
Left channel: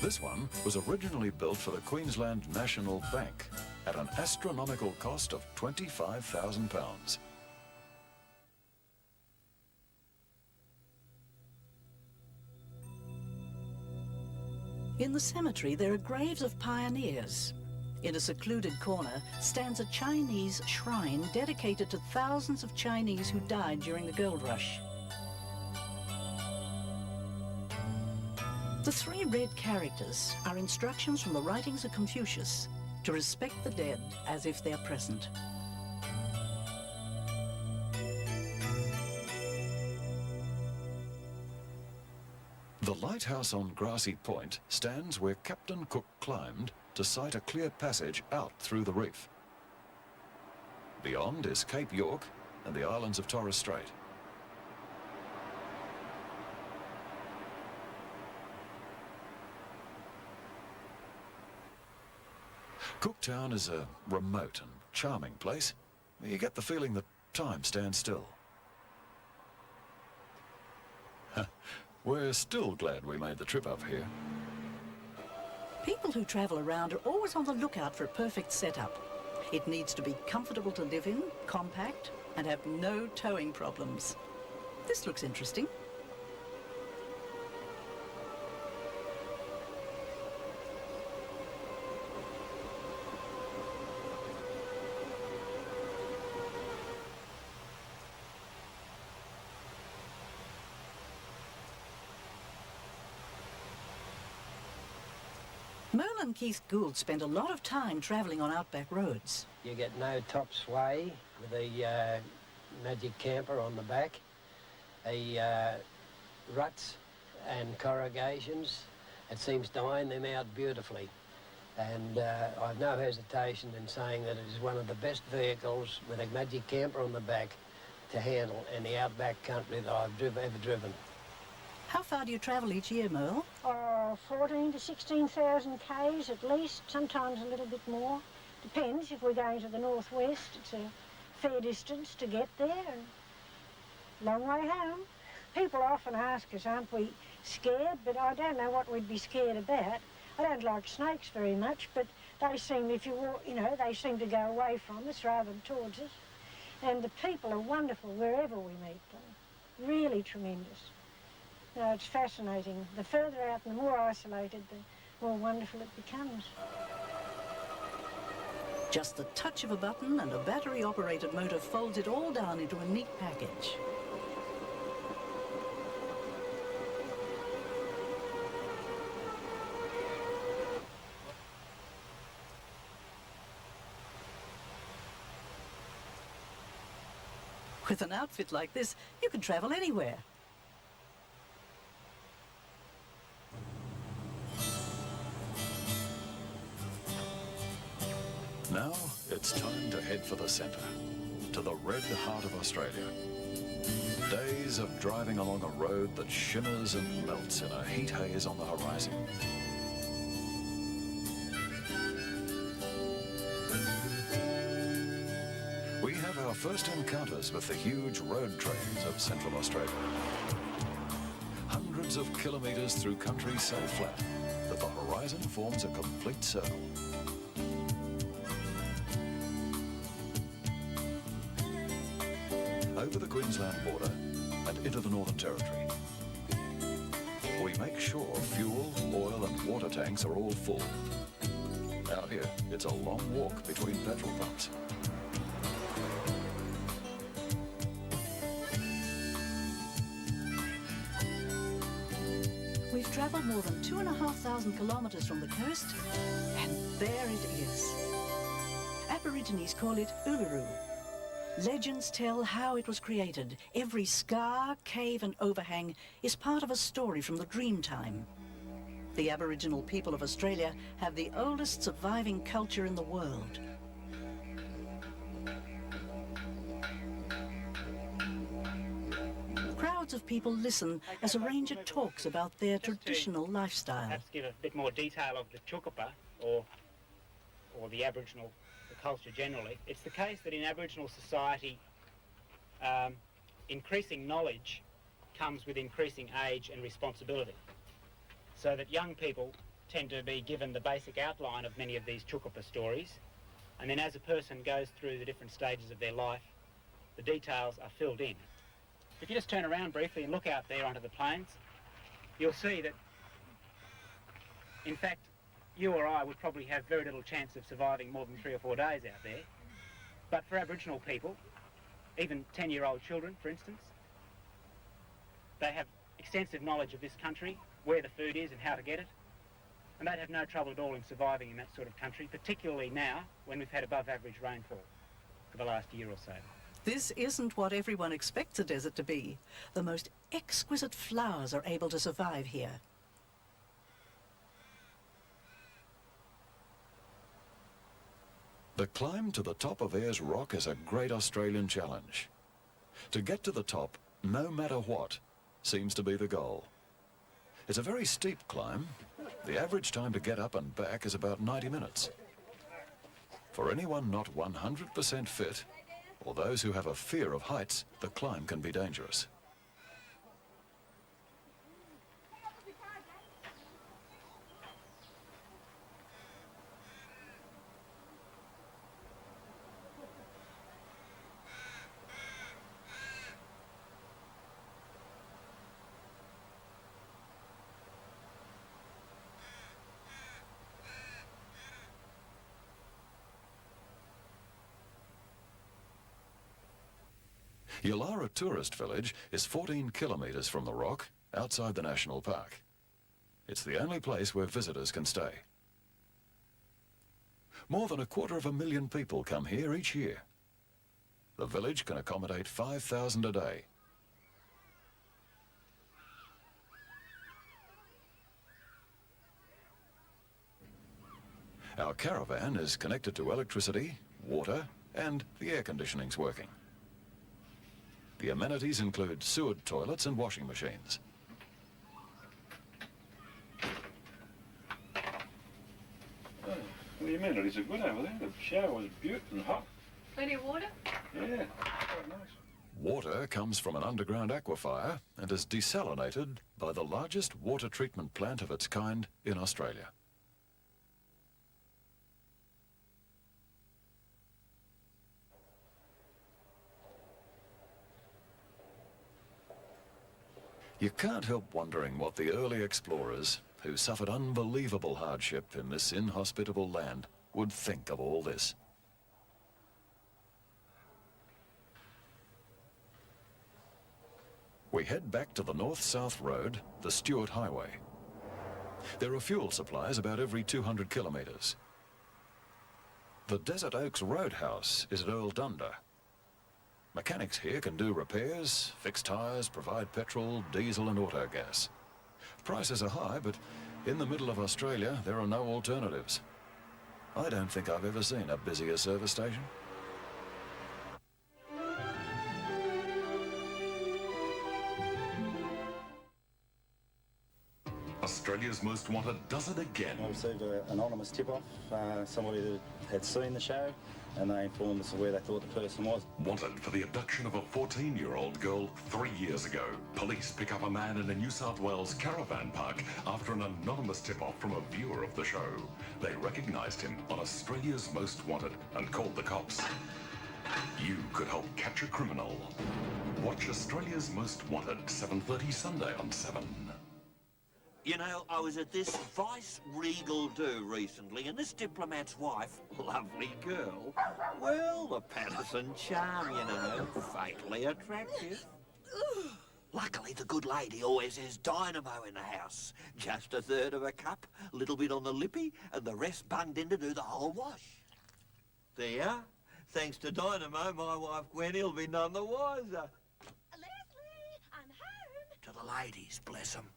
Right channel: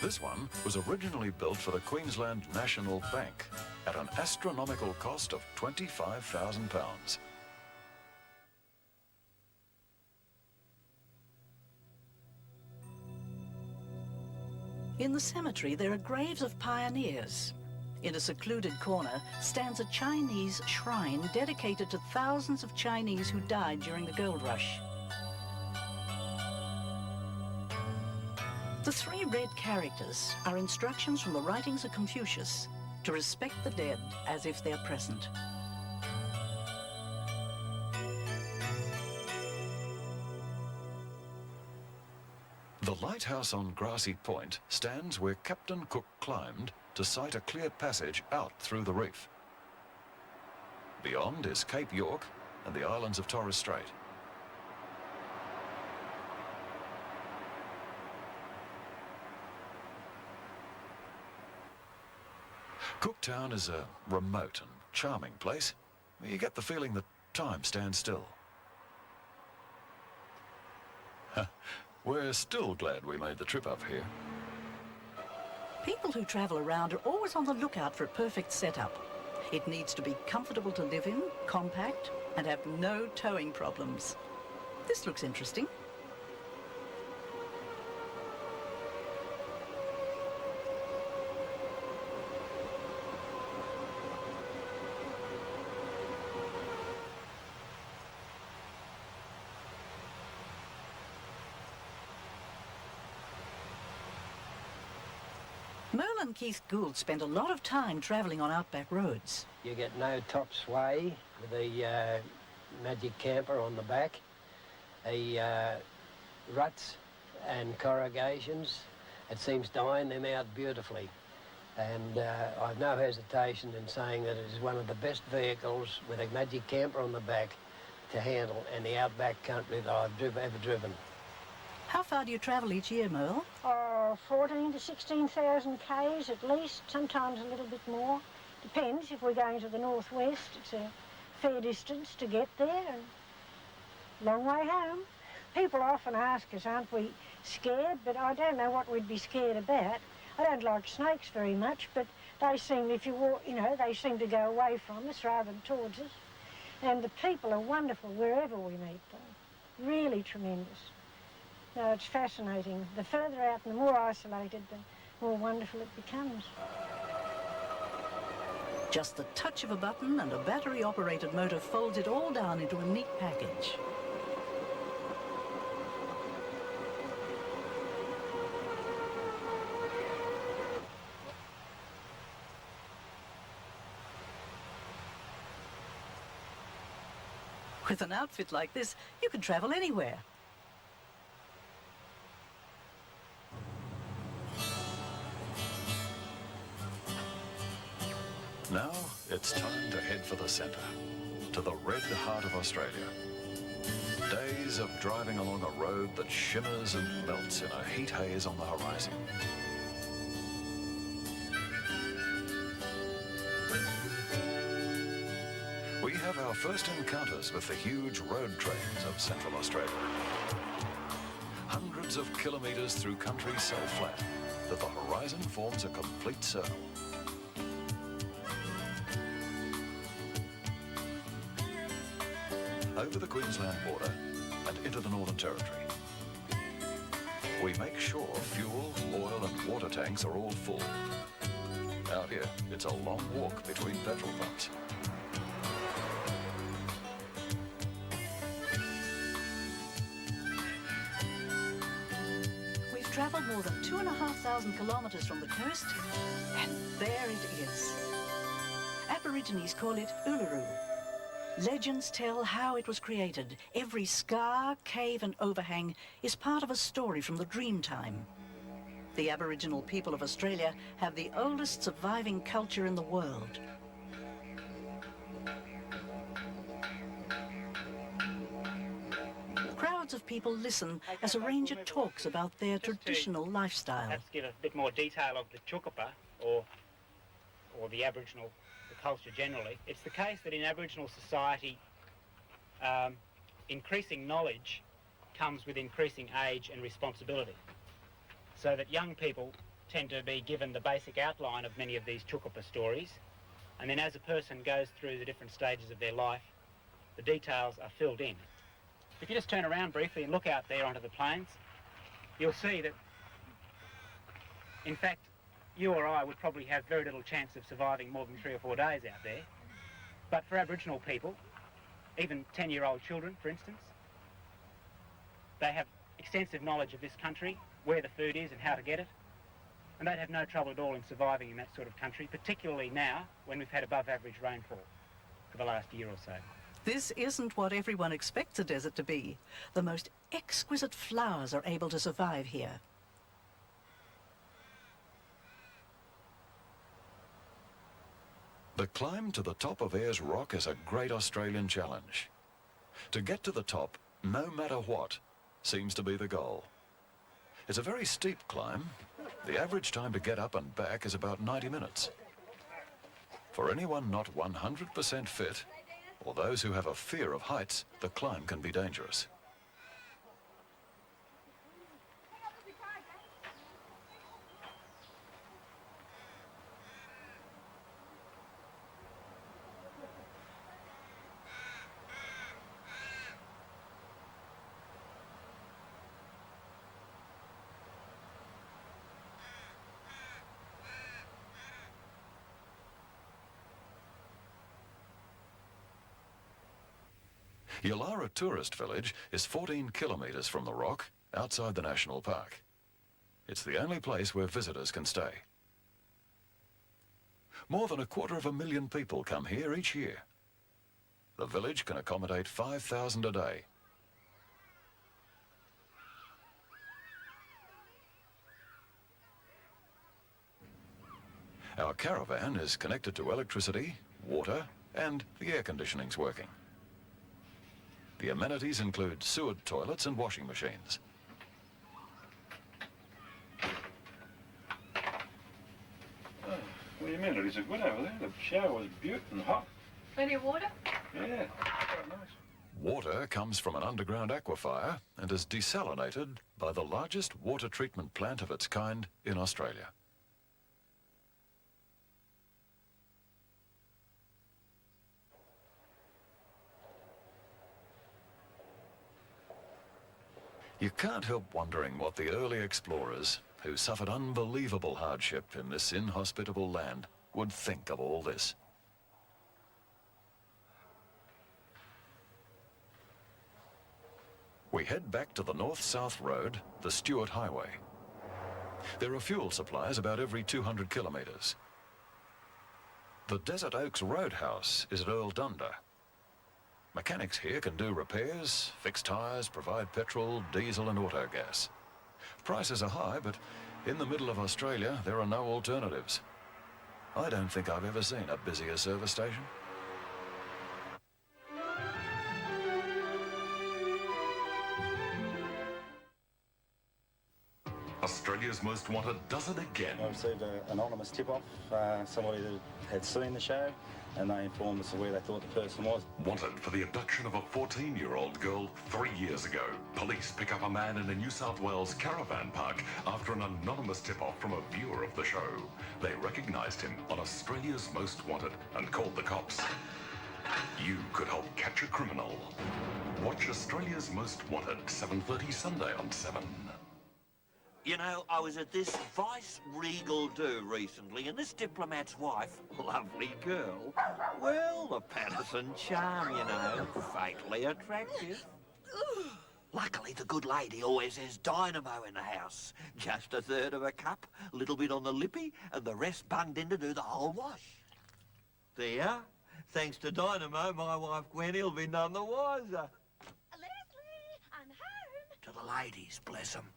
This one was originally built for the Queensland National Bank at an astronomical cost of £25,000. In the cemetery, there are graves of pioneers. In a secluded corner stands a Chinese shrine dedicated to thousands of Chinese who died during the gold rush. The three red characters are instructions from the writings of Confucius to respect the dead as if they're present. The lighthouse on Grassy Point stands where Captain Cook climbed to sight a clear passage out through the reef. Beyond is Cape York and the islands of Torres Strait. Cooktown is a remote and charming place. You get the feeling that time stands still. We're still glad we made the trip up here. People who travel around are always on the lookout for a perfect setup. It needs to be comfortable to live in, compact, and have no towing problems. This looks interesting. Merle and Keith Gould spent a lot of time travelling on outback roads. You get no top sway with the magic camper on the back, the ruts and corrugations. It seems to iron them out beautifully. And I've no hesitation in saying that it is one of the best vehicles with a magic camper on the back to handle in the outback country that I've ever driven. How far do you travel each year, Merle? 14 to 16,000 k's at least, sometimes a little bit more. Depends. If we're going to the northwest, it's a fair distance to get there. And long way home. People often ask us, aren't we scared? But I don't know what we'd be scared about. I don't like snakes very much, but they seem, if you walk, you know, they seem to go away from us rather than towards us. And the people are wonderful wherever we meet them. Really tremendous. No, it's fascinating. The further out and the more isolated, the more wonderful it becomes. Just the touch of a button and a battery-operated motor folds it all down into a neat package. With an outfit like this, you can travel anywhere. Now it's time to head for the centre, to the red heart of Australia. Days of driving along a road that shimmers and melts in a heat haze on the horizon. We have our first encounters with the huge road trains of Central Australia. Hundreds of kilometres through country so flat that the horizon forms a complete circle. Over the Queensland border and into the Northern Territory. We make sure fuel, oil and water tanks are all full. Out here, it's a long walk between petrol pumps. We've travelled more than 2,500 kilometres from the coast, and there it is. Aborigines call it Uluru. Legends tell how it was created. Every scar, cave and overhang is part of a story from the Dreamtime. The Aboriginal people of Australia have the oldest surviving culture in the world. Crowds of people listen as a ranger talks about their traditional lifestyle. Perhaps give a bit more detail of the Chukupa, or the Aboriginal culture generally. It's the case that in Aboriginal society, increasing knowledge comes with increasing age and responsibility. So that young people tend to be given the basic outline of many of these Chukupa stories, and then as a person goes through the different stages of their life, the details are filled in. If you just turn around briefly and look out there onto the plains, you'll see that, in fact, you or I would probably have very little chance of surviving more than 3 or 4 days out there. But for Aboriginal people, even 10-year-old children, for instance, they have extensive knowledge of this country, where the food is and how to get it, and they'd have no trouble at all in surviving in that sort of country, particularly now when we've had above average rainfall for the last year or so. This isn't what everyone expects a desert to be. The most exquisite flowers are able to survive here. The climb to the top of Ayers Rock is a great Australian challenge. To get to the top, no matter what, seems to be the goal. It's a very steep climb. The average time to get up and back is about 90 minutes. For anyone not 100% fit, or those who have a fear of heights, the climb can be dangerous. Yulara Tourist Village is 14 kilometres from the rock, outside the national park. It's the only place where visitors can stay. More than 250,000 people come here each year. The village can accommodate 5,000 a day. Our caravan is connected to electricity, water, and the air conditioning's working. The amenities include sewered toilets and washing machines. Oh, what do you mean? It is good over there. The shower's beautiful and hot. Plenty of water? Yeah, quite nice. Water comes from an underground aquifer and is desalinated by the largest water treatment plant of its kind in Australia. You can't help wondering what the early explorers, who suffered unbelievable hardship in this inhospitable land, would think of all this. We head back to the north-south road, the Stewart Highway. There are fuel supplies about every 200 kilometres. The Desert Oaks Roadhouse is at Earl Dunder. Mechanics here can do repairs, fix tyres, provide petrol, diesel and auto gas. Prices are high, but in the middle of Australia, there are no alternatives. I don't think I've ever seen a busier service station. Australia's Most Wanted does it again. I received an anonymous tip-off. Somebody that had seen the show, and they informed us of where they thought the person was. Wanted for the abduction of a 14-year-old girl 3 years ago. Police pick up a man in a New South Wales caravan park after an anonymous tip-off from a viewer of the show. They recognised him on Australia's Most Wanted and called the cops. You could help catch a criminal. Watch Australia's Most Wanted, 7:30 Sunday on 7. You know, I was at this vice-regal do recently, and this diplomat's wife, lovely girl, well, the Patterson charm, you know, fatally attractive. Luckily, the good lady always has dynamo in the house. Just a third of a cup, a little bit on the lippy, and the rest bunged in to do the whole wash. There, thanks to dynamo, my wife Gwenny'll be none the wiser. Leslie, I'm home. To the ladies, bless 'em.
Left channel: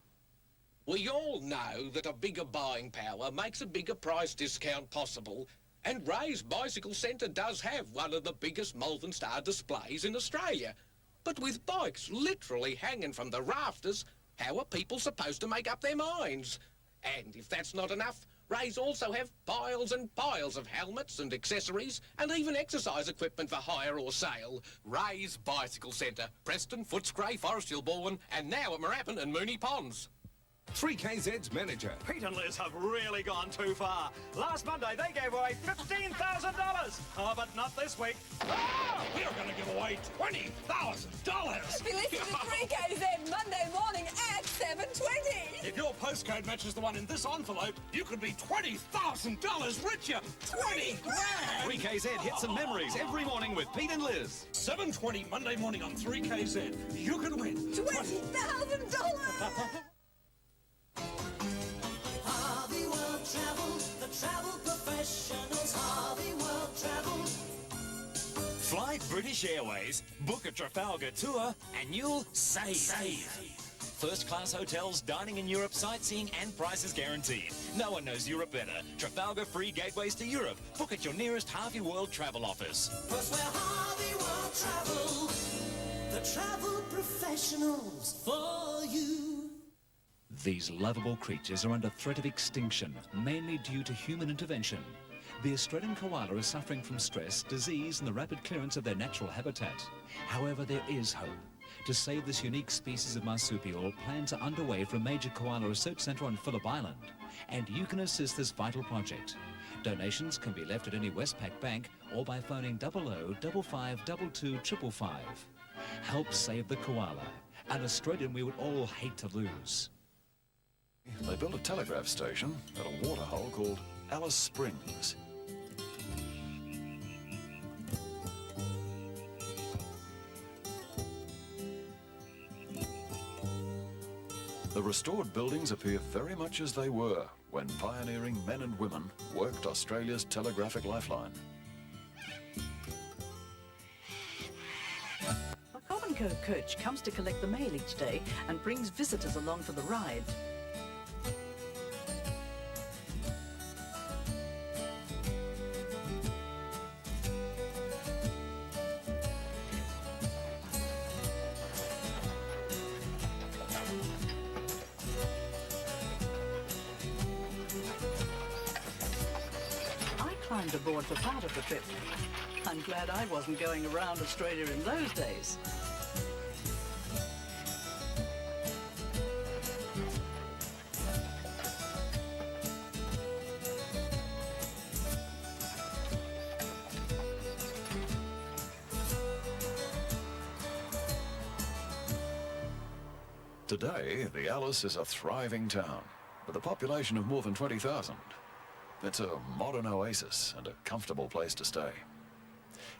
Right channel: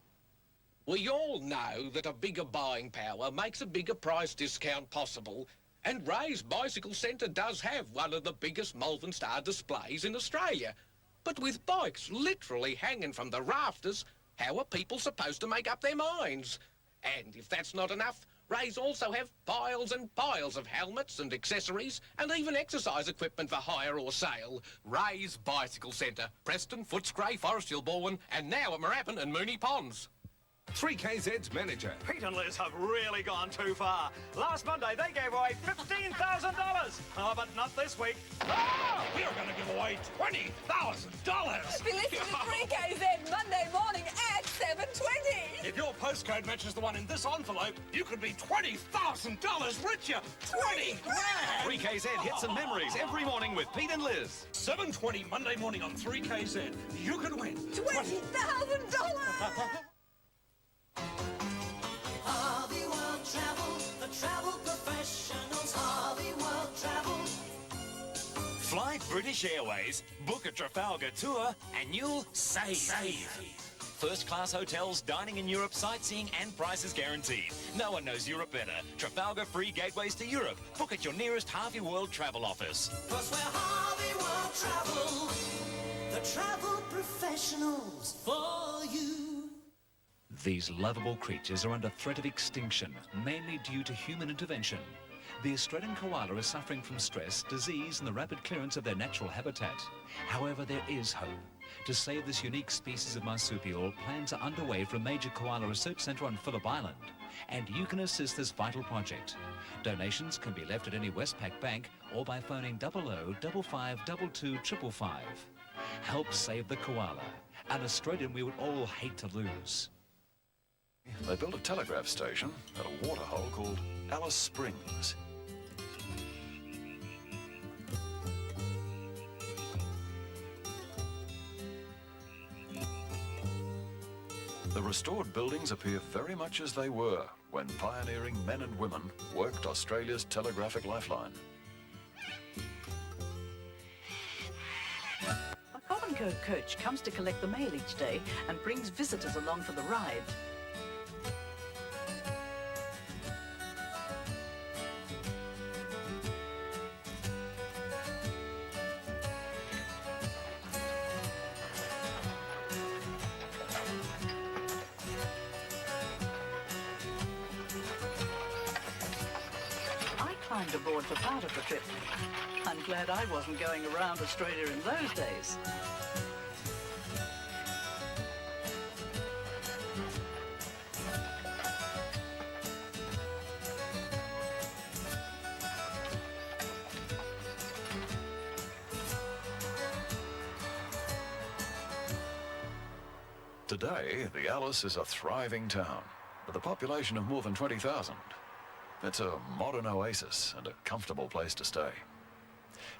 We all know that a bigger buying power makes a bigger price discount possible, and Ray's Bicycle Centre does have one of the biggest Malvern Star displays in Australia. But with bikes literally hanging from the rafters, how are people supposed to make up their minds? And if that's not enough, Ray's also have piles and piles of helmets and accessories, and even exercise equipment for hire or sale. Ray's Bicycle Centre, Preston, Footscray, Forest Hill, Balwyn, and now at Moorabbin and Moonee Ponds. 3KZ's manager. Pete and Liz have really gone too far. Last Monday, they gave away $15,000. Oh, but not this week. Ah, we are going to give away $20,000. Be listening to 3KZ Monday morning at 7:20. If your postcode matches the one in this envelope, you could be $20,000 richer. 20 grand! 3KZ hits and memories every morning with Pete and Liz. 7:20 Monday morning on 3KZ. You could win $20,000. Harvey World Travel, the travel professionals, Harvey World Travel. Fly British Airways, book a Trafalgar tour, and you'll save. First-class hotels, dining in Europe, sightseeing, and prices guaranteed. No one knows Europe better. Trafalgar free gateways to Europe. Book at your nearest Harvey World Travel office. 'Cause we're Harvey World Travel, the travel professionals for you. These lovable creatures are under threat of extinction, mainly due to human intervention. The Australian koala is suffering from stress, disease, and the rapid clearance of their natural habitat. However, there is hope. To save this unique species of marsupial, plans are underway for a major koala research centre on Phillip Island, and you can assist this vital project. Donations can be left at any Westpac bank or by phoning 00 55 22 555. Help save the koala, an Australian we would all hate to lose. They built a telegraph station at a waterhole called Alice Springs. The restored buildings appear very much as they were when pioneering men and women worked Australia's telegraphic lifeline. A Common coach comes to collect the mail each day and brings visitors along for the ride. Climbed aboard for part of the trip. I'm glad I wasn't going around Australia in those days. Today, the Alice is a thriving town with a population of more than 20,000. It's a modern oasis and a comfortable place to stay.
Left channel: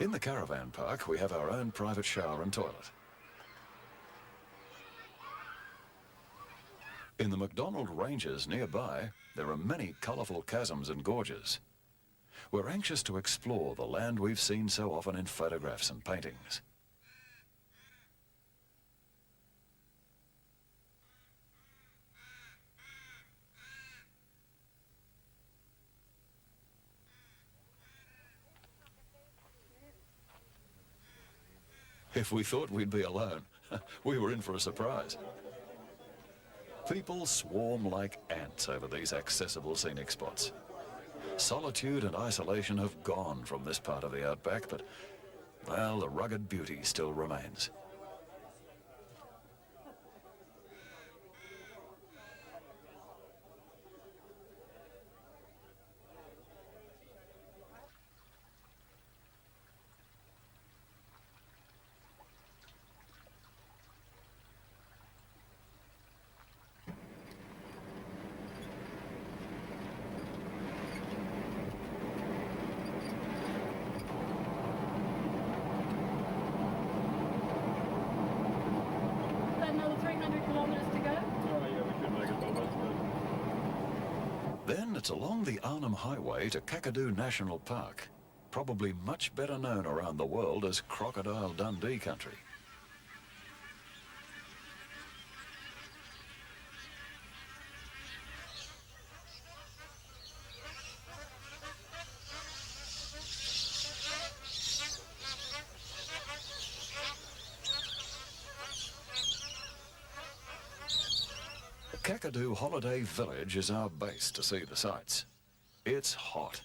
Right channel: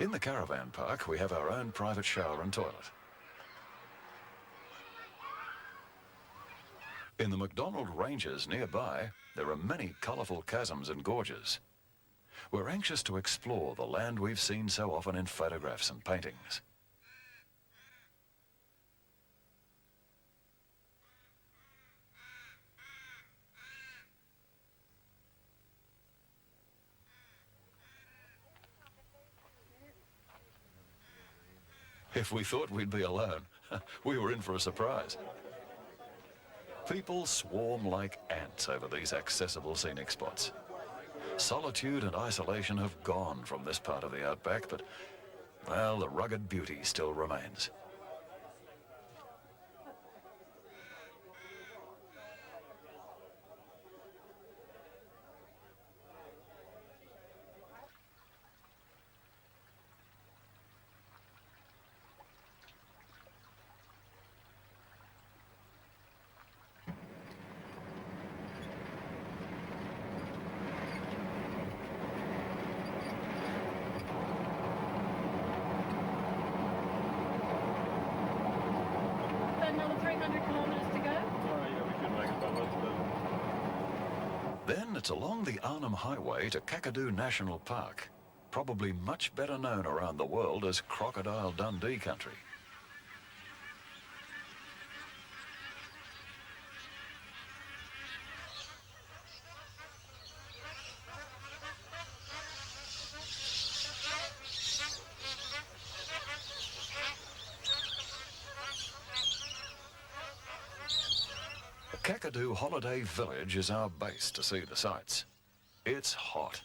In the caravan park, we have our own private shower and toilet. In the McDonald Ranges nearby, there are many colourful chasms and gorges. We're anxious to explore the land we've seen so often in photographs and paintings. If we thought we'd be alone, we were in for a surprise. People swarm like ants over these accessible scenic spots. Solitude and isolation have gone from this part of the outback, but, well, the rugged beauty still remains. Then it's along the Arnhem Highway to Kakadu National Park, probably much better known around the world as Crocodile Dundee country. Kakadu Holiday Village is our base to see the sights. It's hot,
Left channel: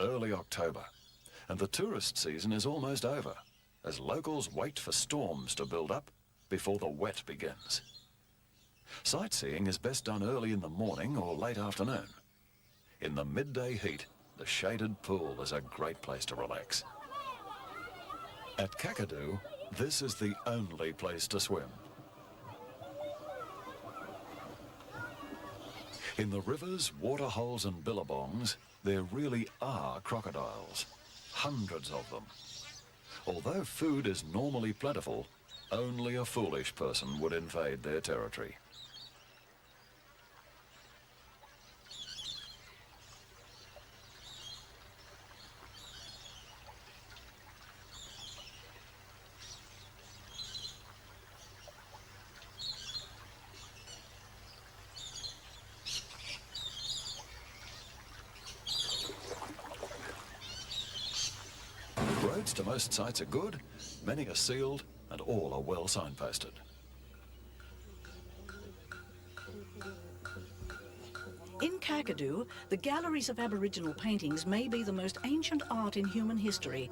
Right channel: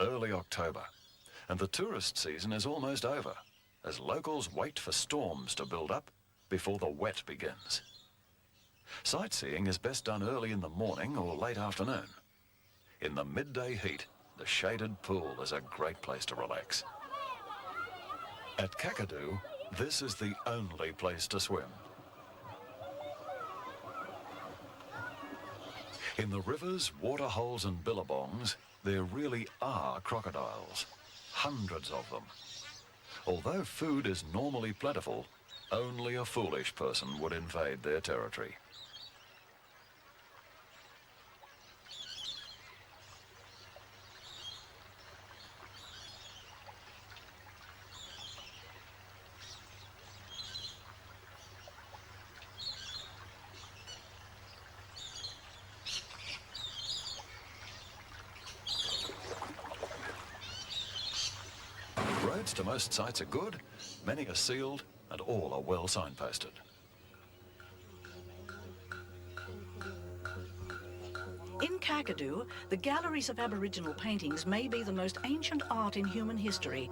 early October, and the tourist season is almost over, as locals wait for storms to build up before the wet begins. Sightseeing is best done early in the morning or late afternoon. In the midday heat, the shaded pool is a great place to relax. At Kakadu, this is the only place to swim. In the rivers, waterholes and billabongs, there really are crocodiles. Hundreds of them. Although food is normally plentiful, only a foolish person would invade their territory. Roads to most sites are good, many are sealed, and all are well signposted. In Kakadu, the galleries of Aboriginal paintings may be the most ancient art in human history.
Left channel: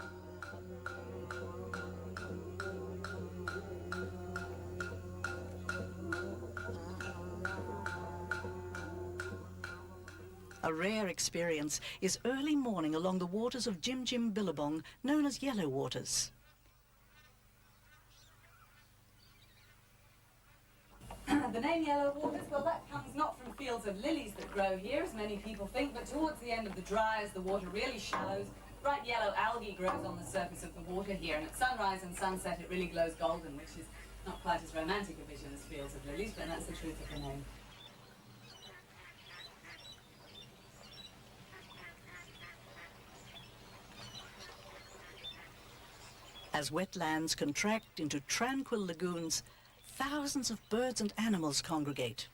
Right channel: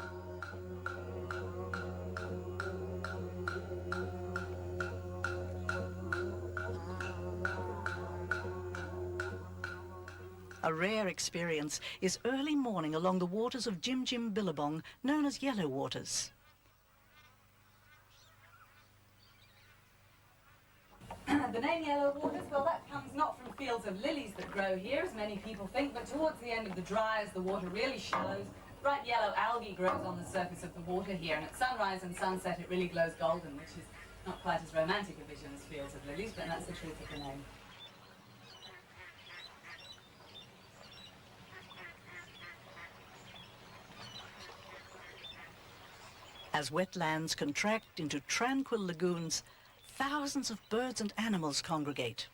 A rare experience is early morning along the waters of Jim Jim Billabong, known as Yellow Waters. The name Yellow Waters, well, that comes not from fields of lilies that grow here, as many people think, but towards the end of the dry, as the water really shallows, bright yellow algae grows on the surface of the water here, and at sunrise and sunset it really glows golden, which is not quite as romantic a vision as fields of lilies, but that's the truth of the name. As wetlands contract into tranquil lagoons, thousands of birds and animals congregate.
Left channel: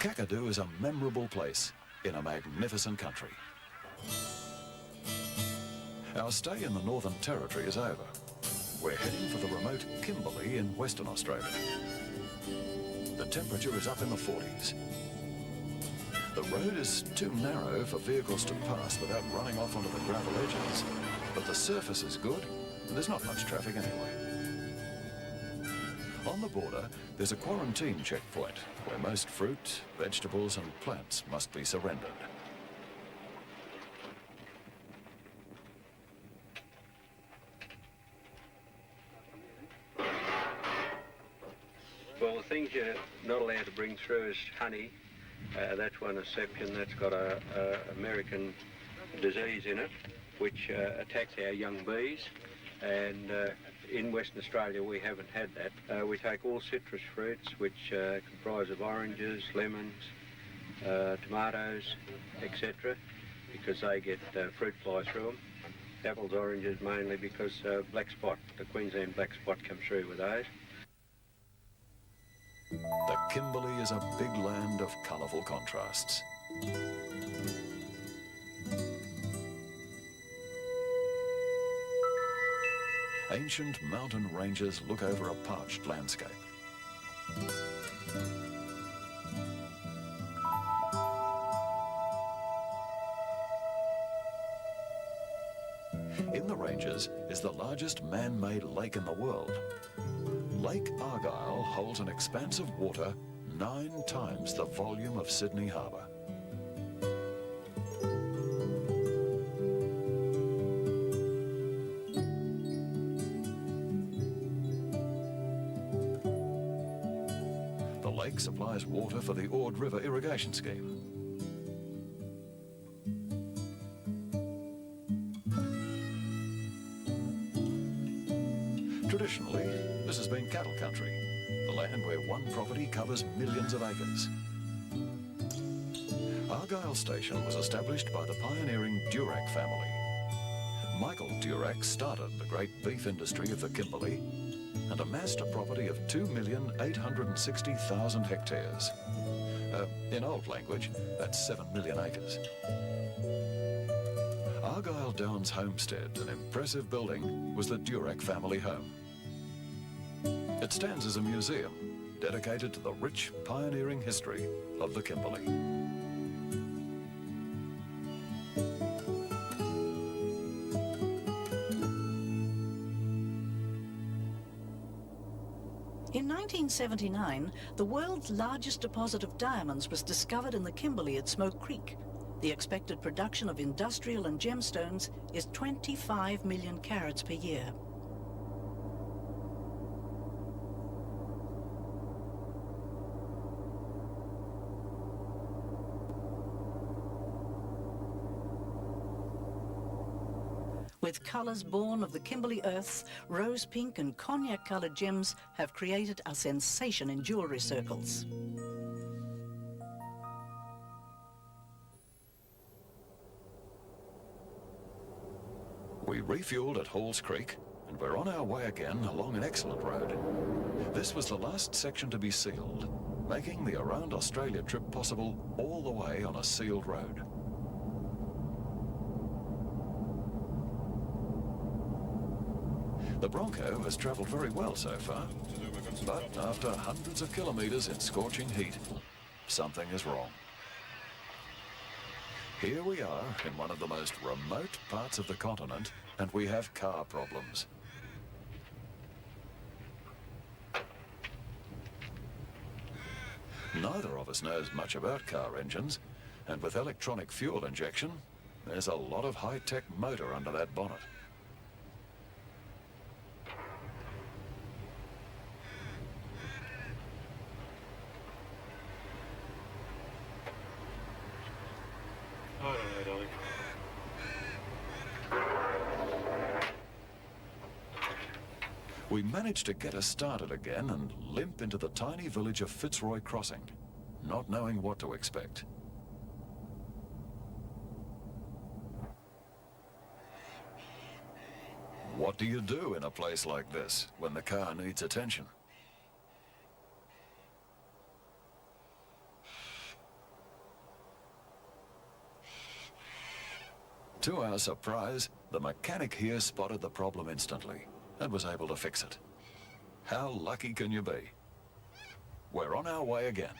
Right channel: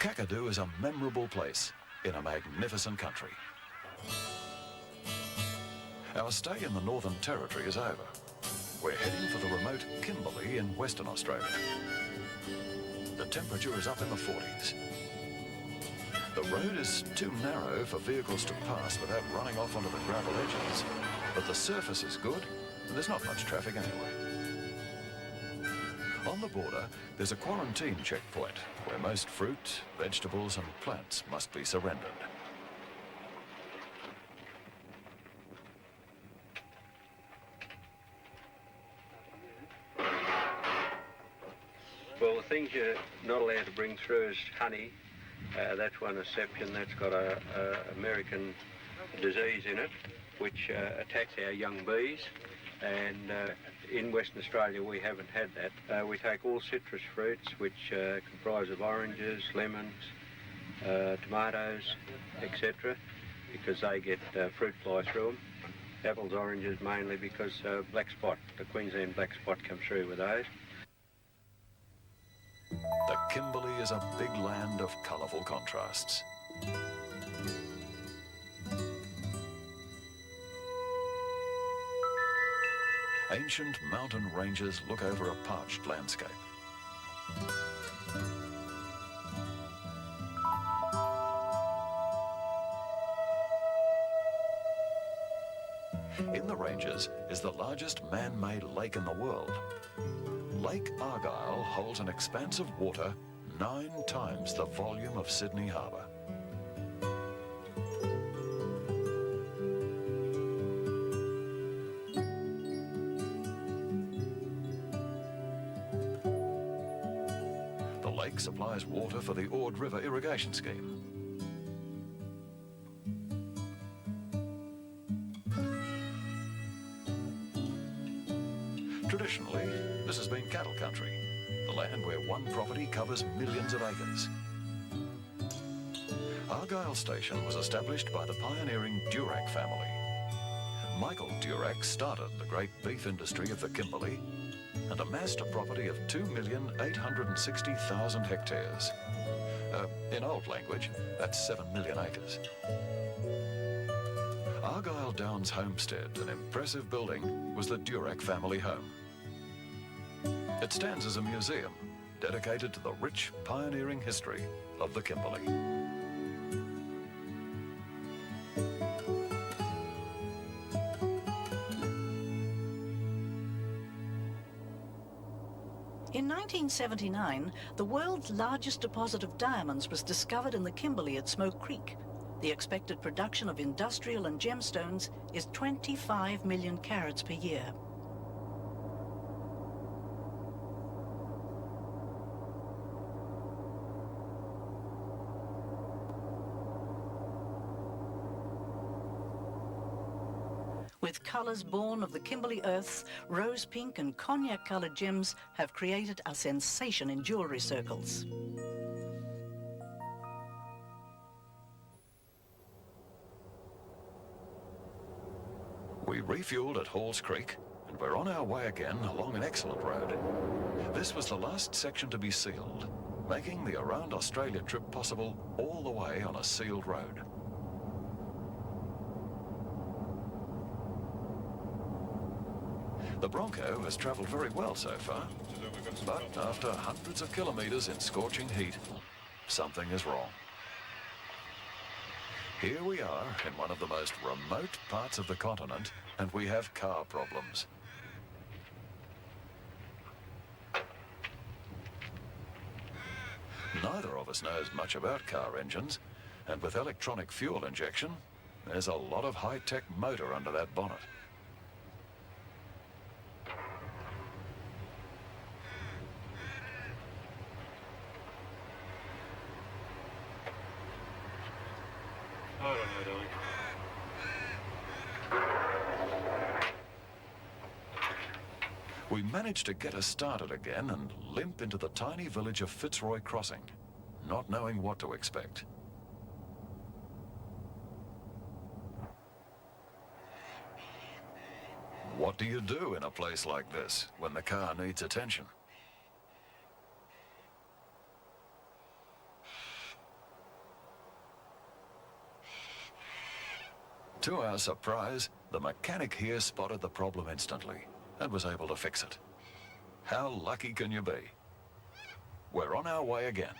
Kakadu is a memorable place in a magnificent country. Our stay in the Northern Territory is over. We're heading for the remote Kimberley in Western Australia. The temperature is up in the 40s. The road is too narrow for vehicles to pass without running off onto the gravel edges, but the surface is good and there's not much traffic anyway. On the border, there's a quarantine checkpoint where most fruit, vegetables and plants must be surrendered. Well, the things you're not allowed to bring through is honey. That's one exception. That's got a American disease in it, which attacks our young bees. And in Western Australia, we haven't had that. We take all citrus fruits, which comprise of oranges, lemons, tomatoes, etc., because they get fruit fly through them. Apples, oranges mainly because black spot, the Queensland black spot comes through with those. The Kimberley is a big land of colourful contrasts. Ancient mountain ranges look over a parched landscape. In the ranges is the largest man-made lake in the world. Lake Argyle holds an expanse of water 9 times the volume of Sydney Harbour. The lake supplies water for the Ord River irrigation scheme. Traditionally, this has been cattle country, the land where one property covers millions of acres. Argyle Station was established by the pioneering Durack family. Michael Durack started the great beef industry of the Kimberley and amassed a property of 2,860,000 hectares. In old language, that's 7 million acres. Argyle Downs Homestead, an impressive building, was the Durack family home. It stands as a museum dedicated to the rich pioneering history of the Kimberley. In 1979, the world's largest deposit of diamonds was discovered in the Kimberley at Smoke Creek. The expected production of industrial and gemstones is 25 million carats per year. With colours born of the Kimberley earth, rose pink and cognac-coloured gems have created a sensation in jewellery circles. We refueled at Halls Creek and we're on our way again along an excellent road. This was the last section to be sealed, making the Around Australia trip possible all the way on a sealed road. The Bronco has travelled very well so far, but after hundreds of kilometres in scorching heat, something is wrong. Here we are in one of the most remote parts of the continent, and we have car problems. Neither of us knows much about car engines, and with electronic fuel injection, there's a lot of high-tech motor under that bonnet. We managed to get us started again and limp into the tiny village of Fitzroy Crossing, not knowing what to expect. What do you do in a place like this when the car needs attention? To our surprise, the mechanic here spotted the problem instantly and was able to fix it. How lucky can you be? We're on our way again.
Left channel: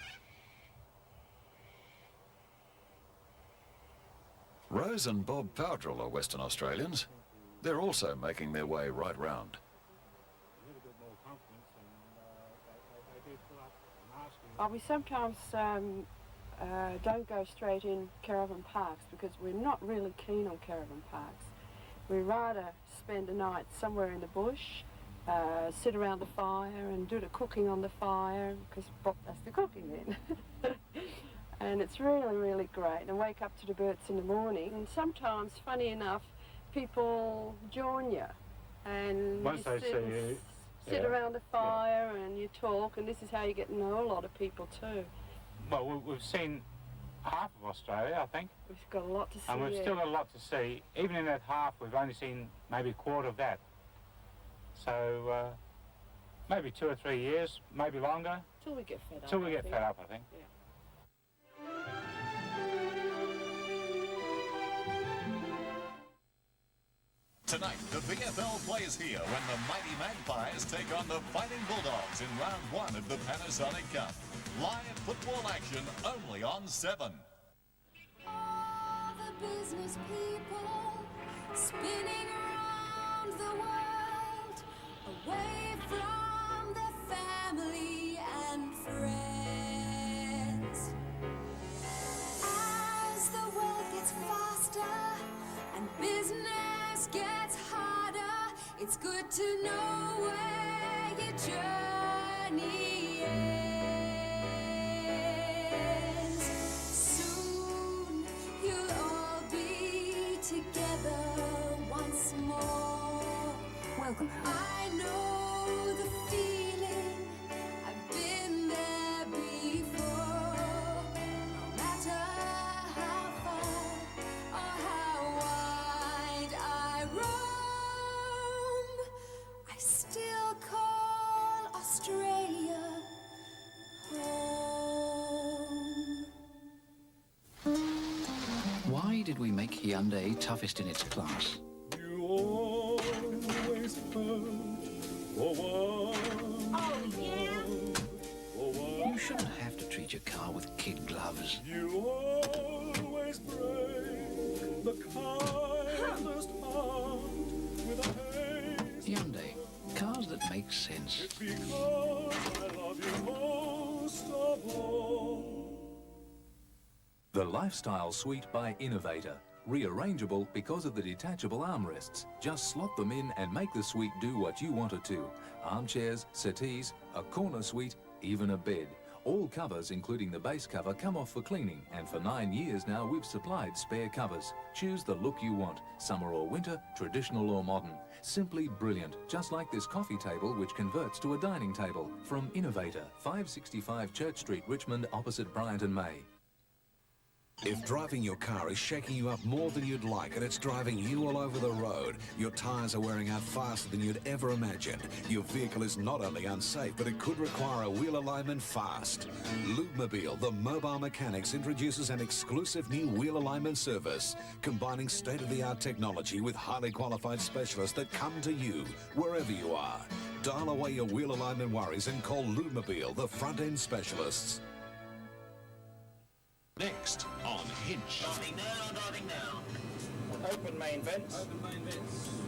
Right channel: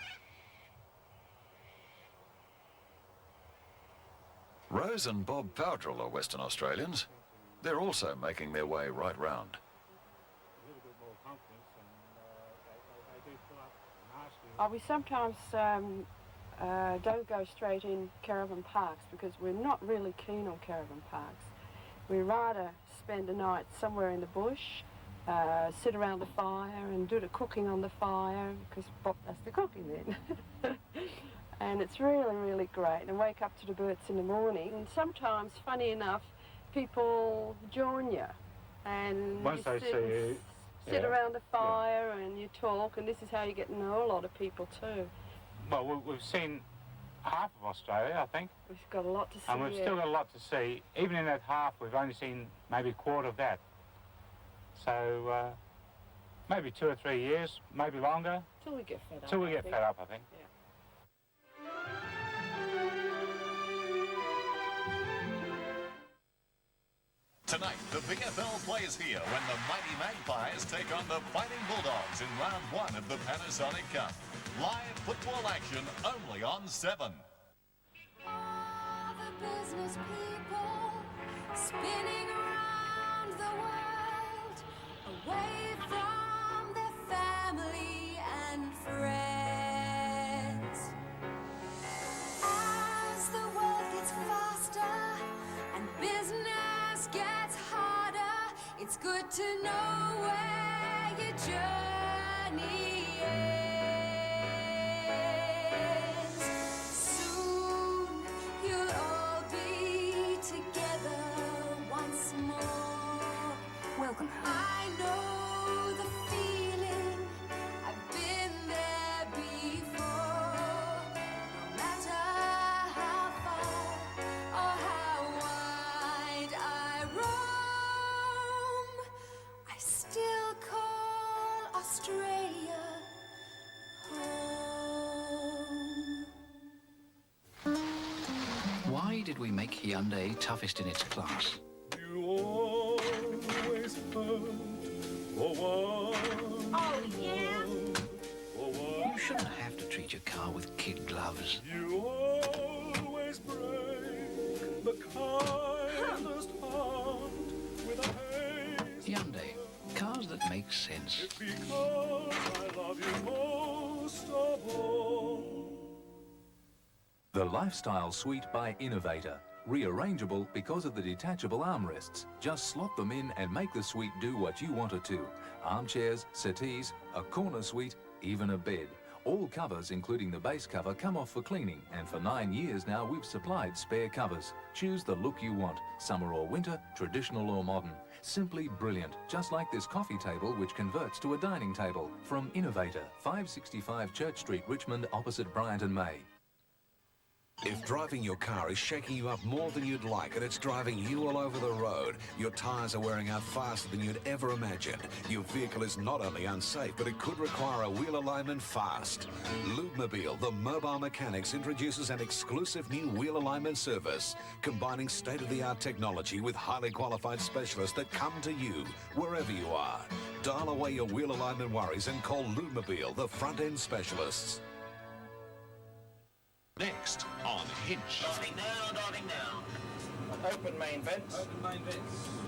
Rose and Bob Powdrill are Western Australians. They're also making their way right round. We sometimes don't go straight in caravan parks because we're not really keen on caravan parks. We rather spend a night somewhere in the bush, sit around the fire and do the cooking on the fire because Bob does the cooking then. And it's really, really great. And wake up to the birds in the morning. And sometimes, funny enough, people join you. And Once you they see you, sit yeah, around the fire and you talk, and this is how you get to know a lot of people too. Well, we've seen half of Australia, I think. We've got a lot to see. And we've still got a lot to see. Even in that half, we've only seen maybe a quarter of that. So maybe 2 or 3 years, maybe longer. Till we get fed up. Till we get fed up, I think. Yeah. Tonight, the VFL plays here when the mighty Magpies take on the Fighting Bulldogs in round 1 of the Panasonic Cup. Live football action only on 7. All the business people spinning around the world, away from their family and friends. As the world gets faster and business gets harder, it's good to know where your journey ends. Soon you'll all be together once more. Welcome home. I know the feeling, I've been there before. No matter how far or how wide I roam, I still call Australia home. Why did we make Hyundai toughest in its class? You always Oh, yeah? You shouldn't have to treat your car with kid gloves. You always break the kindest heart with a haste. Hyundai, cars that make sense. Because I love you most of all. The Lifestyle Suite by Innovator. Rearrangeable because of the detachable armrests. Just slot them in and make the suite do what you want it to. Armchairs, settees, a corner suite, even a bed. All covers, including the base cover, come off for cleaning, and for 9 years now we've supplied spare covers. Choose the look you want, summer or winter, traditional or modern. Simply brilliant, just like this coffee table which converts to a dining table. From Innovator, 565 Church Street, Richmond, opposite Bryant and May. If driving your car is shaking you up more than you'd like and it's driving you all over the road, your tyres are wearing out faster than you'd ever imagined, your vehicle is not only unsafe, but it could require a wheel alignment fast. Lubemobile, the mobile mechanics, introduces an exclusive new wheel alignment service, combining state-of-the-art technology with highly qualified specialists that come to you wherever you are. Dial away your wheel alignment worries and call Lubemobile, the front-end specialists. Next on Hinch. Diving down. Open main vents.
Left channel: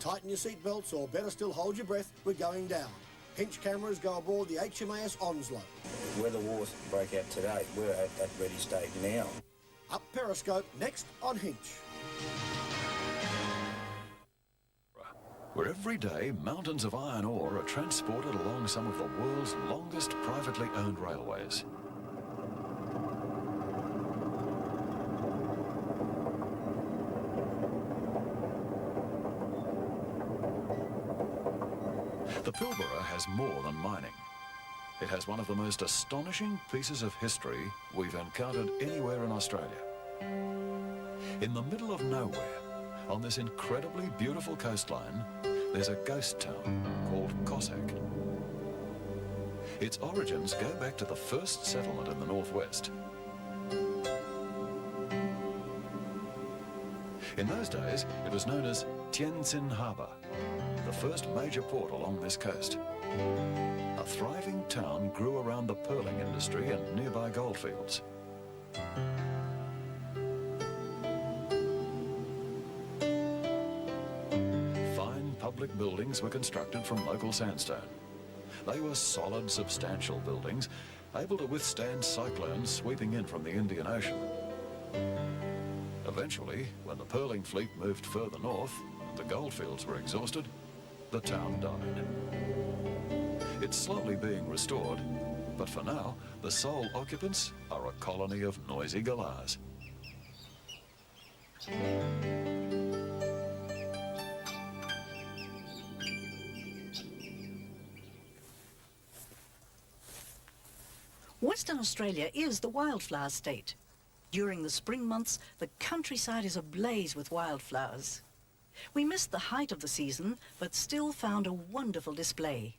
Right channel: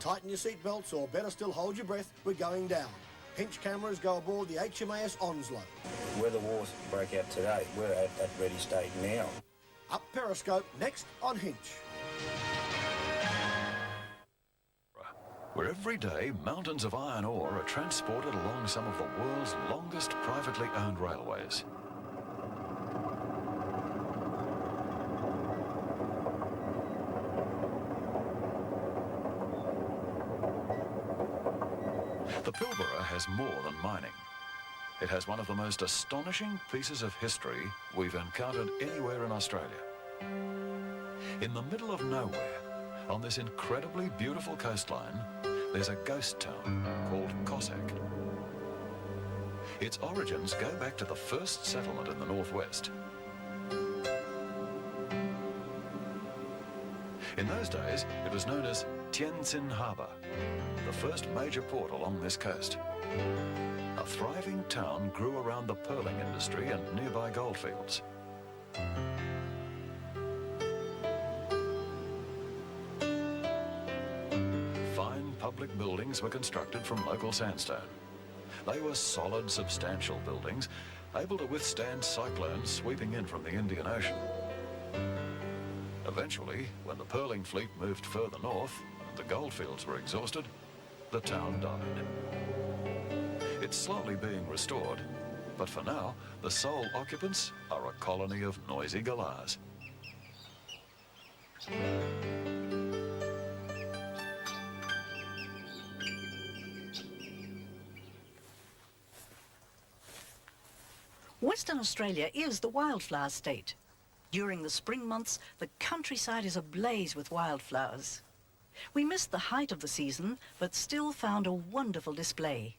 Tighten your seatbelts or better still hold your breath, we're going down. Hinch cameras go aboard the HMAS Onslow. Where the wars broke out today, we're at ready state now. Up Periscope next on Hinch. Where every day mountains of iron ore are transported along some of the world's longest privately owned railways. The Pilbara has more than mining. It has one of the most astonishing pieces of history we've encountered anywhere in Australia. In the middle of nowhere, on this incredibly beautiful coastline, there's a ghost town called Cossack. Its origins go back to the first settlement in the northwest. In those days, it was known as Tientsin Harbour, the first major port along this coast. A thriving town grew around the pearling industry and nearby goldfields. Fine public buildings were constructed from local sandstone. They were solid, substantial buildings, able to withstand cyclones sweeping in from the Indian Ocean. Eventually, when the pearling fleet moved further north and the goldfields were exhausted, the town died. It's slowly being restored, but for now, the sole occupants are a colony of noisy galahs. Western Australia is the wildflower state. During the spring months, the countryside is ablaze with wildflowers. We missed the height of the season, but still found a wonderful display.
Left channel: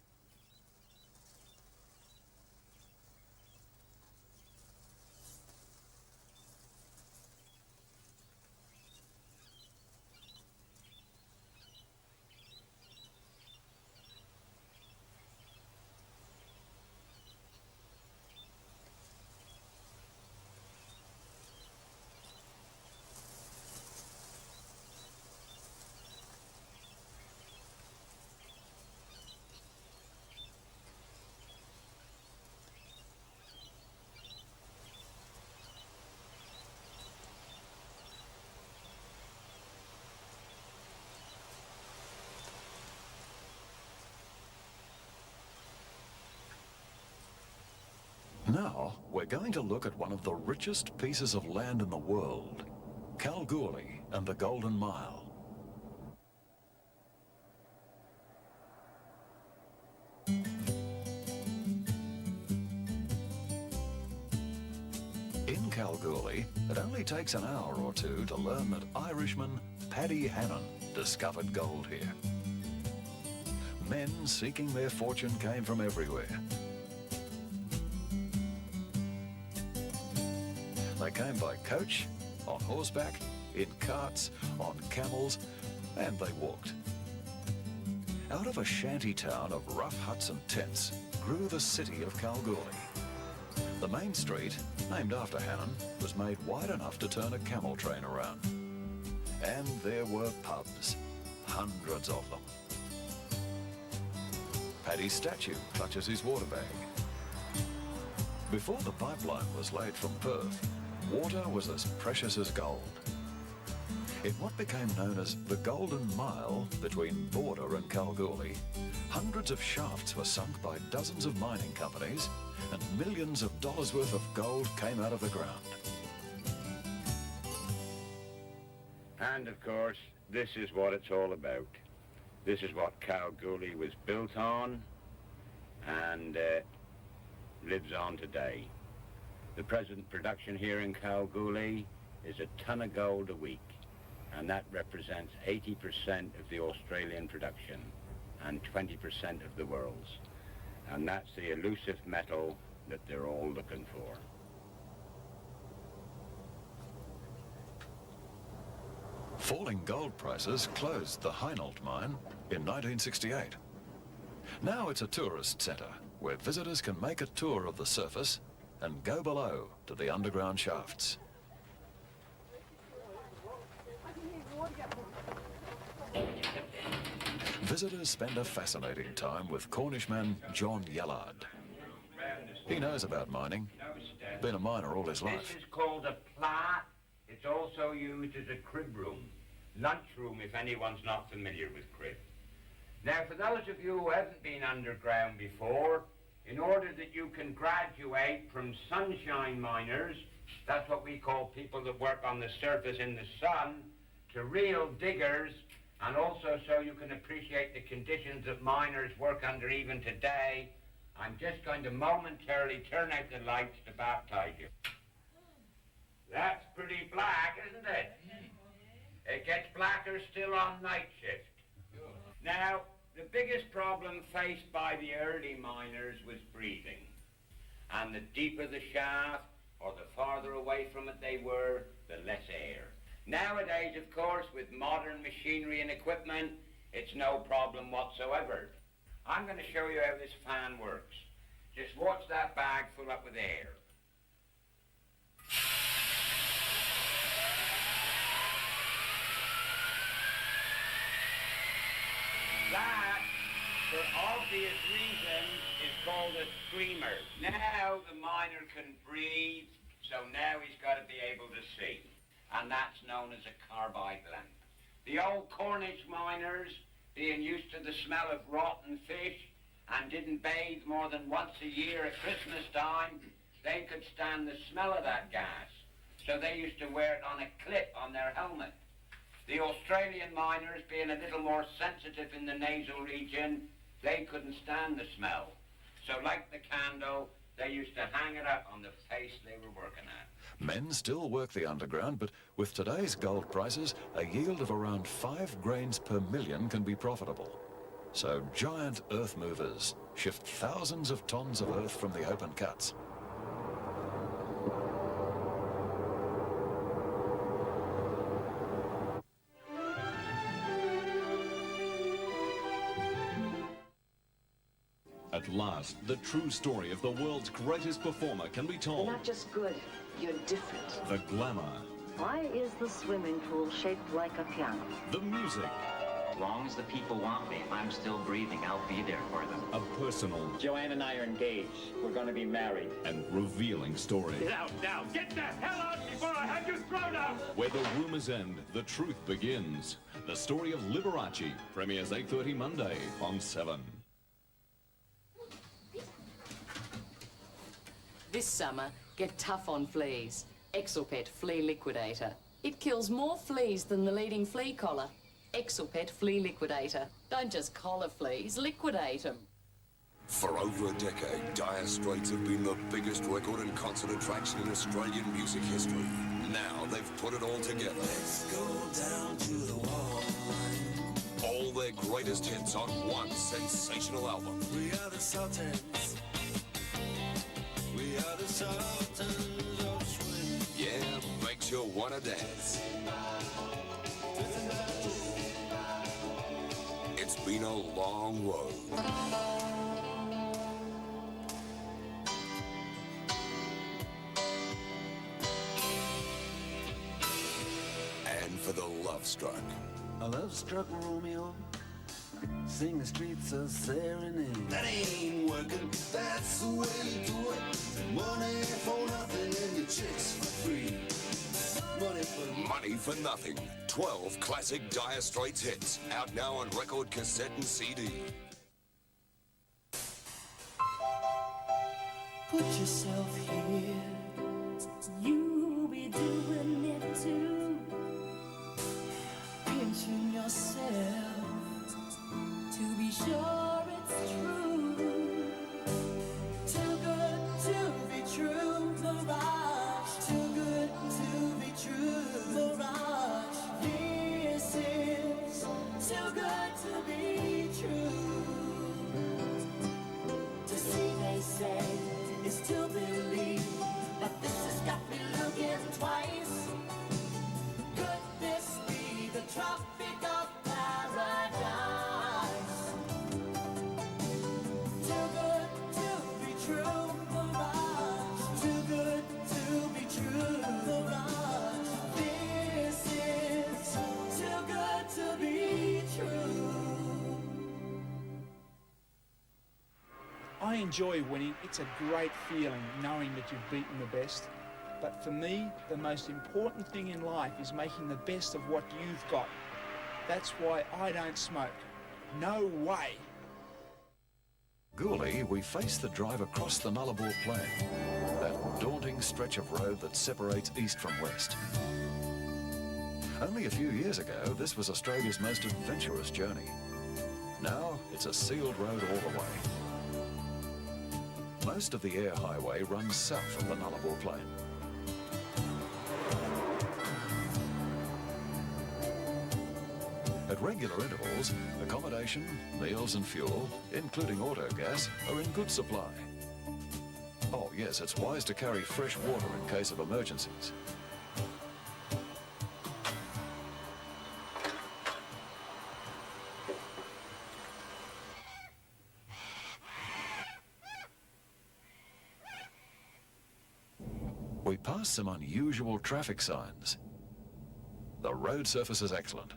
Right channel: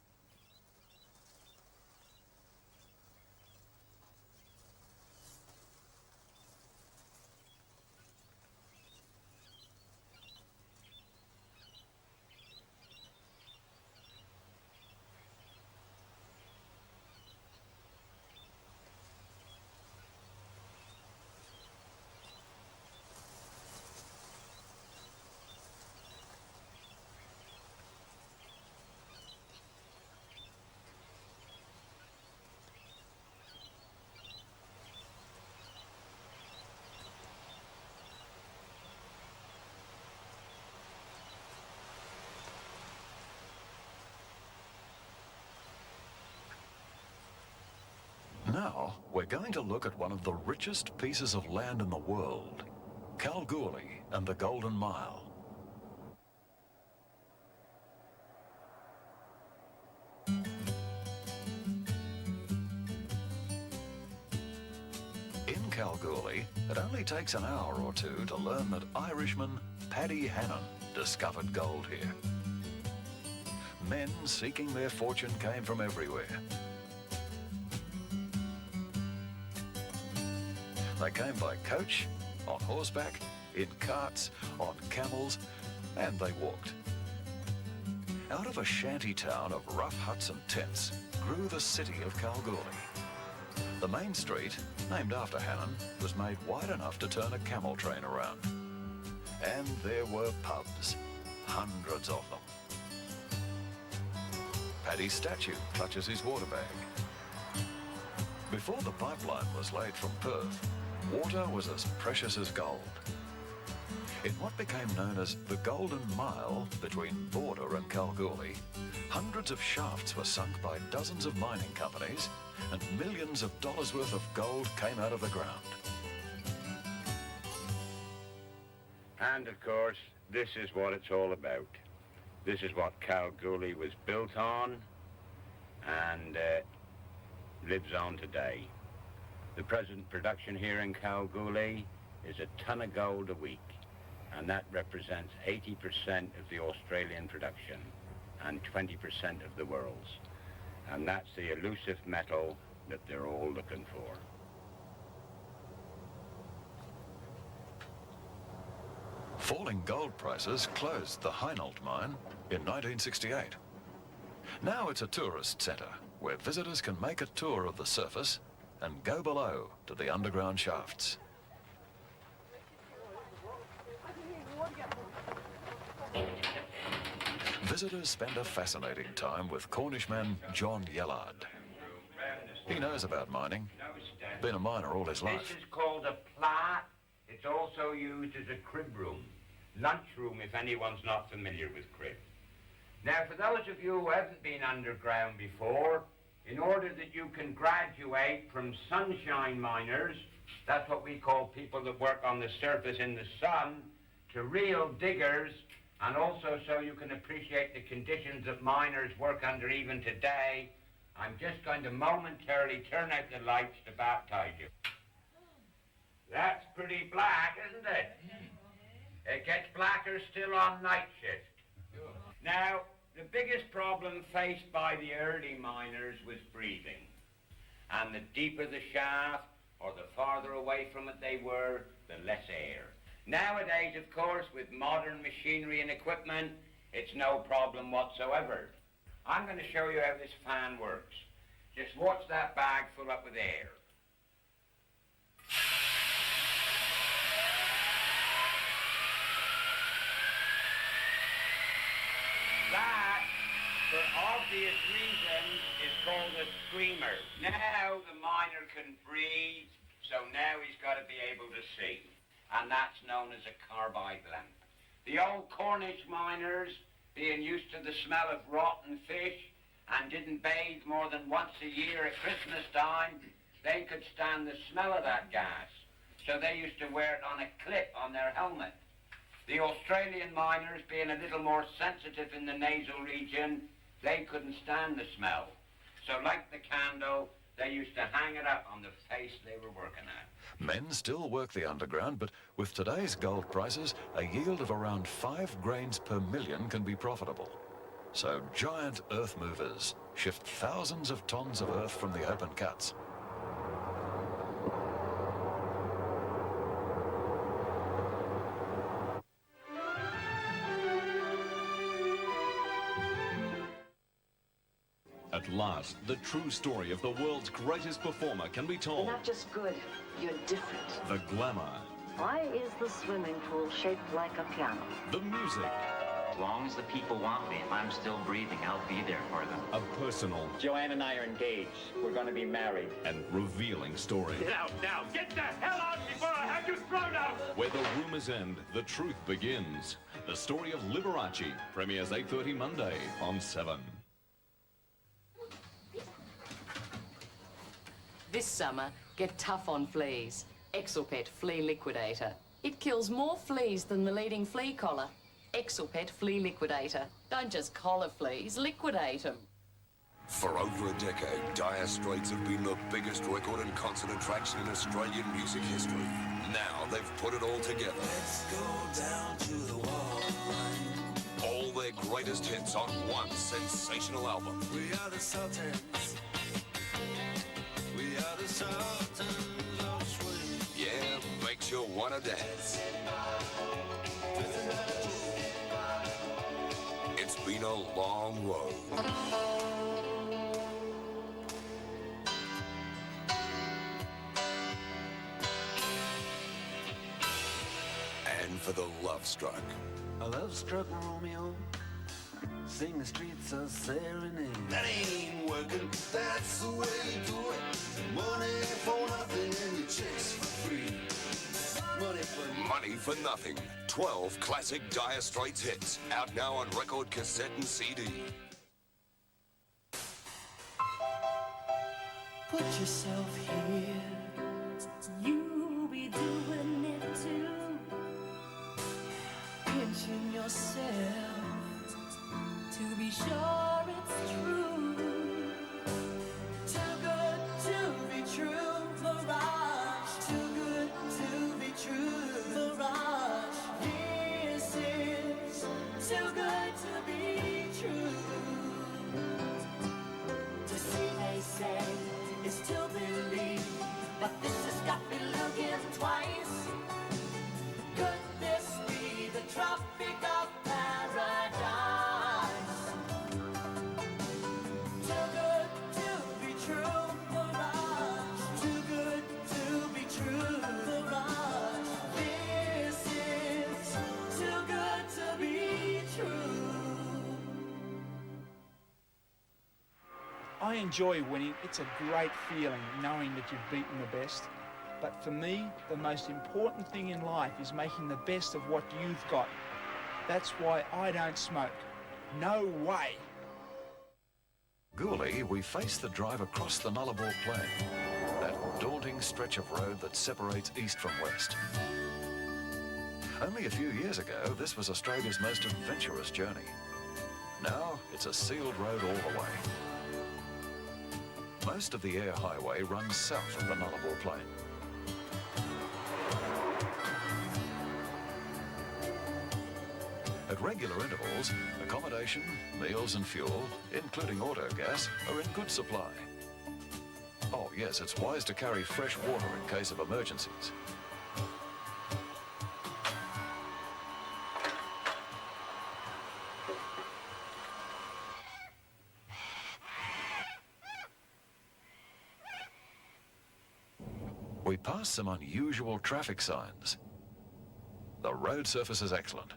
Now, we're going to look at one of the richest pieces of land in the world, Kalgoorlie and the Golden Mile. In Kalgoorlie, it only takes an hour or two to learn that Irishman Paddy Hannon discovered gold here. Men seeking their fortune came from everywhere. They came by coach, on horseback, in carts, on camels, and they walked. Out of a shanty town of rough huts and tents grew the city of Kalgoorlie. The main street, named after Hannon, was made wide enough to turn a camel train around. And there were pubs, hundreds of them. Paddy's statue clutches his water bag. Before the pipeline was laid from Perth, water was as precious as gold. In what became known as the Golden Mile between Border and Kalgoorlie, hundreds of shafts were sunk by dozens of mining companies and millions of dollars worth of gold came out of the ground. And of course, this is what it's all about. This is what Kalgoorlie was built on and lives on today. The present production here in Kalgoorlie is a ton of gold a week, and that represents 80% of the Australian production and 20% of the world's. And that's the elusive metal that they're all looking for. Falling gold prices closed the Heinold mine in 1968. Now it's a tourist centre where visitors can make a tour of the surface and go below to the underground shafts. Visitors spend a fascinating time with Cornishman John Yellard. He knows about mining, been a miner all his life. This is called a plat. It's also used as a crib room, lunchroom if anyone's not familiar with crib. Now, for those of you who haven't been underground before, in order that you can graduate from sunshine miners, that's what we call people that work on the surface in the sun, to real diggers And also so you can appreciate the conditions that miners work under even today, I'm just going to momentarily turn out the lights to baptize you. That's pretty black, isn't it? It gets blacker still on night shift. Now, the biggest problem faced by the early miners was breathing. And the deeper the shaft, or the farther away from it they were, the less air. Nowadays, of course, with modern machinery and equipment, it's no problem whatsoever. I'm going to show you how this fan works. Just watch that bag fill up with air. That, for obvious reasons, is called a screamer. Now the miner can breathe, so now he's got to be able to see. And that's known as a carbide lamp. The old Cornish miners, being used to the smell of rotten fish and didn't bathe more than once a year at Christmas time, they could stand the smell of that gas. So they used to wear it on a clip on their helmet. The Australian miners, being a little more sensitive in the nasal region, they couldn't stand the smell. So like the candle, they used to hang it up on the face they were working at. Men still work the underground, but with today's gold prices, a yield of around 5 grains per million can be profitable. So giant earth movers shift thousands of tons of earth from the open cuts. At last, the true story of the world's greatest performer can be told. You're not just good, you're different. The glamour. Why is the swimming pool shaped like a piano? The music. As long as the people want me, if I'm still breathing, I'll be there for them. A personal. Joanne and I are engaged. We're going to be married. And revealing story. Get out now! Get the hell out before I have you thrown out! Where the rumors end, the truth begins. The story of Liberace premieres 8:30 Monday on 7. This summer, get tough on fleas. Exelpet Flea Liquidator. It kills more fleas than the leading flea collar. Exelpet Flea Liquidator. Don't just collar fleas, liquidate them. For over a decade, Dire Straits have been the biggest record and concert attraction in Australian music history. Now they've put it all together. Let's go down to the wall. All their greatest hits on one sensational album. We are the Sultans. We are the Sultans of Swing. Yeah, makes you wanna dance. It's been a long road. And for the love struck. A love-struck Romeo. Sing the streets of serenade. That ain't working. That's the way you do it. Money for nothing and your chicks for free. Money for nothing. 12 classic Dire Straits hits. Out now on record, cassette and CD. Put yourself here. You'll be doing it too. Pinching yourself to be sure it's true. Too good to be true. Mirage. Too good to be true. Mirage. This is too good to be true. To see, they say, is to believe, but this has got me looking twice. Could this be the Tropic of Paradise? Too good to be true, Mirage. Too good to be true, Mirage. This is too good to be true. I enjoy winning. It's a great feeling knowing that you've beaten the best. But for me, the most important thing in life is making the best of what you've got. That's why I don't smoke. No way. Gooley, we face the drive across the Nullarbor Plain, that daunting stretch of road that separates east from west. Only a few years ago, this was Australia's most adventurous journey. Now, it's a sealed road all the way. Most of the air highway runs south of the Nullarbor Plain. At regular intervals, accommodation, meals and fuel, including autogas, are in good supply. Oh yes, it's wise to carry fresh water in case of emergencies. We passed some unusual traffic signs. The road surface is excellent.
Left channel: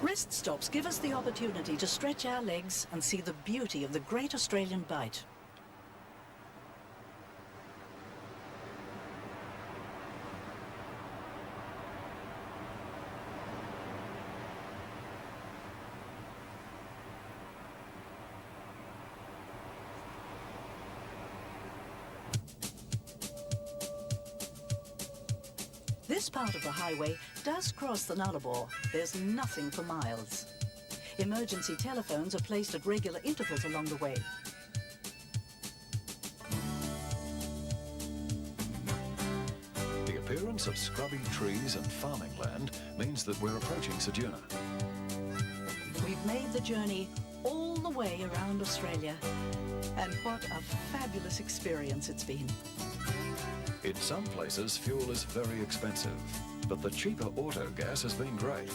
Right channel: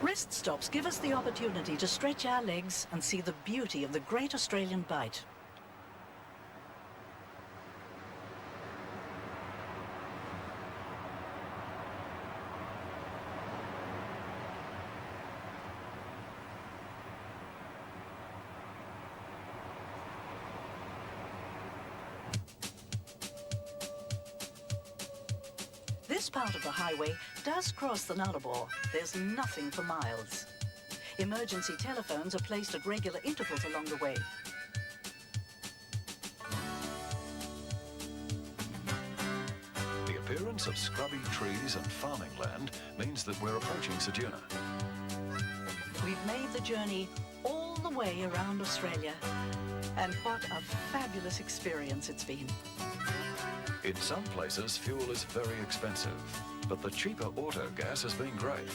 Rest stops give us the opportunity to stretch our legs and see the beauty of the Great Australian Bight. This part of the highway does cross the Nullarbor. There's nothing for miles. Emergency telephones are placed at regular intervals along the way. The appearance of scrubby trees and farming land means that we're approaching Ceduna. We've made the journey all the way around Australia. And what a fabulous experience it's been. In some places, fuel is very expensive, but the cheaper auto gas has been great.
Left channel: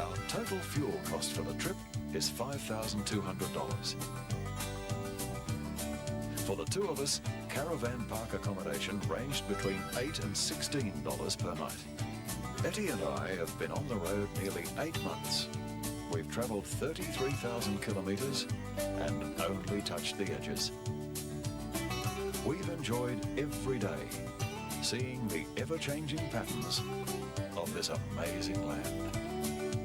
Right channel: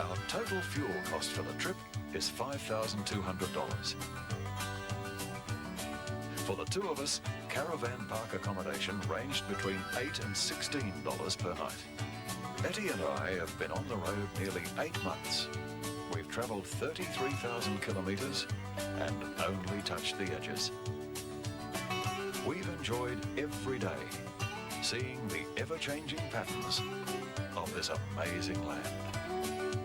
Our total fuel cost for the trip is $5,200. For the two of us, caravan park accommodation ranged between $8 and $16 per night. Etty and I have been on the road nearly 8 months. We've travelled 33,000 kilometres and only touched the edges. We've enjoyed every day, seeing the ever-changing patterns of this amazing land.